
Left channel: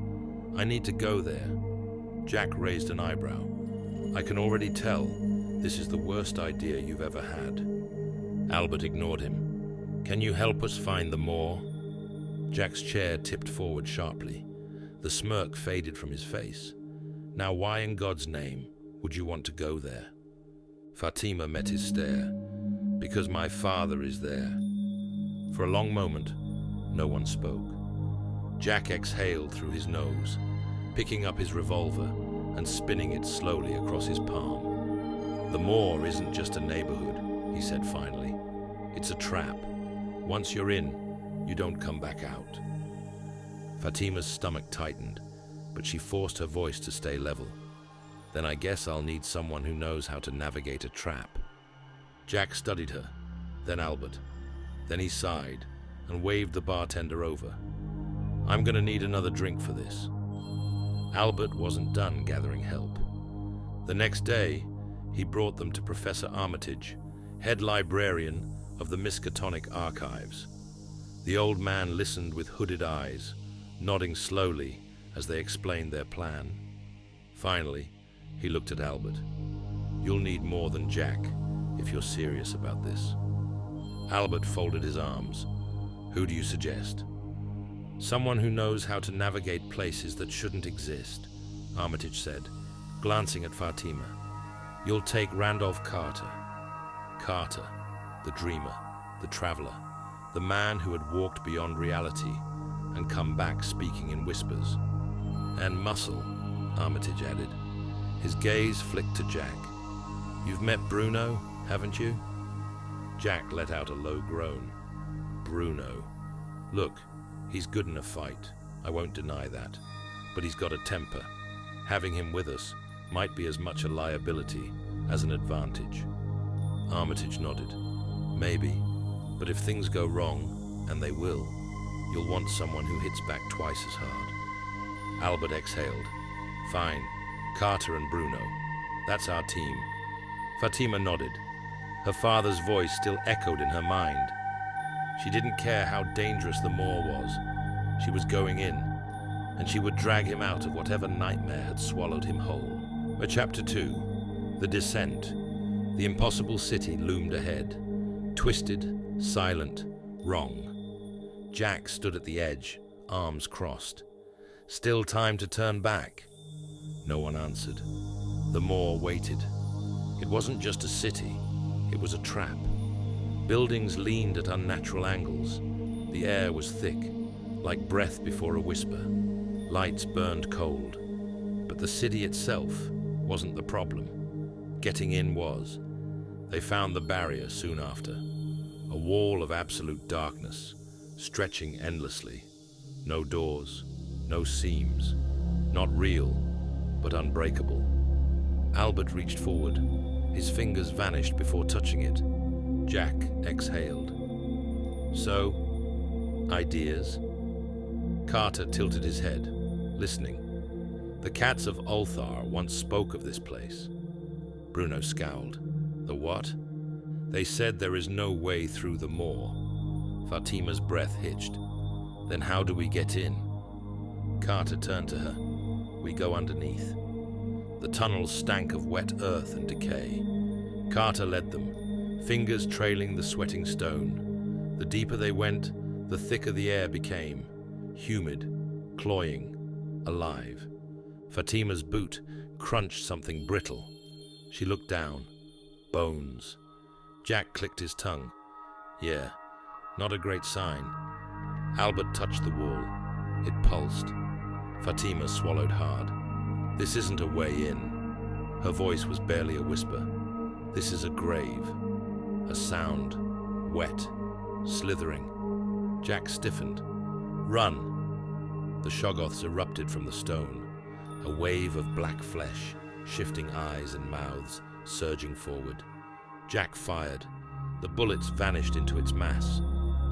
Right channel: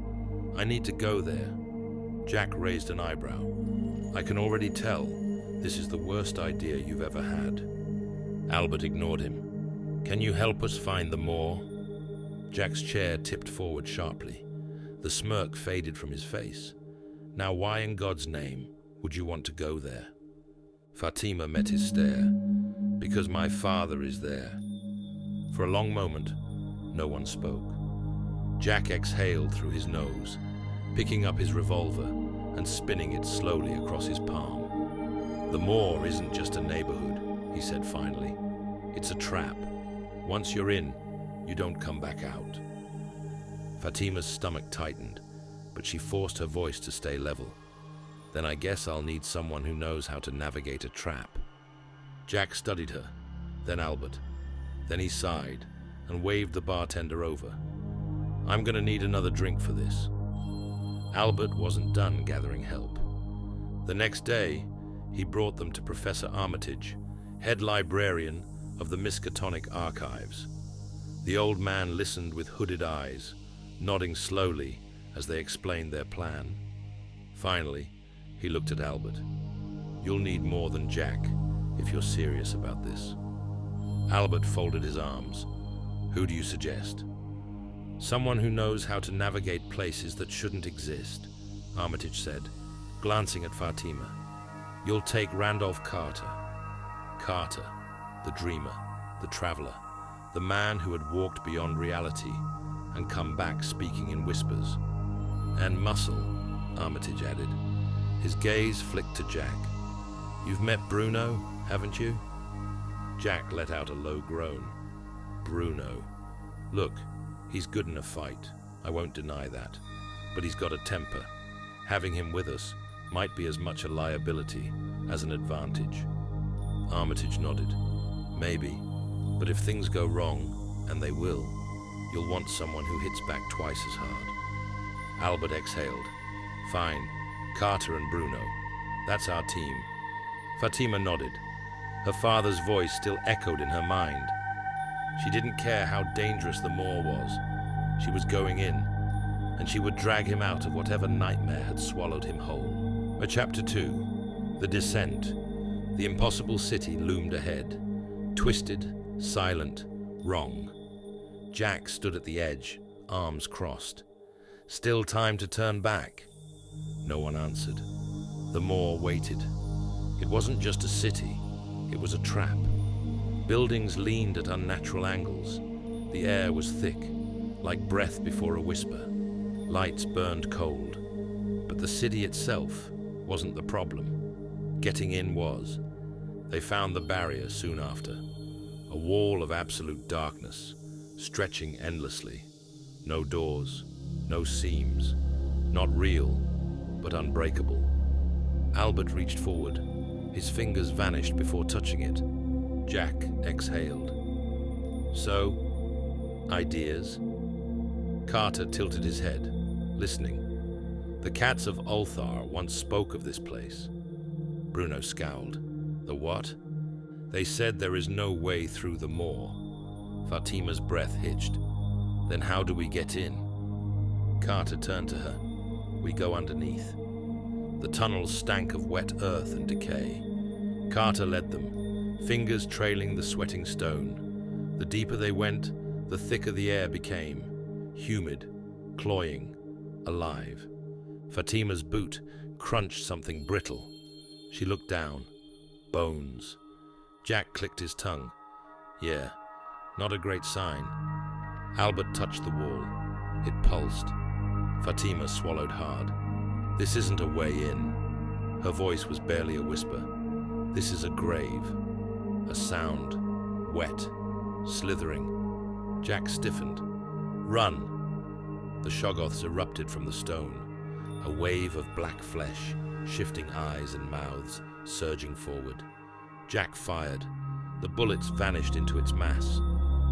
"I need to go there." Jack raised an eyebrow. "I can already tell this is the worst idea you've ever had." Albert ignored him. "Can you help us find the Moor?" Jack's chair tipped forward sharply. The smirk faded from his face. "Now why in God's name would you want to go there?" Fatima met his stare. "Because my father is there." For a long moment, no one spoke. Jack exhaled through his nose, picking up his revolver and spinning it slowly across his palm. "The Moor isn't just a neighborhood," he said finally. "It's a trap. Once you're in, you don't come back out." Fatima's stomach tightened, but she forced her voice to stay level. "Then I guess I'll need someone who knows how to navigate a trap." Jack studied her, then Albert. Then he sighed and waved the bartender over. "I'm gonna need another drink for this." Albert wasn't done gathering help. The next day, he brought them to Professor Armitage, head librarian of the Miskatonic Archives. The old man listened with hooded eyes, nodding slowly as they explained their plan. Finally, he looked at Albert. "You'll need more than Jack if you're serious about this." Albert folded his arms. "Who do you suggest?" "Someone who knows how to navigate places that shouldn't exist," Armitage said, glancing at Fatima. "You'll take Randolph Carter." Carter, the dreamer, the traveler, the man who had walked beyond reality and come back speaking in whispers. "And muscle," Armitage added. His gaze flicked to Jack. "You've met Bruno, haven't you?" Jack let out a low groan. "Bruno. Look, he's good in a fight, I won't deny that. But he's got a temper. Having him with us might be as much a liability as an advantage." Armitage nodded. "Maybe, but if things go wrong, and they will, you'll want someone who hits back twice as hard." Albert exhaled. "Fine, Carter and Bruno. That's our team." Fatima nodded. Her father's voice still echoed in her mind. She didn't care how dangerous the Moor was. She was going in, and she would drag him out of whatever nightmare had swallowed him whole. Chapter 2. The Descent. The impossible city loomed ahead. Twisted, silent, wrong. Jack stood at the edge, arms crossed. Still time to turn back. No one answered. The Moor waited. It wasn't just a city, it was a trap. Buildings leaned at unnatural angles. The air was thick, like breath before a whisper. Lights burned cold. But the city itself wasn't the problem. Getting in was. They found the barrier soon after. A wall of absolute darkness, stretching endlessly. No doors, no seams. Not real, but unbreakable. Albert reached forward. His fingers vanished before touching it. Jack exhaled. "So, ideas?" Carter tilted his head, listening. "The cats of Ulthar once spoke of this place." Bruno scowled. "The what?" "They said there is no way through the Moor." Fatima's breath hitched. "Then how do we get in?" Carter turned to her. "We go underneath." The tunnels stank of wet earth and decay. Carter led them, fingers trailing the sweating stone. The deeper they went, the thicker the air became, humid, cloying, alive. Fatima's boot crunched something brittle. She looked down. Bones. Jack clicked his tongue. Yeah, not a great sign. Albert touched the wall. It pulsed. Fatima swallowed hard. This isn't a way in. Her voice was barely a whisper. This is a grave. A sound. Wet. Slithering. Jack stiffened. Run! The Shoggoths erupted from the stone. A wave of black flesh, shifting eyes and mouths, surging forward. Jack fired. The bullets vanished into its mass.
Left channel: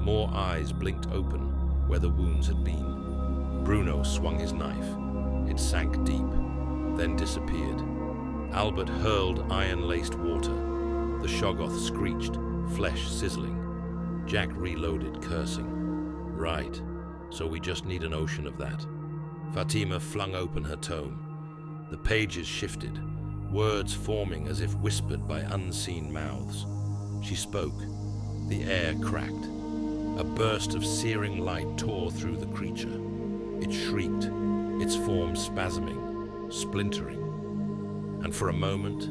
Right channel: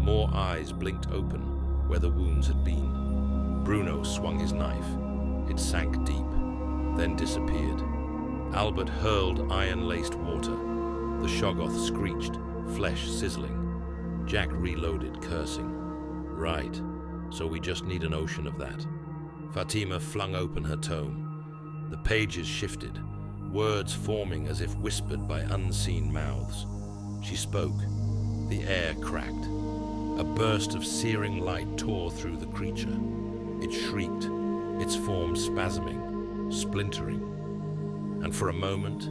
More eyes blinked open where the wounds had been. Bruno swung his knife. It sank deep, then disappeared. Albert hurled iron-laced water. The Shoggoth screeched, flesh sizzling. Jack reloaded, cursing. Right, so we just need an ocean of that. Fatima flung open her tome. The pages shifted, words forming as if whispered by unseen mouths. She spoke. The air cracked. A burst of searing light tore through the creature. It shrieked, its form spasming, splintering. And for a moment,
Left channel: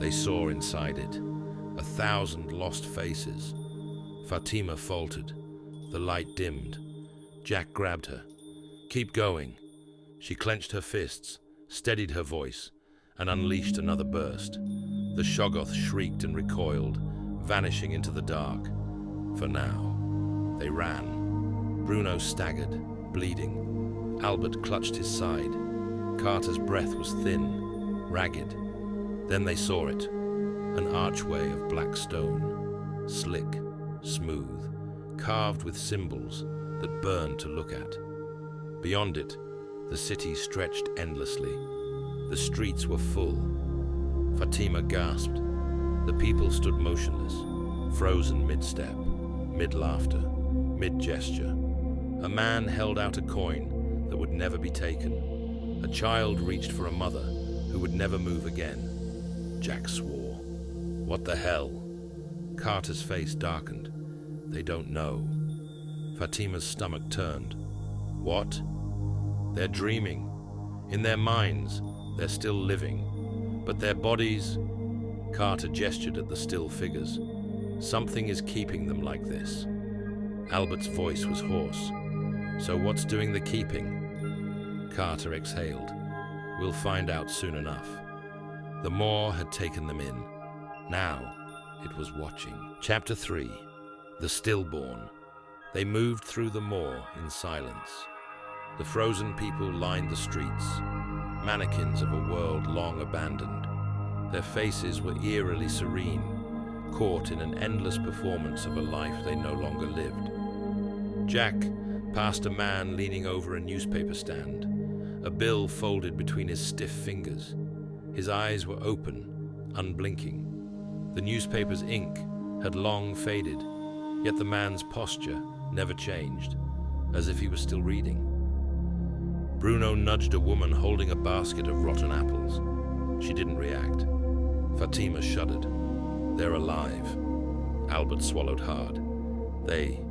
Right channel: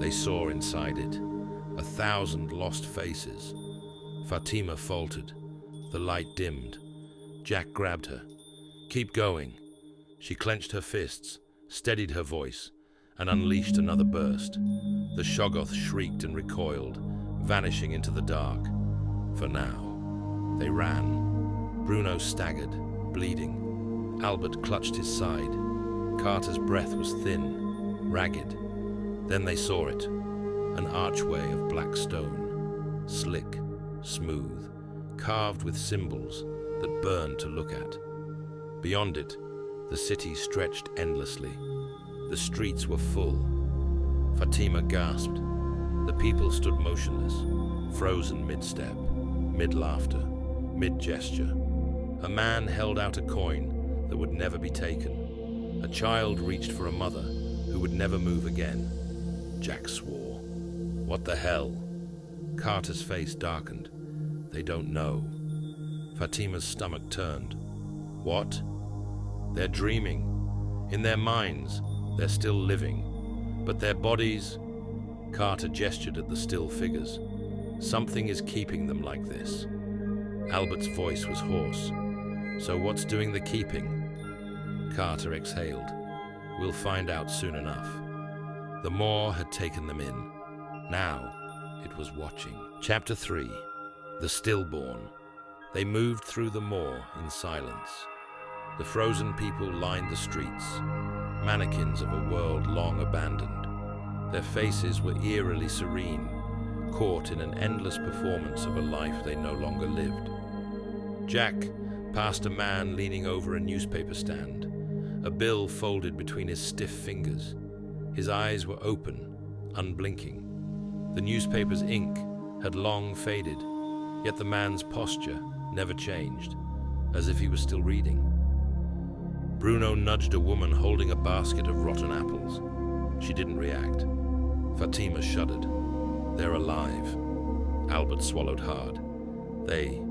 they saw inside it. 1,000 lost faces. Fatima faltered. The light dimmed. Jack grabbed her. Keep going. She clenched her fists, steadied her voice, and unleashed another burst. The Shoggoth shrieked and recoiled, vanishing into the dark. For now. They ran. Bruno staggered, bleeding. Albert clutched his side. Carter's breath was thin, ragged. Then they saw it. An archway of black stone. Slick, smooth, carved with symbols that burned to look at. Beyond it, the city stretched endlessly. The streets were full. Fatima gasped. The people stood motionless, frozen mid-step, mid-laughter, mid-gesture. A man held out a coin that would never be taken. A child reached for a mother who would never move again. Jack swore. What the hell? Carter's face darkened. They don't know. Fatima's stomach turned. What? They're dreaming. In their minds, they're still living. But their bodies... Carter gestured at the still figures. Something is keeping them like this. Albert's voice was hoarse. So what's doing the keeping? Carter exhaled. We'll find out soon enough. The Maw had taken them in. Now, it was watching. Chapter 3. The Stillborn. They moved through the Maw in silence. The frozen people lined the streets, mannequins of a world long abandoned. Their faces were eerily serene, caught in an endless performance of a life they no longer lived. Jack passed a man leaning over a newspaper stand, a bill folded between his stiff fingers. His eyes were open, unblinking. The newspaper's ink had long faded, yet the man's posture never changed, as if he was still reading. Bruno nudged a woman holding a basket of rotten apples. She didn't react. Fatima shuddered. They're alive. Albert swallowed hard. They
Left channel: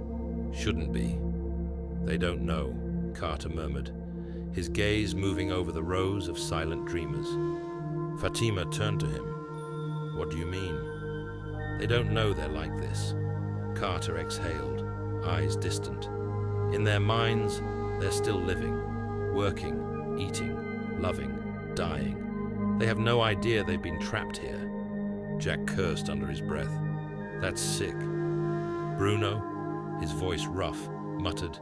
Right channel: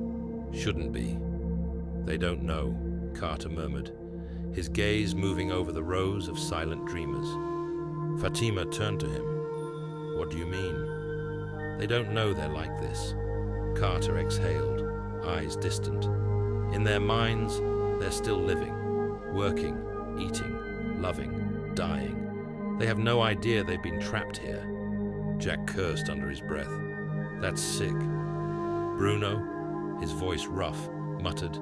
shouldn't be. They don't know, Carter murmured, his gaze moving over the rows of silent dreamers. Fatima turned to him. What do you mean? They don't know they're like this. Carter exhaled, eyes distant. In their minds, they're still living, working, eating, loving, dying. They have no idea they've been trapped here. Jack cursed under his breath. That's sick. Bruno, his voice rough, muttered,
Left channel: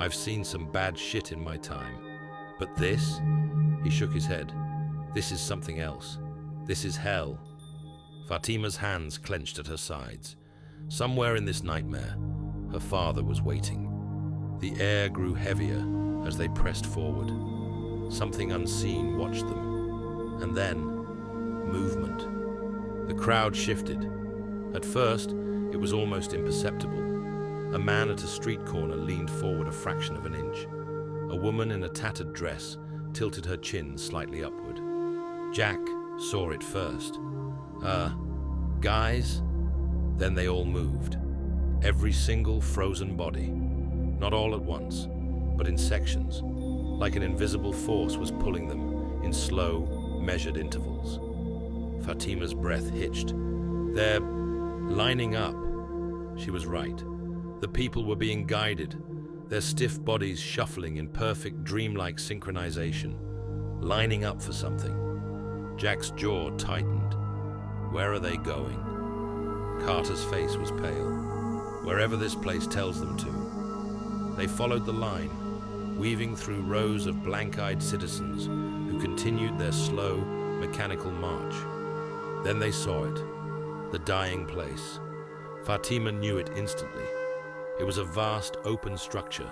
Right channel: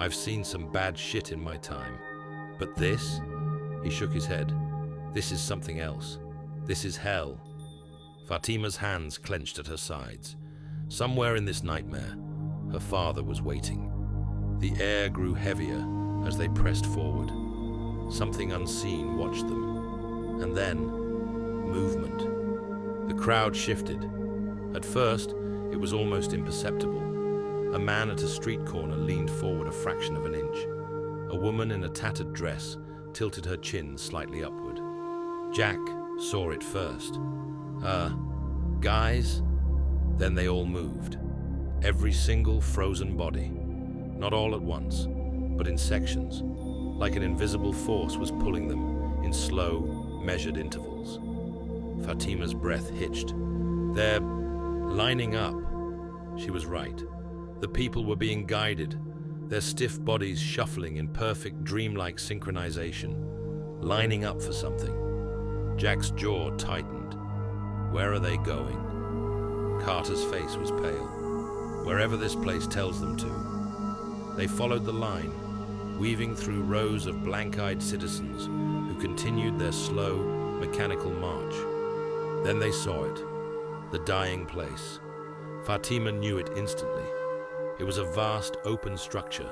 I've seen some bad shit in my time. But this? He shook his head. This is something else. This is hell. Fatima's hands clenched at her sides. Somewhere in this nightmare, her father was waiting. The air grew heavier as they pressed forward. Something unseen watched them. And then, movement. The crowd shifted. At first, it was almost imperceptible. A man at a street corner leaned forward a fraction of an inch. A woman in a tattered dress tilted her chin slightly upward. Jack saw it first. Guys? Then they all moved. Every single frozen body. Not all at once, but in sections. like an invisible force was pulling them in slow, measured intervals. Fatima's breath hitched. They're lining up. She was right. The people were being guided, their stiff bodies shuffling in perfect dreamlike synchronization, lining up for something. Jack's jaw tightened. Where are they going? Carter's face was pale. Wherever this place tells them to. They followed the line, weaving through rows of blank-eyed citizens who continued their slow, mechanical march. Then they saw it, the dying place. Fatima knew it instantly. It was a vast, open structure,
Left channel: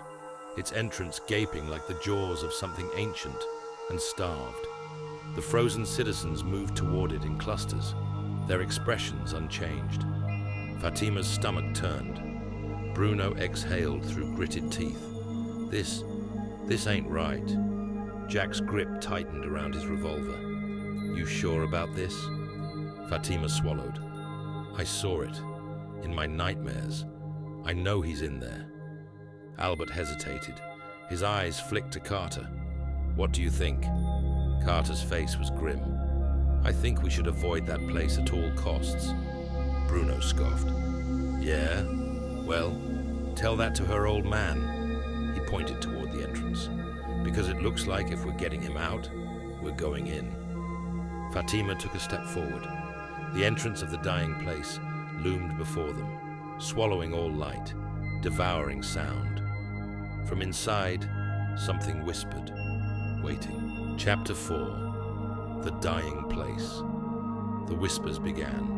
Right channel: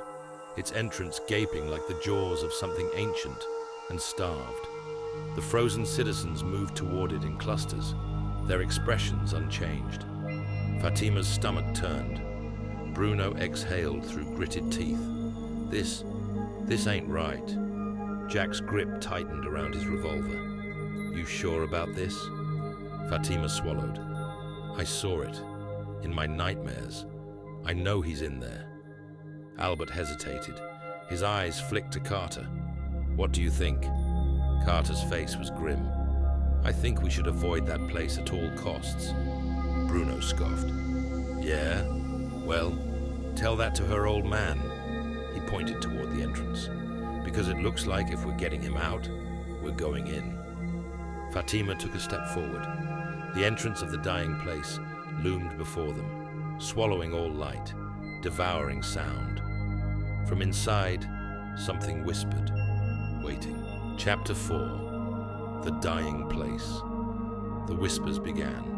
its entrance gaping like the jaws of something ancient and starved. The frozen citizens moved toward it in clusters, their expressions unchanged. Fatima's stomach turned. Bruno exhaled through gritted teeth. This ain't right. Jack's grip tightened around his revolver. You sure about this? Fatima swallowed. I saw it. In my nightmares. I know he's in there. Albert hesitated. His eyes flicked to Carter. What do you think? Carter's face was grim. I think we should avoid that place at all costs. Bruno scoffed. Yeah? Well, tell that to her old man. He pointed toward the entrance. Because it looks like if we're getting him out, we're going in. Fatima took a step forward. The entrance of the dying place loomed before them, swallowing all light, devouring sound. From inside, something whispered, waiting. Chapter 4. The Dying Place. The whispers began.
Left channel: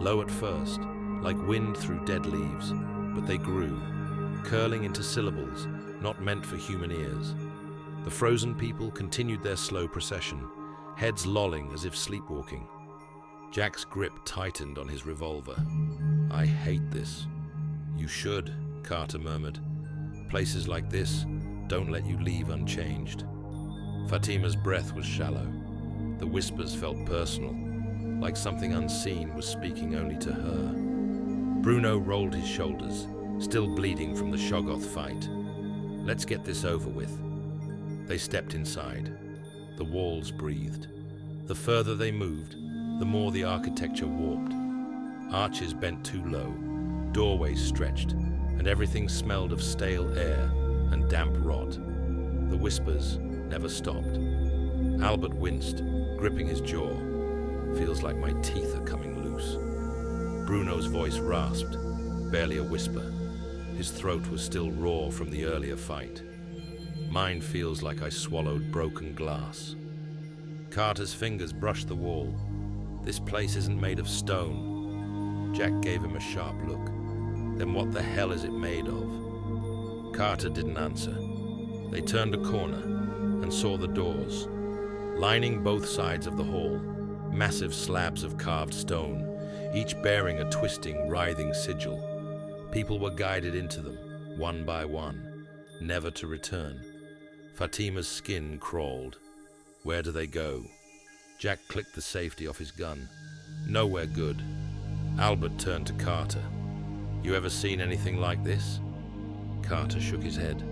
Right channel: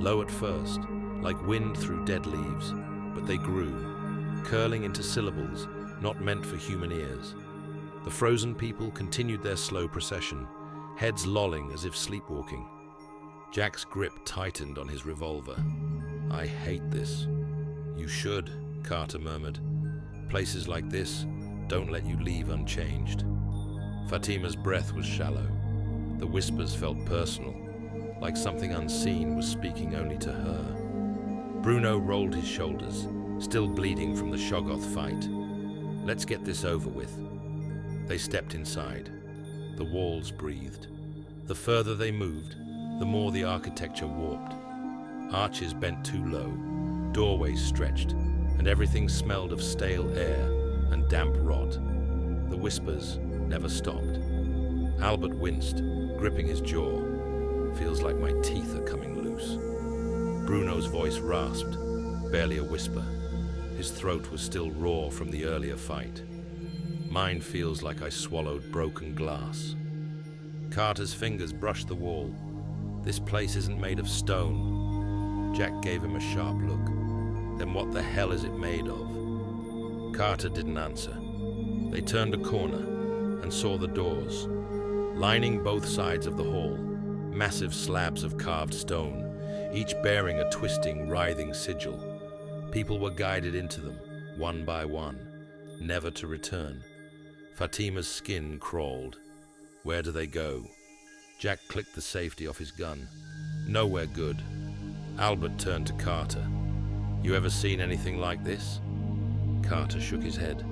Low at first, like wind through dead leaves, but they grew, curling into syllables not meant for human ears. The frozen people continued their slow procession, heads lolling as if sleepwalking. Jack's grip tightened on his revolver. I hate this. You should, Carter murmured. Places like this don't let you leave unchanged. Fatima's breath was shallow. The whispers felt personal, like something unseen was speaking only to her. Bruno rolled his shoulders, still bleeding from the Shoggoth fight. Let's get this over with. They stepped inside. The walls breathed. The further they moved, the more the architecture warped. Arches bent too low, doorways stretched, and everything smelled of stale air and damp rot. The whispers never stopped. Albert winced, gripping his jaw. Feels like my teeth are coming loose. Bruno's voice rasped, barely a whisper. His throat was still raw from the earlier fight. Mine feels like I swallowed broken glass. Carter's fingers brushed the wall. This place isn't made of stone. Jack gave him a sharp look. Then what the hell is it made of? Carter didn't answer. They turned a corner and saw the doors. Lining both sides of the hall, massive slabs of carved stone, each bearing a twisting, writhing sigil. People were guided into them, one by one, never to return. Fatima's skin crawled. Where do they go? Jack clicked the safety off his gun. Nowhere good. Albert turned to Carter. You ever seen anything like this? Carter shook his head.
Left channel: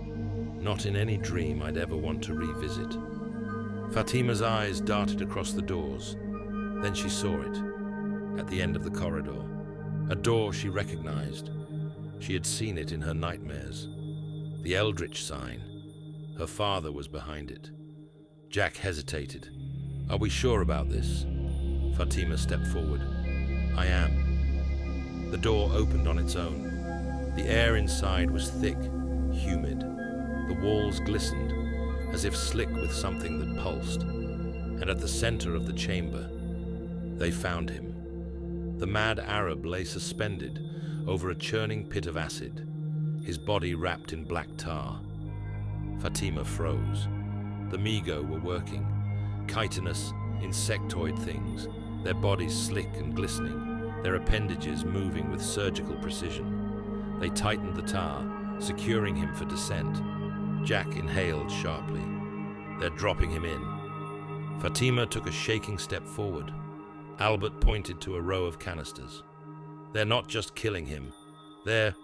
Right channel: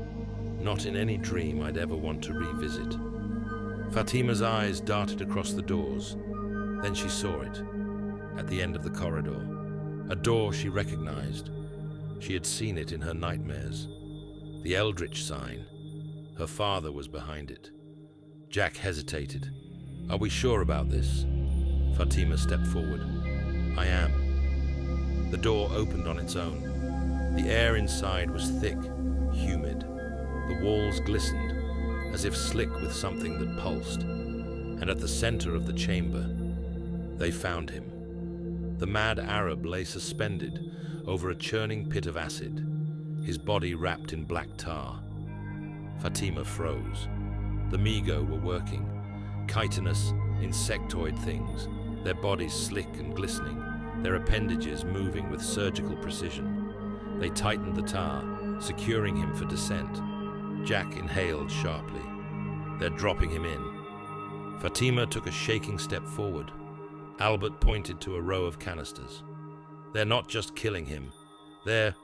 Not in any dream I'd ever want to revisit. Fatima's eyes darted across the doors. Then she saw it, at the end of the corridor. A door she recognized. She had seen it in her nightmares. The Eldritch sign. Her father was behind it. Jack hesitated. Are we sure about this? Fatima stepped forward. I am. The door opened on its own. The air inside was thick, humid. The walls glistened, as if slick with something that pulsed. And at the center of the chamber, they found him. The mad Arab lay suspended over a churning pit of acid, his body wrapped in black tar. Fatima froze. The Migo were working, chitinous, insectoid things, their bodies slick and glistening, their appendages moving with surgical precision. They tightened the tar, securing him for descent. Jack inhaled sharply. They're dropping him in. Fatima took a shaking step forward. Albert pointed to a row of canisters. They're not just killing him, they're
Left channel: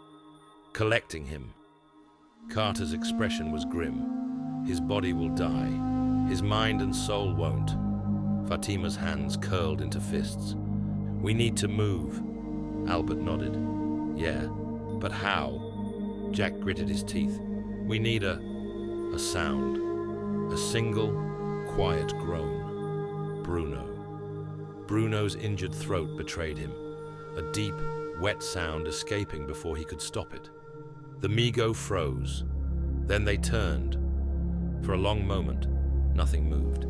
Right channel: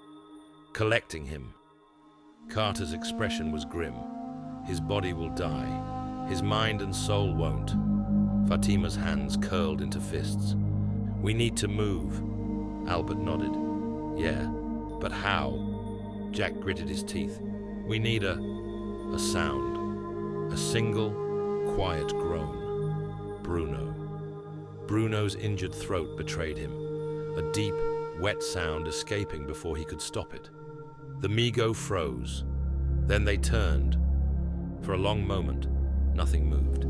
collecting him. Carter's expression was grim. His body will die. His mind and soul won't. Fatima's hands curled into fists. We need to move. Albert nodded. Yeah, but how? Jack gritted his teeth. We need a sound. A single, quiet groan. Bruno's injured throat betrayed him. A deep, wet sound escaping before he could stop it. The Mi-Go froze. Then they turned. For a long moment, nothing moved.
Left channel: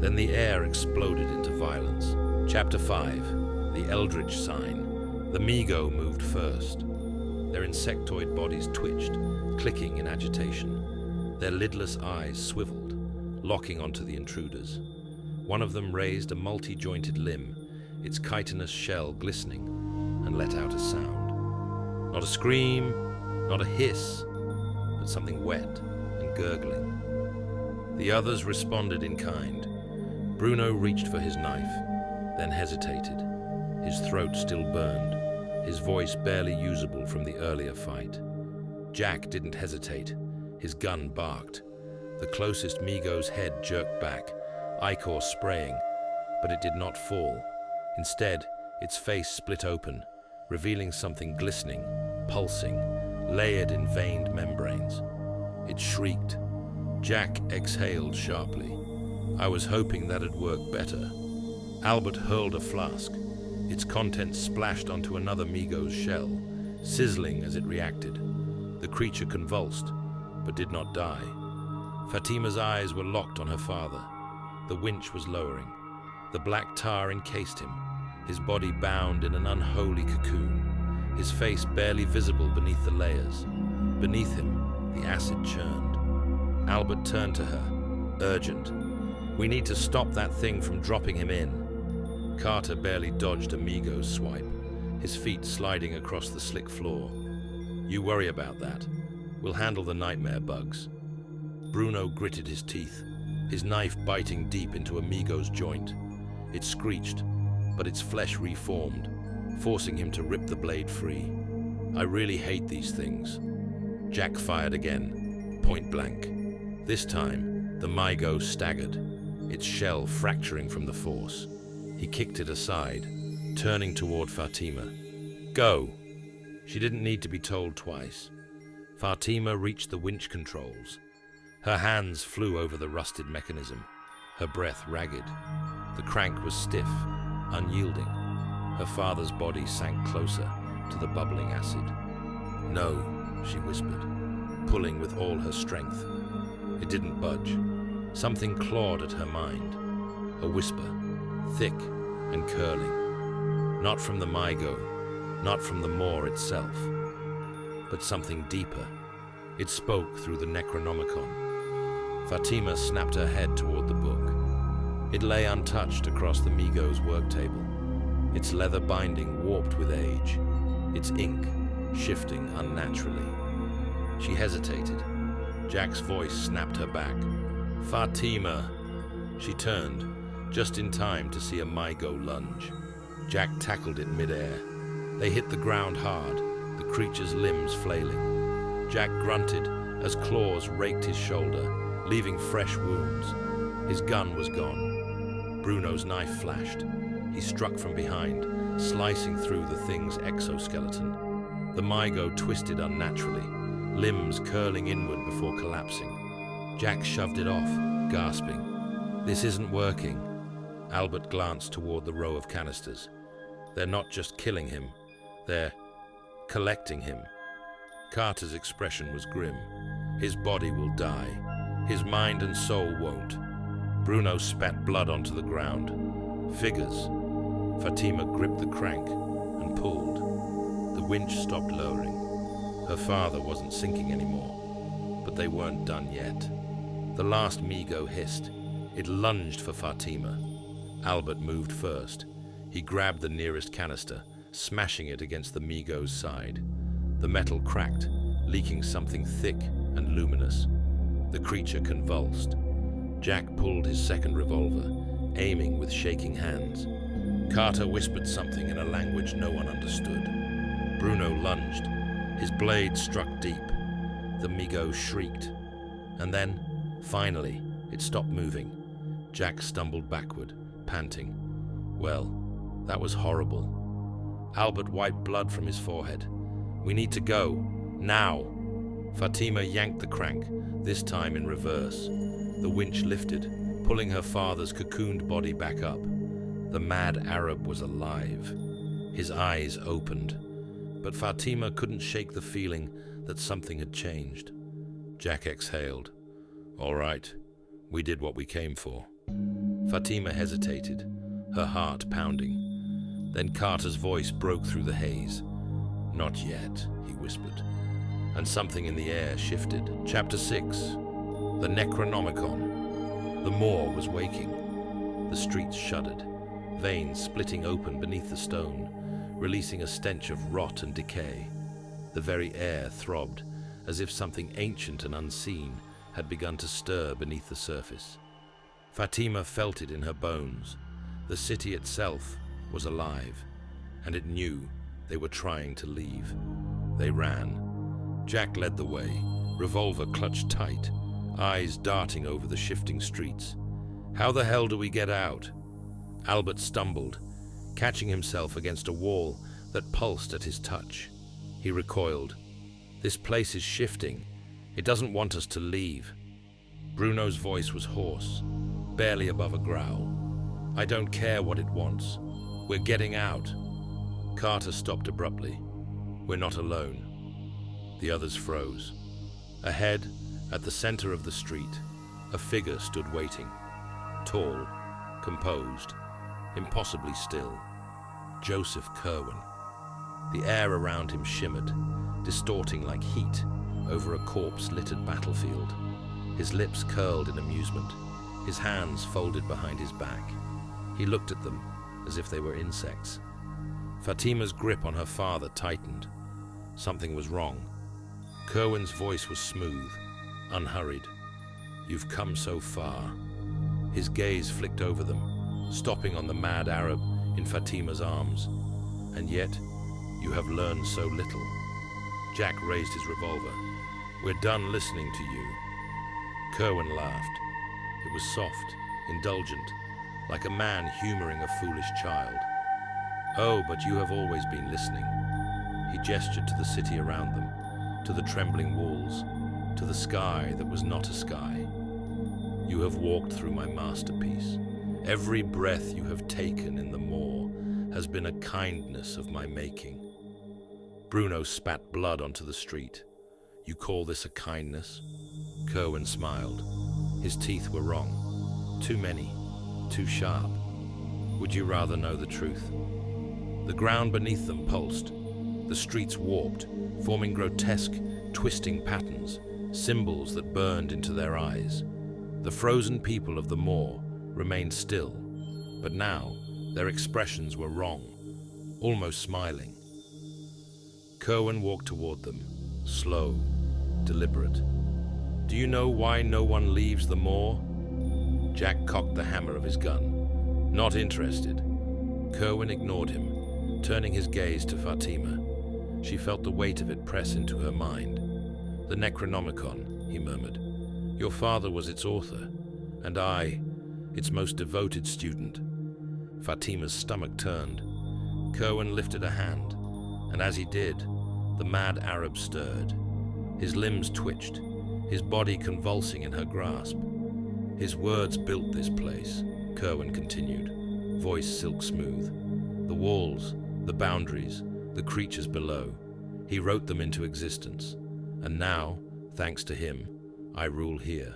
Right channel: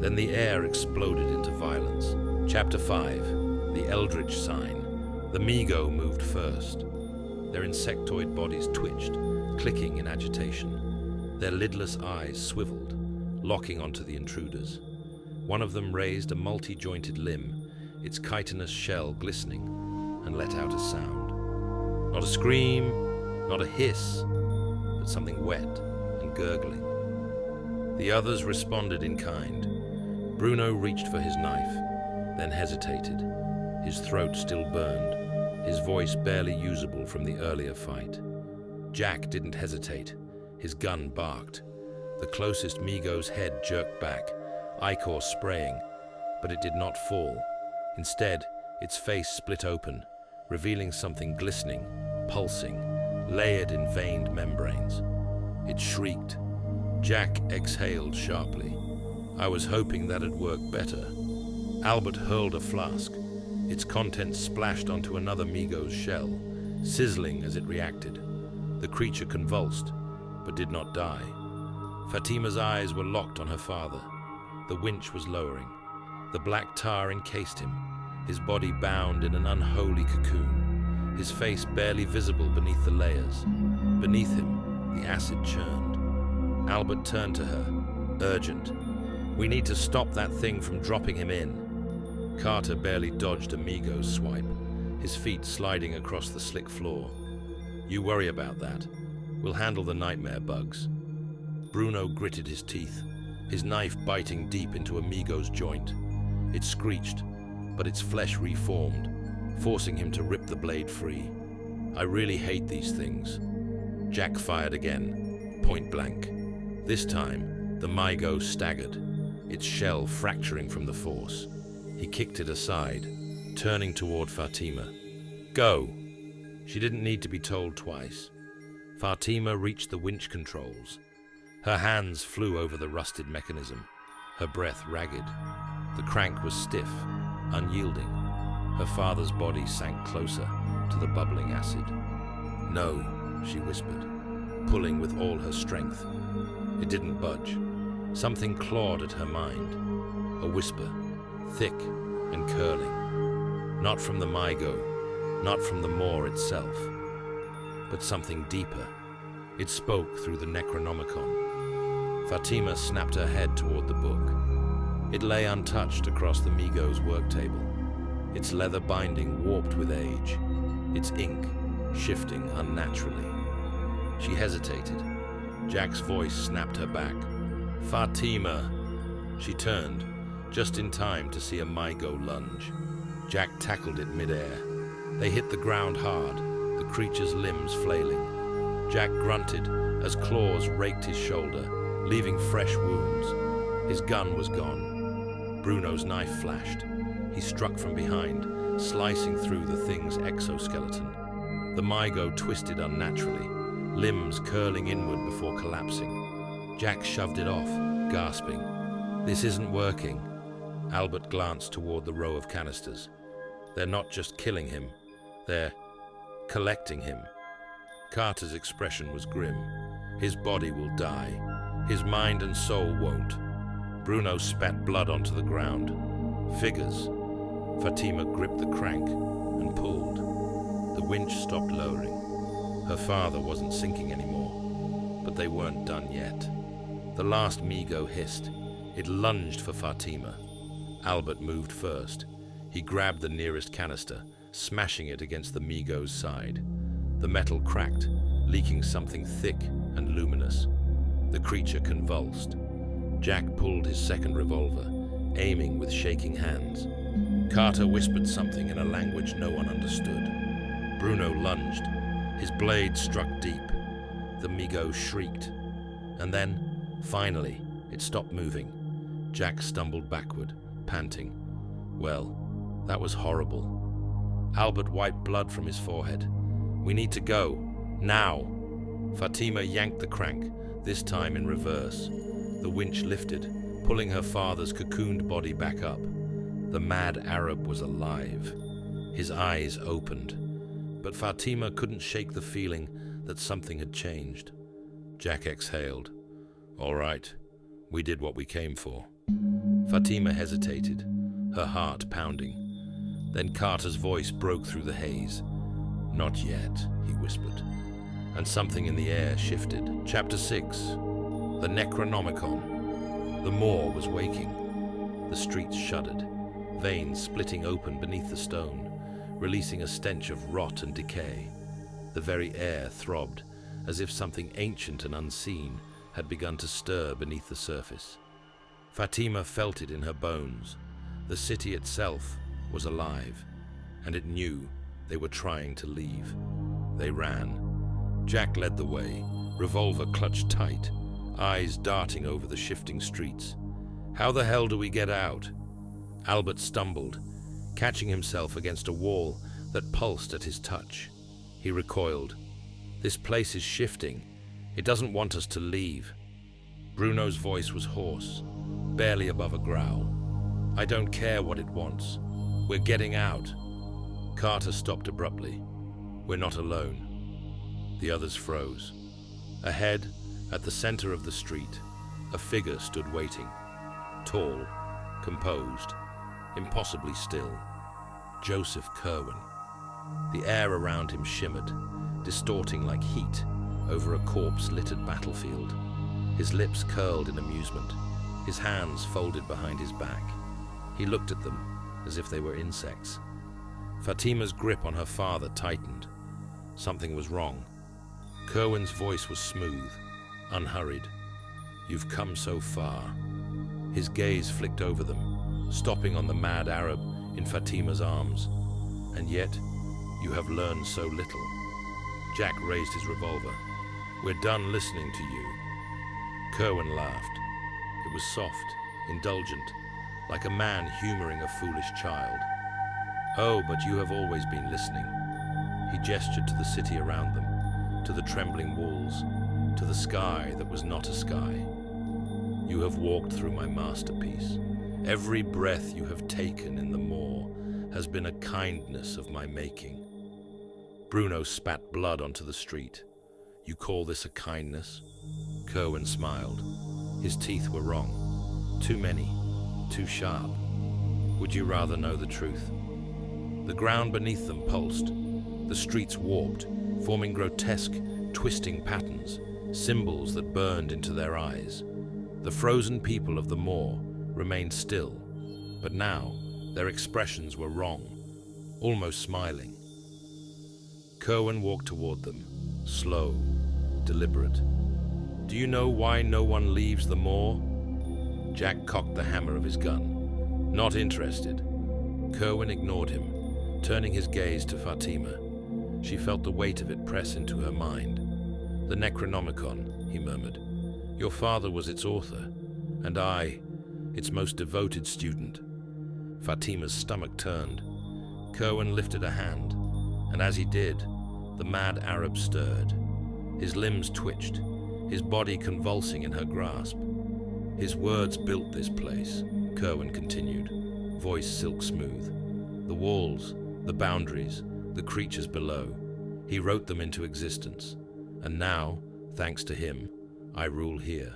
Then the air exploded into violence. Chapter 5. The Eldritch Sign. The Mi-Go moved first. Their insectoid bodies twitched, clicking in agitation. Their lidless eyes swiveled, locking onto the intruders. One of them raised a multi-jointed limb, its chitinous shell glistening, and let out a sound. Not a scream, not a hiss, but something wet and gurgling. The others responded in kind. Bruno reached for his knife, then hesitated. His throat still burned, his voice barely usable from the earlier fight. Jack didn't hesitate. His gun barked. The closest Mi-Go's head jerked back, ichor spraying, but it did not fall. Instead, its face split open, revealing something glistening, pulsing, layered in veined membranes. It shrieked. Jack exhaled sharply. I was hoping that'd work better. Albert hurled a flask. Its contents splashed onto another Mi-Go's shell, sizzling as it reacted. The creature convulsed, but did not die. Fatima's eyes were locked on her father. The winch was lowering. The black tar encased him, his body bound in an unholy cocoon, his face barely visible beneath the layers. Beneath him, the acid churned. Albert turned to her, urgent. We need to stop that thing from dropping him in. Carter barely dodged a Mi-Go's swipe, his feet sliding across the slick floor. You worry about that. We'll handle the nightmare bugs. Bruno gritted his teeth, his knife biting deep into a Mi-Go's joint. It screeched, but its flesh reformed, forcing him to rip the blade free. I really hate these things. Jack fired again, point blank. This time, the Mi-Go staggered, its shell fracturing from the force. He kicked it aside, turning toward Fatima. Go! She didn't need to be told twice. Fatima reached the winch controls. Her hands flew over the rusted mechanism, her breath ragged. The crank was stiff, unyielding. Her father's body sank closer to the bubbling acid. No, she whispered, pulling with all her strength. It didn't budge. Something clawed at her mind. A whisper, thick and curling. Not from the Mi-Go, not from the moor itself, but something deeper. It spoke through the Necronomicon. Fatima snapped her head toward the book. It lay untouched across the Mi-Go's work table, its leather binding warped with age, its ink shifting unnaturally. She hesitated. Jack's voice snapped her back. Fatima! She turned, just in time to see a Mi-Go lunge. Jack tackled it mid-air. They hit the ground hard, the creature's limbs flailing. Jack grunted as claws raked his shoulder, leaving fresh wounds. His gun was gone. Bruno's knife flashed. He struck from behind, slicing through the thing's exoskeleton. The Mi-Go twisted unnaturally, limbs curling inward before collapsing. Jack shoved it off, gasping. This isn't working. Albert glanced toward the row of canisters. They're not just killing him, they're collecting him. Carter's expression was grim. His body will die. His mind and soul won't. Bruno spat blood onto the ground. Figures. Fatima gripped the crank and pulled. The winch stopped lowering. Her father wasn't sinking anymore, but they weren't done yet. The last Mi-Go hissed. It lunged for Fatima. Albert moved first. He grabbed the nearest canister, smashing it against the Mi-Go's side. The metal cracked, leaking something thick and luminous. The creature convulsed. Jack pulled his second revolver, aiming with shaking hands. Carter whispered something in a language no one understood. Bruno lunged. His blade struck deep. The Mi-Go shrieked. And then Finally, it stopped moving. Jack stumbled backward, panting. Well, that was horrible. Albert wiped blood from his forehead. We need to go. Now! Fatima yanked the crank, this time in reverse. The winch lifted, pulling her father's cocooned body back up. The mad Arab was alive. His eyes opened. But Fatima couldn't shake the feeling that something had changed. Jack exhaled. All right, we did what we came for. Fatima hesitated, her heart pounding. Then Carter's voice broke through the haze. Not yet, he whispered. And something in the air shifted. Chapter 6. The Necronomicon. The moor was waking. The streets shuddered, veins splitting open beneath the stone, releasing a stench of rot and decay. The very air throbbed, as if something ancient and unseen had begun to stir beneath the surface. Fatima felt it in her bones. The city itself was alive, and it knew they were trying to leave. They ran. Jack led the way, revolver clutched tight, eyes darting over the shifting streets. How the hell do we get out? Albert stumbled, catching himself against a wall that pulsed at his touch. He recoiled. This place is shifting. It doesn't want us to leave. Bruno's voice was hoarse, barely above a growl. I don't care what it wants. We're getting out. Carter stopped abruptly. We're not alone. The others froze. Ahead, at the center of the street, a figure stood waiting. Tall, composed, impossibly still. Joseph Kerwin. The air around him shimmered, distorting like heat over a corpse-littered battlefield. His lips curled in amusement, his hands folded behind his back. He looked at them as if they were insects. Fatima's grip on her father tightened. Something was wrong. Kerwin's voice was smooth, unhurried. You've come so far. His gaze flicked over them, stopping on the mad Arab in Fatima's arms. And yet, you have learned so little. Jack raised his revolver. We're done listening to you. Kerwin laughed. It was soft, indulgent, like a man humoring a foolish child. Oh, but you have always been listening. He gestured to the city around them, to the trembling walls, to the sky that was not a sky. You have walked through my masterpiece. Every breath you have taken in the moor has been a kindness of my making. Bruno spat blood onto the street. You call this a kindness? Kerwin smiled. His teeth were wrong. Too many. Too sharp. Would you rather know the truth? The ground beneath them pulsed. The streets warped, forming grotesque, twisting patterns, symbols that burned into their eyes. The frozen people of the moor remained still, but now their expressions were wrong, almost smiling. Kerwin walked toward them, slow, deliberate. Do you know why no one leaves the moor? Jack cocked the hammer of his gun. Not interested. Kerwin ignored him, turning his gaze to Fatima. She felt the weight of it press into her mind. The Necronomicon, he murmured. Your father was its author, and I, its most devoted student. Fatima's stomach turned. Kerwin lifted a hand, and as he did, the mad Arab stirred. His limbs twitched, his body convulsing in her grasp. His words built this place, Kerwin continued, voice silk smooth. The walls, the boundaries, the creatures below. He wrote them into existence. And now, thanks to him, I rule here.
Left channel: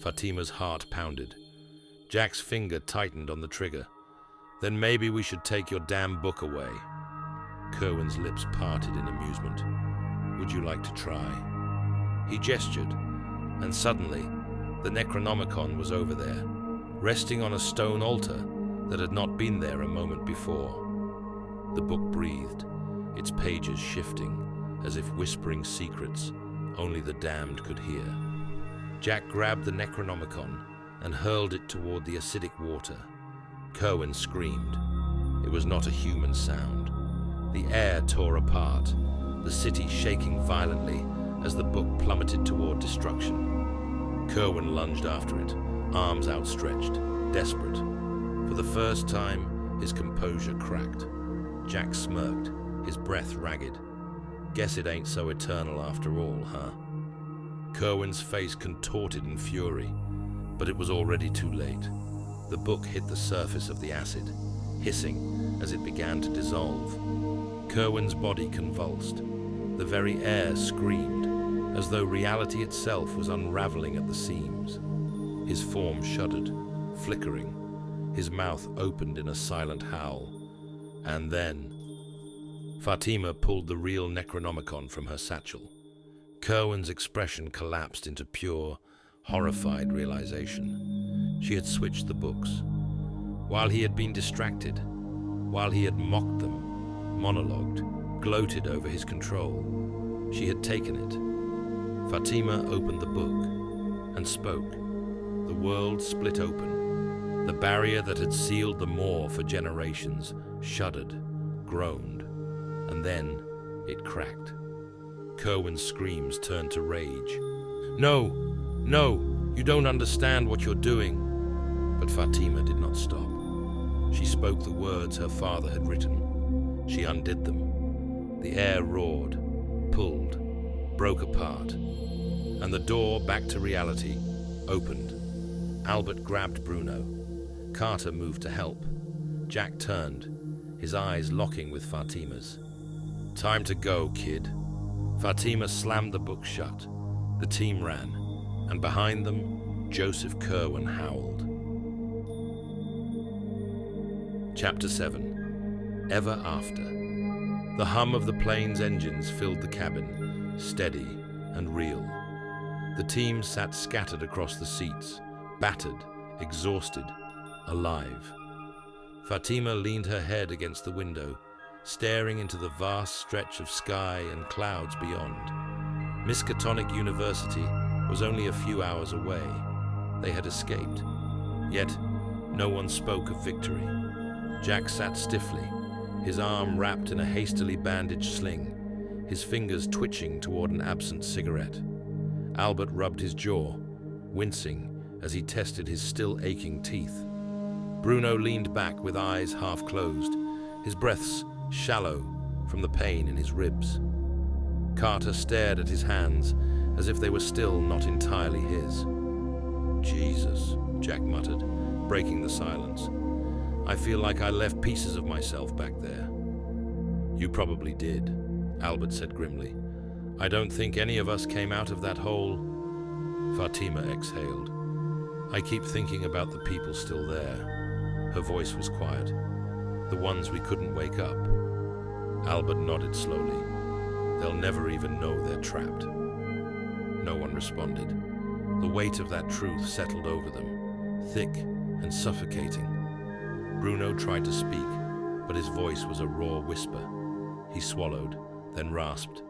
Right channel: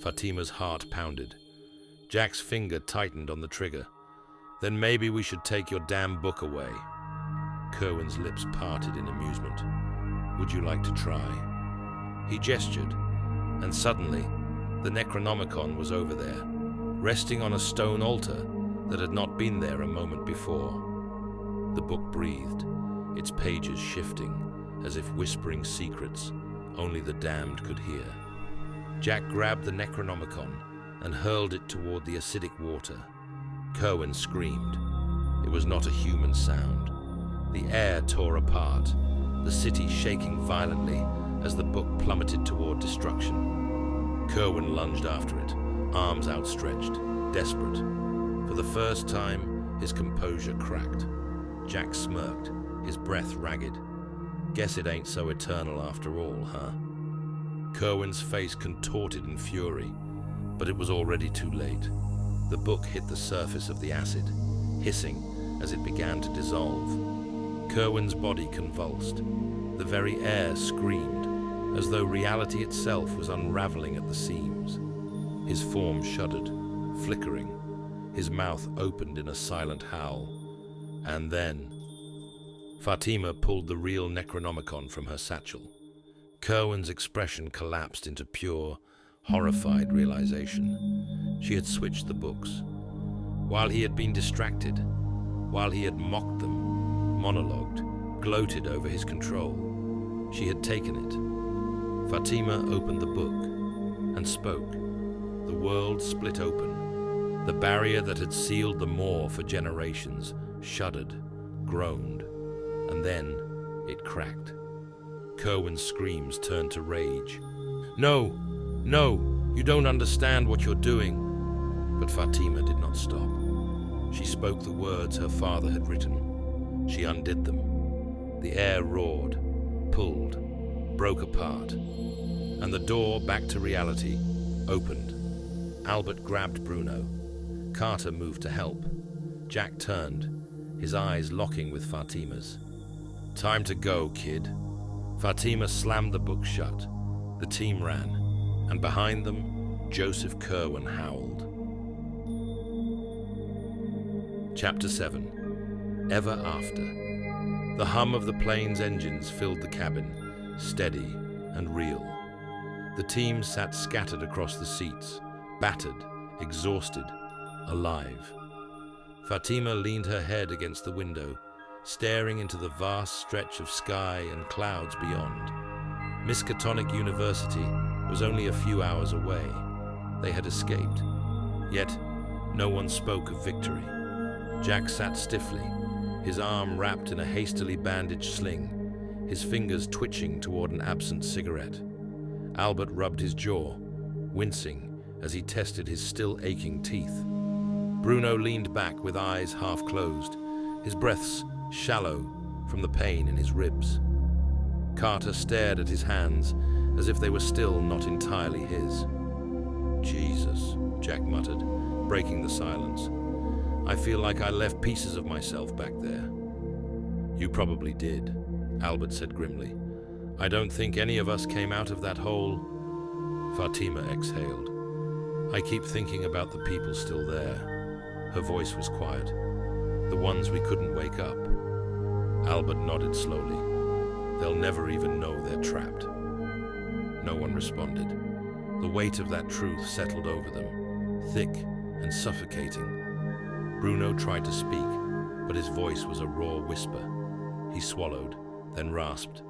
Fatima's heart pounded. Jack's finger tightened on the trigger. Then maybe we should take your damn book away. Kerwin's lips parted in amusement. Would you like to try? He gestured, and suddenly, the Necronomicon was over there, resting on a stone altar that had not been there a moment before. The book breathed, its pages shifting, as if whispering secrets only the damned could hear. Jack grabbed the Necronomicon and hurled it toward the acidic water. Kerwin screamed. It was not a human sound. The air tore apart, the city shaking violently as the book plummeted toward destruction. Kerwin lunged after it, arms outstretched, desperate. For the first time, his composure cracked. Jack smirked, his breath ragged. Guess it ain't so eternal after all, huh? Kerwin's face contorted in fury, but it was already too late. The book hit the surface of the acid, hissing as it began to dissolve. Kerwin's body convulsed. The very air screamed, as though reality itself was unraveling at the seams. His form shuddered, flickering. His mouth opened in a silent howl. And then Fatima pulled the real Necronomicon from her satchel. Kerwin's expression collapsed into pure, horrified realization. She had switched the books. While he had been distracted, while he had mocked them, monologued, gloated over his control, she had taken it. Fatima opened the book and spoke. The world split open. The barrier that had sealed the moor for generations shuddered, groaned, and then it cracked. Kerwin's screams turned to rage. "No! No! You don't understand what you're doing!" But Fatima did not stop. She spoke the words her father had written. She undid them. The air roared, pulled, broke apart, and the door back to reality opened. Albert grabbed Bruno. Carter moved to help. Jack turned, his eyes locking with Fatima's. "Time to go, kid." Fatima slammed the book shut. The team ran, and behind them, Joseph Kerwin howled. Chapter 7. Ever After. The hum of the plane's engines filled the cabin, steady and real. The team sat scattered across the seats, battered, exhausted, alive. Fatima leaned her head against the window, staring into the vast stretch of sky and clouds beyond. Miskatonic University was only a few hours away. They had escaped. Yet, no one spoke of victory. Jack sat stiffly, his arm wrapped in a hastily bandaged sling, his fingers twitching toward an absent cigarette. Albert rubbed his jaw, wincing as he tested his still aching teeth. Bruno leaned back with eyes half closed, his breaths shallow from the pain in his ribs. Carter stared at his hands as if they were still not entirely his. "Jesus," Jack muttered, breaking the silence. "I feel like I left pieces of myself back there." "You probably did," Albert said grimly. "I don't think any of us came out of that hole." Fatima exhaled. "I keep thinking about the people still there." Her voice was quiet. "The ones we couldn't wake up." Albert nodded slowly. "They'll never even know they're trapped." No one responded. The weight of that truth settled over them, thick and suffocating. Bruno tried to speak, but his voice was a raw whisper. He swallowed, then rasped,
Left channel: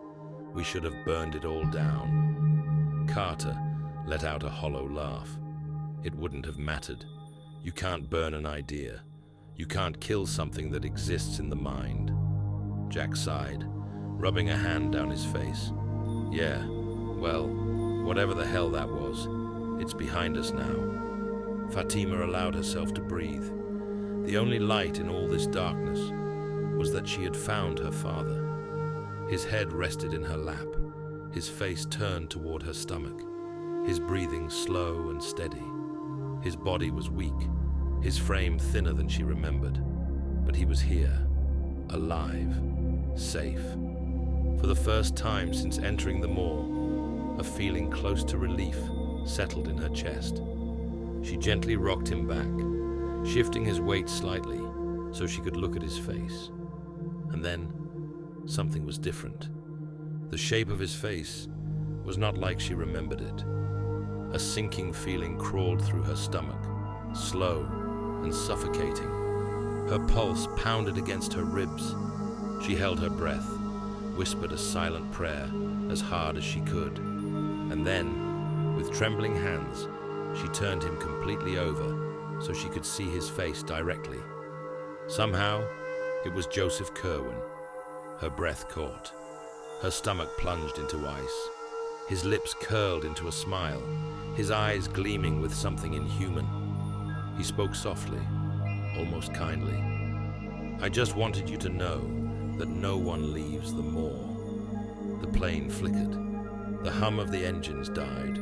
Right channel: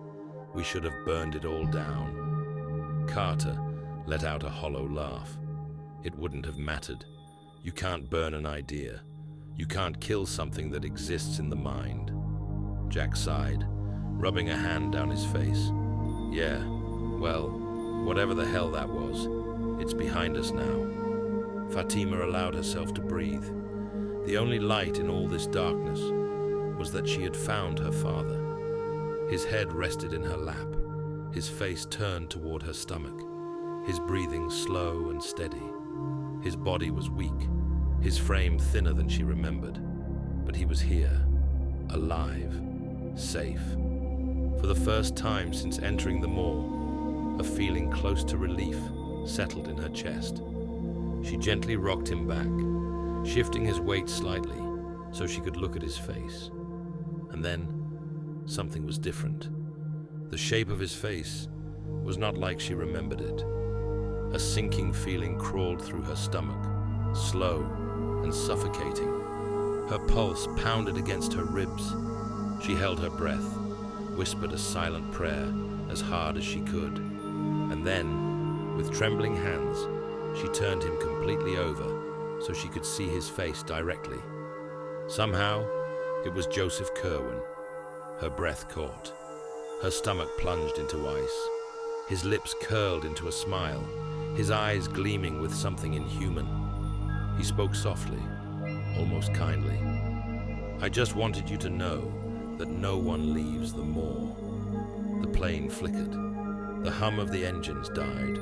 "We should have burned it all down." Carter let out a hollow laugh. "It wouldn't have mattered. You can't burn an idea. You can't kill something that exists in the mind." Jack sighed, rubbing a hand down his face. "Yeah, well, whatever the hell that was, it's behind us now." Fatima allowed herself to breathe. The only light in all this darkness was that she had found her father. His head rested in her lap, his face turned toward her stomach, his breathing slow and steady. His body was weak, his frame thinner than she remembered, but he was here, alive, safe. For the first time since entering the moor, a feeling close to relief settled in her chest. She gently rocked him back, shifting his weight slightly so she could look at his face. And then, something was different. The shape of his face was not like she remembered it. A sinking feeling crawled through her stomach, slow and suffocating. Her pulse pounded against her ribs. She held her breath, whispered a silent prayer as hard as she could, and then, with trembling hands, she turned him completely over so she could see his face directly. Somehow, it was Joseph Kerwin. Her breath caught. Her stomach plunged into ice. His lips curled into a smile, his eyes gleaming with something inhuman. He spoke softly, almost kindly. I just wanted you to know that no one leaves the moor. The plane flickered. The hum of the engines died.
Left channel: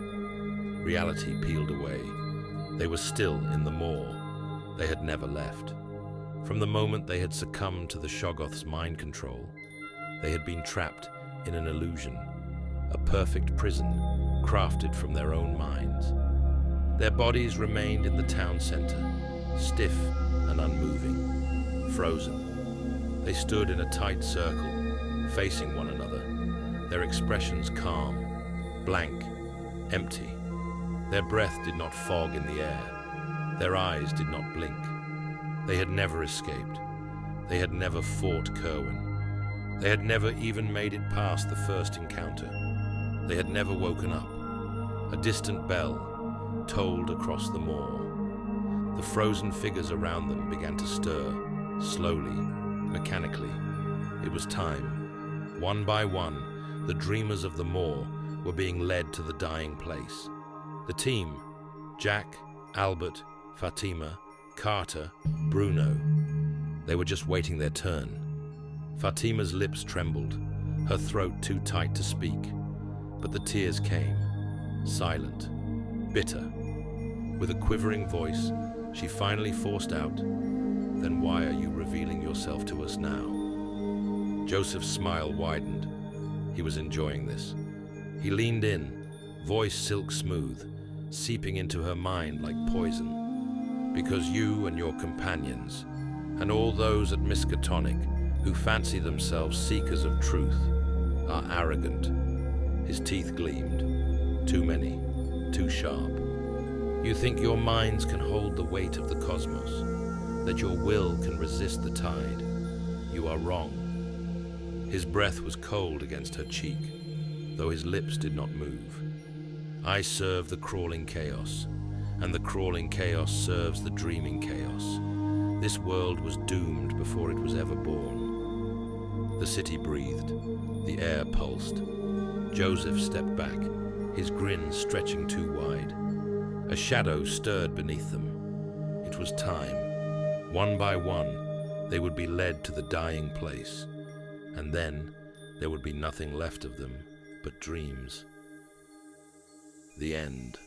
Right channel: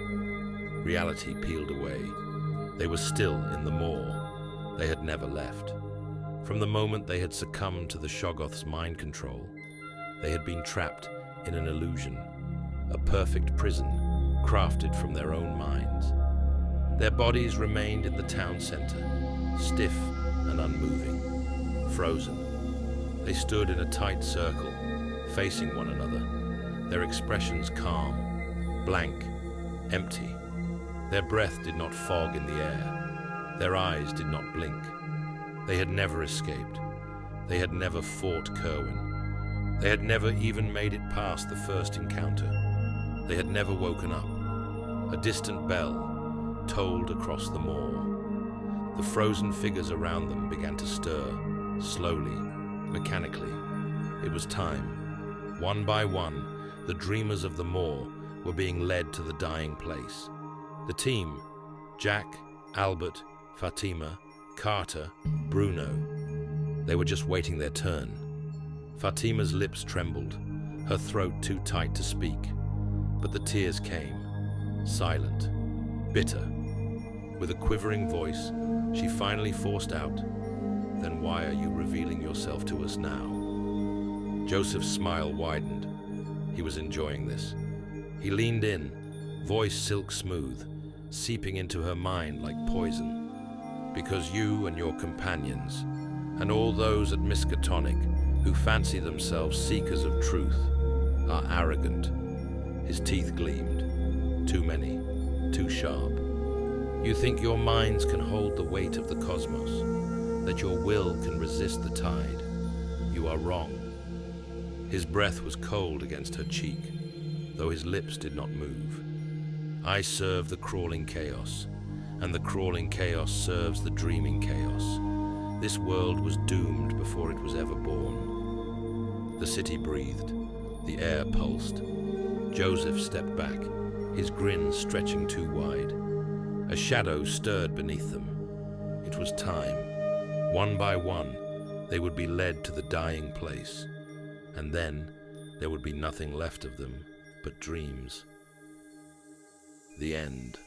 Reality peeled away. They were still in the moor. They had never left. From the moment they had succumbed to the Shoggoth's mind control, they had been trapped in an illusion, a perfect prison crafted from their own minds. Their bodies remained in the town center, stiff and unmoving, frozen. They stood in a tight circle, facing one another, their expressions calm, blank, empty. Their breath did not fog in the air. Their eyes did not blink. They had never escaped. They had never fought Kerwin. They had never even made it past the first encounter. They had never woken up. A distant bell tolled across the moor. The frozen figures around them began to stir, slowly, mechanically. It was time. One by one, the dreamers of the moor were being led to the dying place. The team, Jack, Albert, Fatima, Carter, Bruno, they were just waiting their turn. Fatima's lips trembled, her throat too tight to speak. But the tears came, silent, bitter. With a quivering voice, she finally forced out, "Then why are you revealing yourself to us now?" Joseph's smile widened. He was enjoying this. He leaned in, voice silk smooth, seeping into her mind like poison. "Because you and your companions, and all those at Miskatonic who fancy themselves seekers of truth, are arrogant." His teeth gleamed. Too many, too sharp. "You think your minds can hold the weight of the cosmos, that your will can resist the tide. You are wrong." His breath was cold against her cheek, though his lips did not move. "I serve the crawling chaos, and the crawling chaos serves the dreaming chaos. This world was doomed before it was ever born." The city breathed. The air pulsed. Joseph stepped back, his grin stretching too wide. A shadow stirred beneath them. It was time. One by one, they would be led to the dying place, and then there would be nothing left of them but dreams. The end.